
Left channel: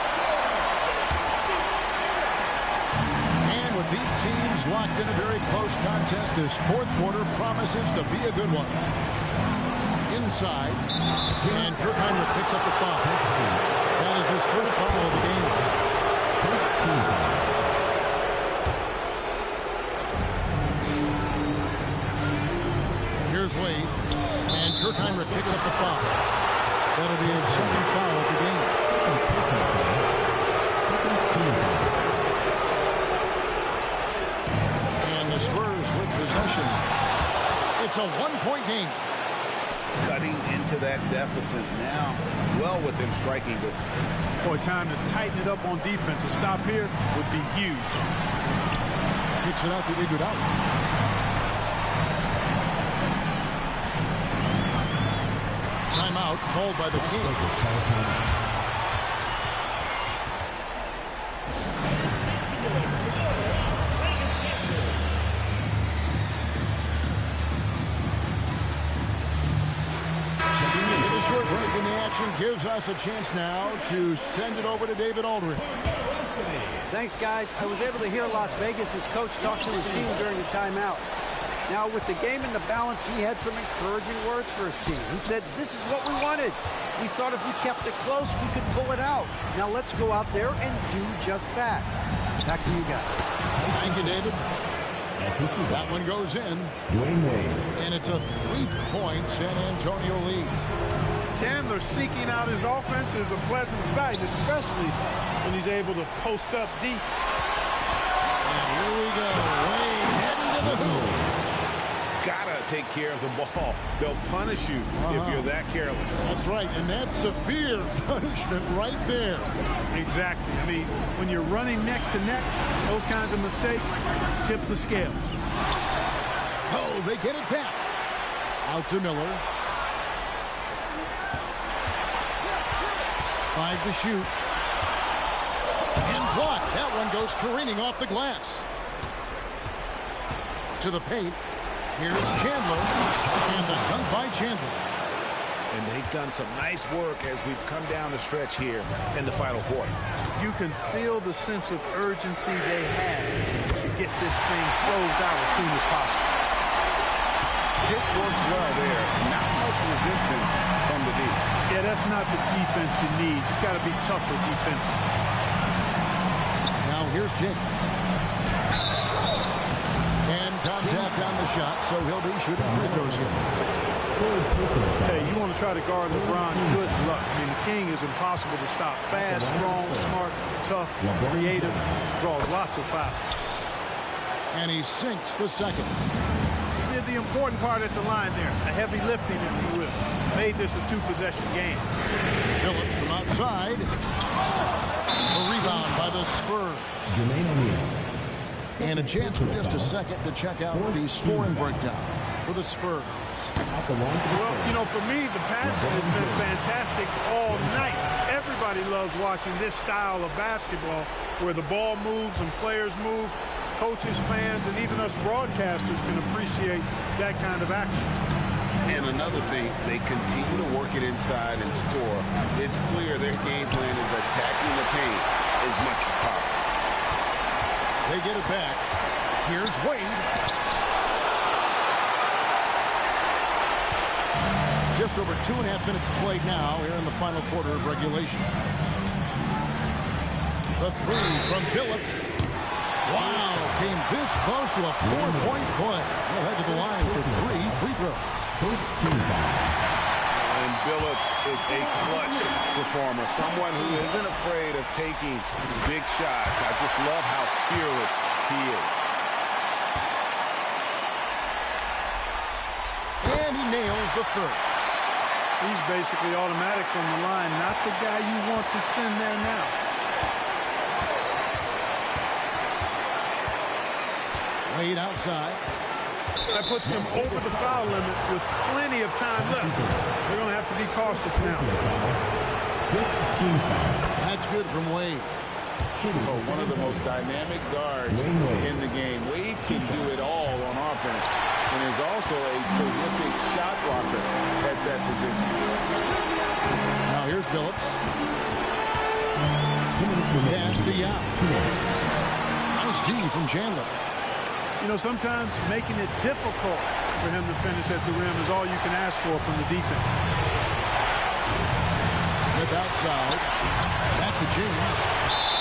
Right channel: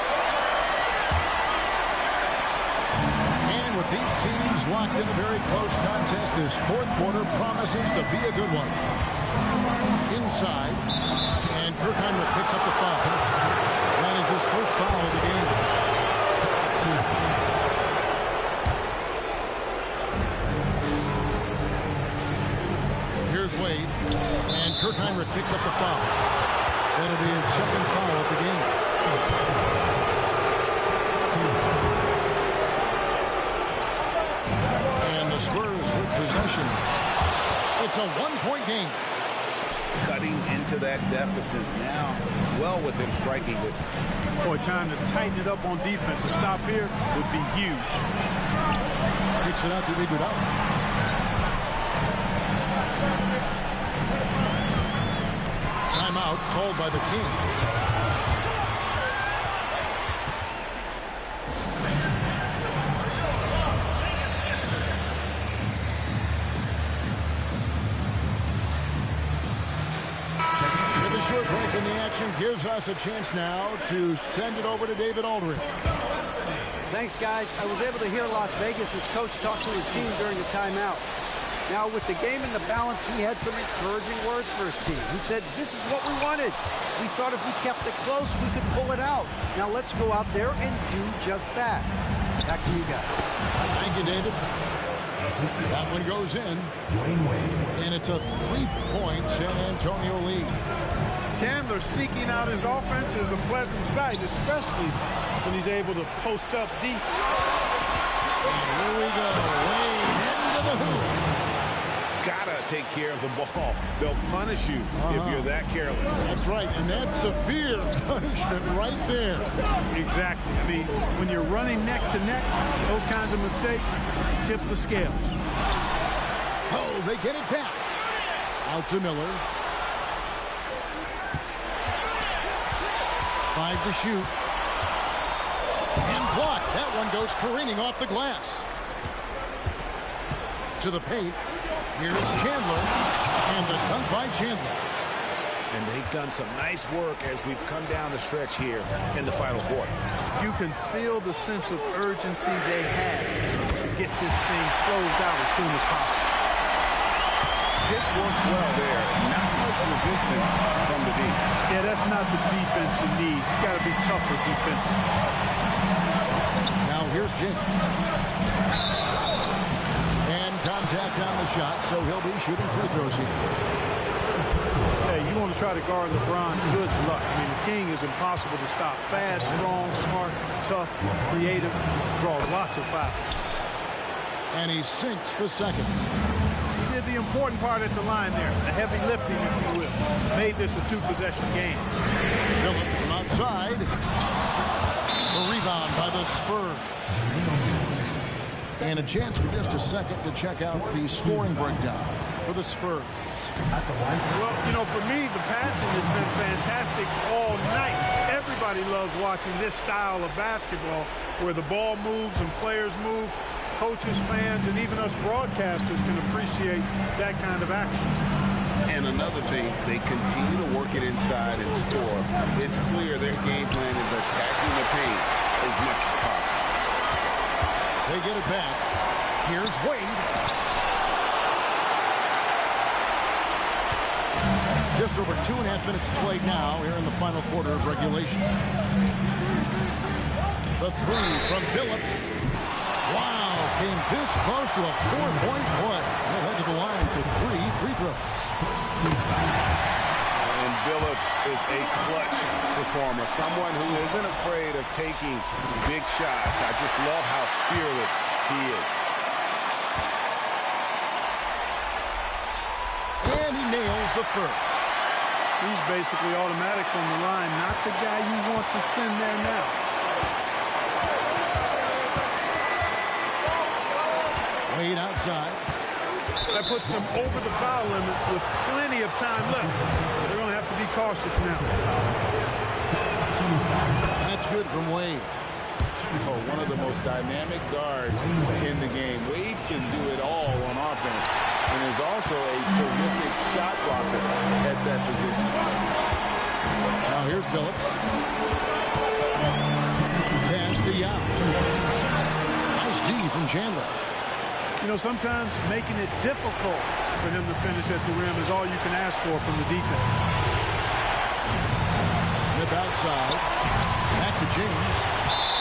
And with these teams locked in a very close contest, this 4th quarter promises to be a good one. Inside, and Kirk Heinrich picks up the foul. That is his first foul of the game. Here's Wade, and Kirk Heinrich picks up the foul. That'll be his second foul of the game. And the Spurs with possession. It's a 1-point game. Cutting into that deficit now, well within striking distance. Boy, time to tighten it up on defense. A stop here would be huge. Kicks it out to Iguodala. Timeout called by the Kings. With a short break in the action gives us a chance now to send it over to David Aldridge. Thanks, guys. I was able to hear Las Vegas' coach talk to his team during the timeout. Now, with the game in the balance, he had some encouraging words for his team. He said, this is what we wanted. We thought if we kept it close, we could pull it out. Now let's go out there and do just that. Back to you guys. Thank you, David. That one goes in. And it's a 3-point San Antonio lead. Chandler seeking out his offense is a pleasant sight, especially when he's able to post up deep. And here we go. Wade heading to the hoop. Gotta take care of the ball. They'll punish you if you're that careless. That's right, and that's severe punishment right there. Exactly. I mean, when you're running neck to neck, those kinds of mistakes tip the scales. Oh, they get it back. Out to Miller. 5 to shoot. And blocked. That one goes careening off the glass. To the paint. Here's Chandler. And the dunk by Chandler. And they've done some nice work as we've come down the stretch here in the final quarter. You can feel the sense of urgency they have to get this thing closed out as soon as possible. Hit works well there. Not much resistance from the D. Yeah, that's not the defense you need. You got to be tougher defensively. Now here's James. And contact on the shot, so he'll be shooting free throws here. Hey, you want to try to guard LeBron, good luck. I mean, the King is impossible to stop. Fast, strong, smart, tough, creative, draws lots of fouls. And he sinks the second. He did the important part at the line there, the heavy lifting, if you will. Made this a 2-possession game. Phillips from outside. A rebound by the Spurs. And a chance for just a second to check out the scoring breakdown for the Spurs. Well, you know, for me, the passing has been fantastic all night. Everybody loves watching this style of basketball where the ball moves and players move. Coaches, fans, and even us broadcasters can appreciate that kind of action. And another thing, they continue to work it inside and score. It's clear their game plan is attacking the paint as much as possible. They get it back. Here's Wade. Just over 2.5 minutes played now here in the final quarter of regulation. The 3 from Phillips. Wow, came this close to a 4-point play. He'll head to the line for 3 free throws. And Billups is a clutch performer, someone who isn't afraid of taking big shots. I just love how fearless he is. And he nails the third. He's basically automatic from the line, not the guy you want to send there now. Wade outside. That puts them over the foul limit with plenty of time left. They're going to have to be cautious now. That's good from Wade. Oh, one of the most dynamic guards in the game. Wade can do it all on offense, and is also a terrific shot blocker at that position. Now here's Billups. Pass to Yao. Nice D from Chandler. You know, sometimes making it difficult for him to finish at the rim is all you can ask for from the defense. Smith outside. Back to James.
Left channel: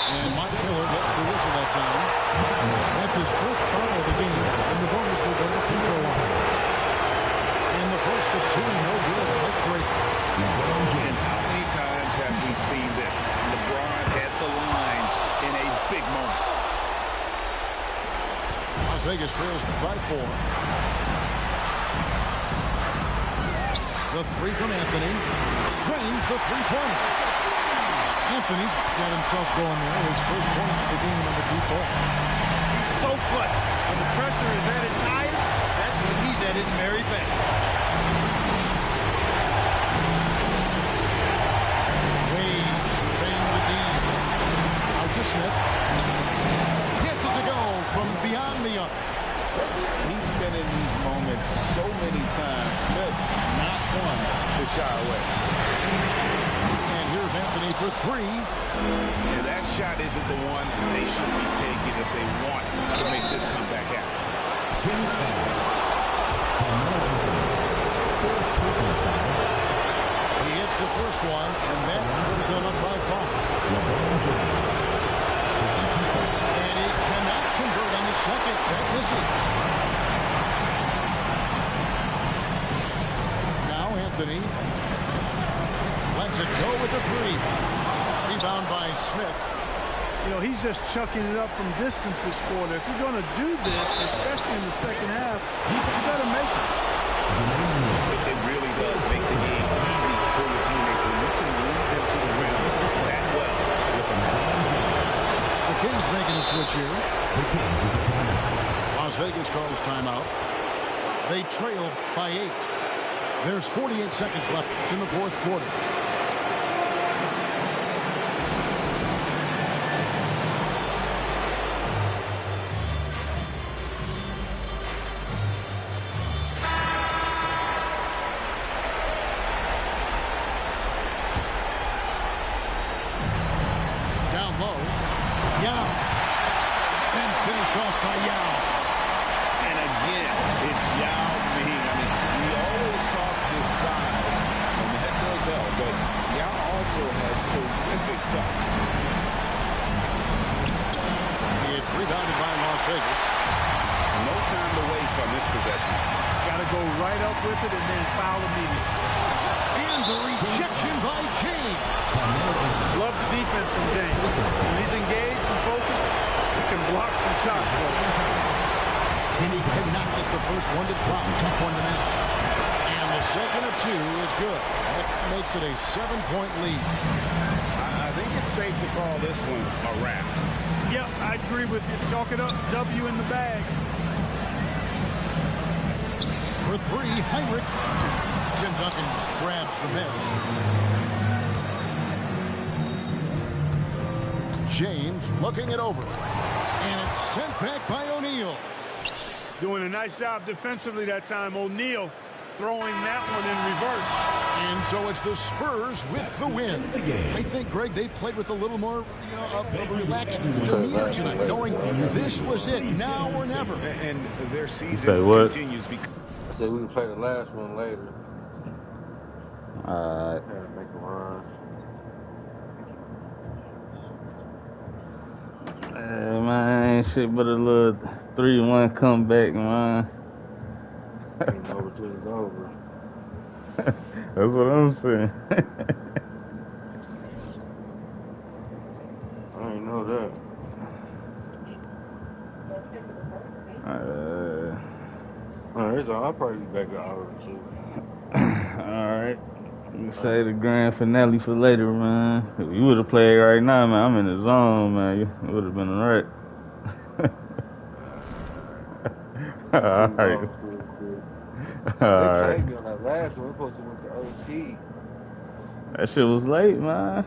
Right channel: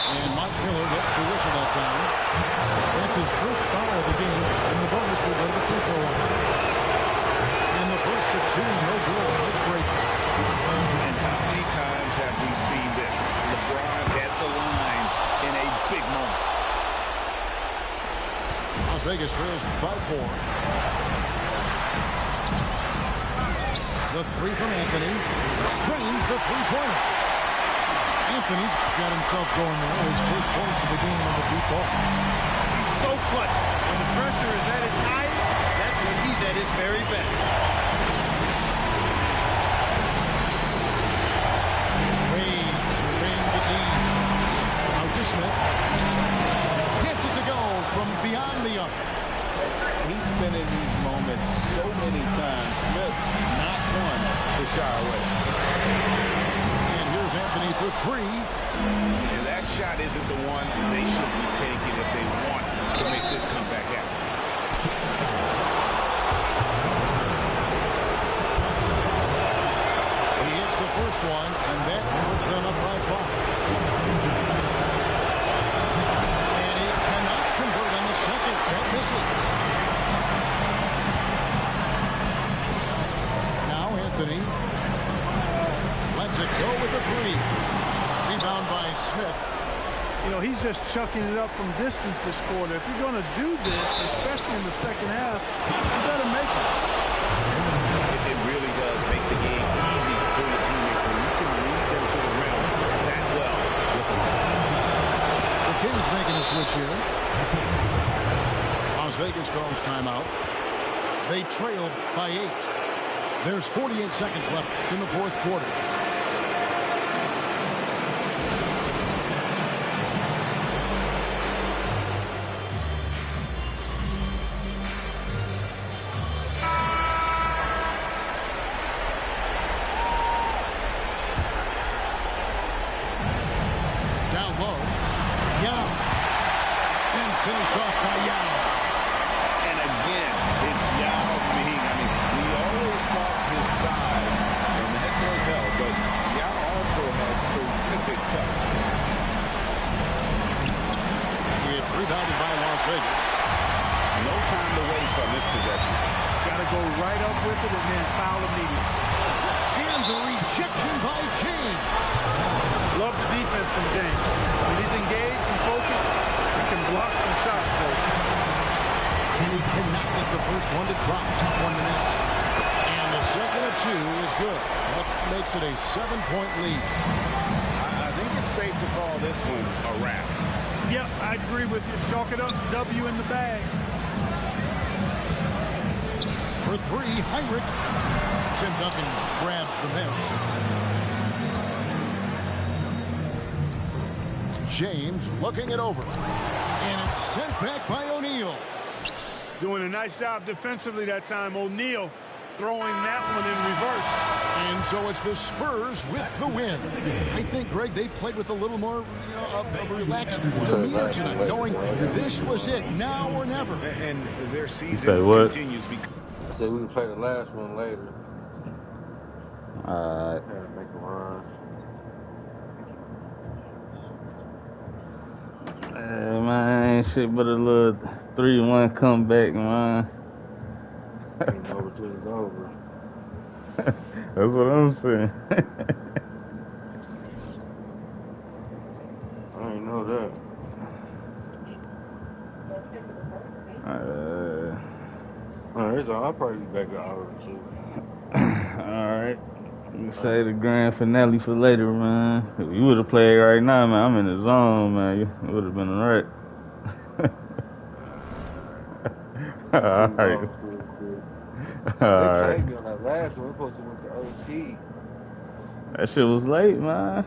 And Mike Miller gets the whistle that time. That's his first foul of the game, and the bonus will go to the free throw line. And the first of two, no good. Heartbreaker. And how many times have we seen this? LeBron at the line in a big moment. Las Vegas trails by 4. The three from Anthony. Drains the three-pointer. Anthony's got himself going there. His first points of the game on the deep ball. He's so clutch. When the pressure is at its highest, that's when he's at his very best. Wade surveying the D. Out to Smith. Gets it to go from beyond the arc. He's been in these moments so many times. Smith, not one to shy away. And here's Anthony for three. Yeah, that shot isn't the one they should be taking if they want to make this comeback happen. He hits the first one, and that puts them up by 5. And he cannot convert on the second. That misses. Now Anthony lets it go with the three. Rebound by Smith. You know, he's just chucking it up from distance this quarter. If you're going to do this, especially in the second half, you better make it. It really does make the game easy for your teammates when you can lead them to the rim that well with a pass. The Kings making a switch here. Las Vegas calls timeout. They trail by 8. There's 48 seconds left in the fourth quarter. Down low. Yao. And finished off by Yao. And again, it's Yao Ming. I mean, we always talk his size, and that does help, but Yao also has terrific touch. It's rebounded by Las Vegas. No time to waste on this possession. Got to go right up with it and then foul immediately. And the rejection by James. Love the defense from James. When he's engaged and focused, he can block some shots for him. And he cannot get the first one to drop. Tough one to miss. And the second of 2 is good. That makes it a 7-point lead. I think it's safe to call this one a wrap. Yep, I agree with you. Chalk it up. W in the bag. For 3, Heinrich. Tim Duncan grabs the miss. James looking it over. And it's sent back by O'Neal. Doing a nice job defensively that time. O'Neal throwing that one in reverse. And so it's the Spurs with the win. I think, Greg, they played with a little more, of a relaxed demeanor tonight, knowing this was it, now or never. And their season continues. I said we can play the last one later. Alright. Make a run. Man, ain't shit but a little 3-1 comeback, man. Ain't over till it's over. That's what I'm saying. I ain't know that. Alright, I'll probably be back an hour or 2. Say the grand finale for later, man. If you would have played right now, man, I'm in the zone, man. It would have been a wreck. Let's All cruise right. on to it quick. All They right. played me on that last one. We supposed to went to OT. That shit was late, man.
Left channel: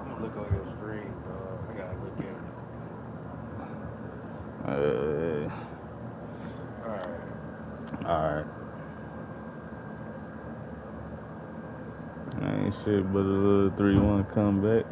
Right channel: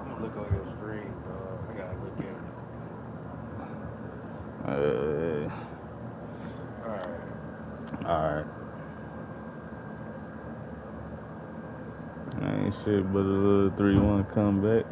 I'm gonna look on your stream, dog. I gotta look at it. All right. Ain't shit but a little 3-1 comeback.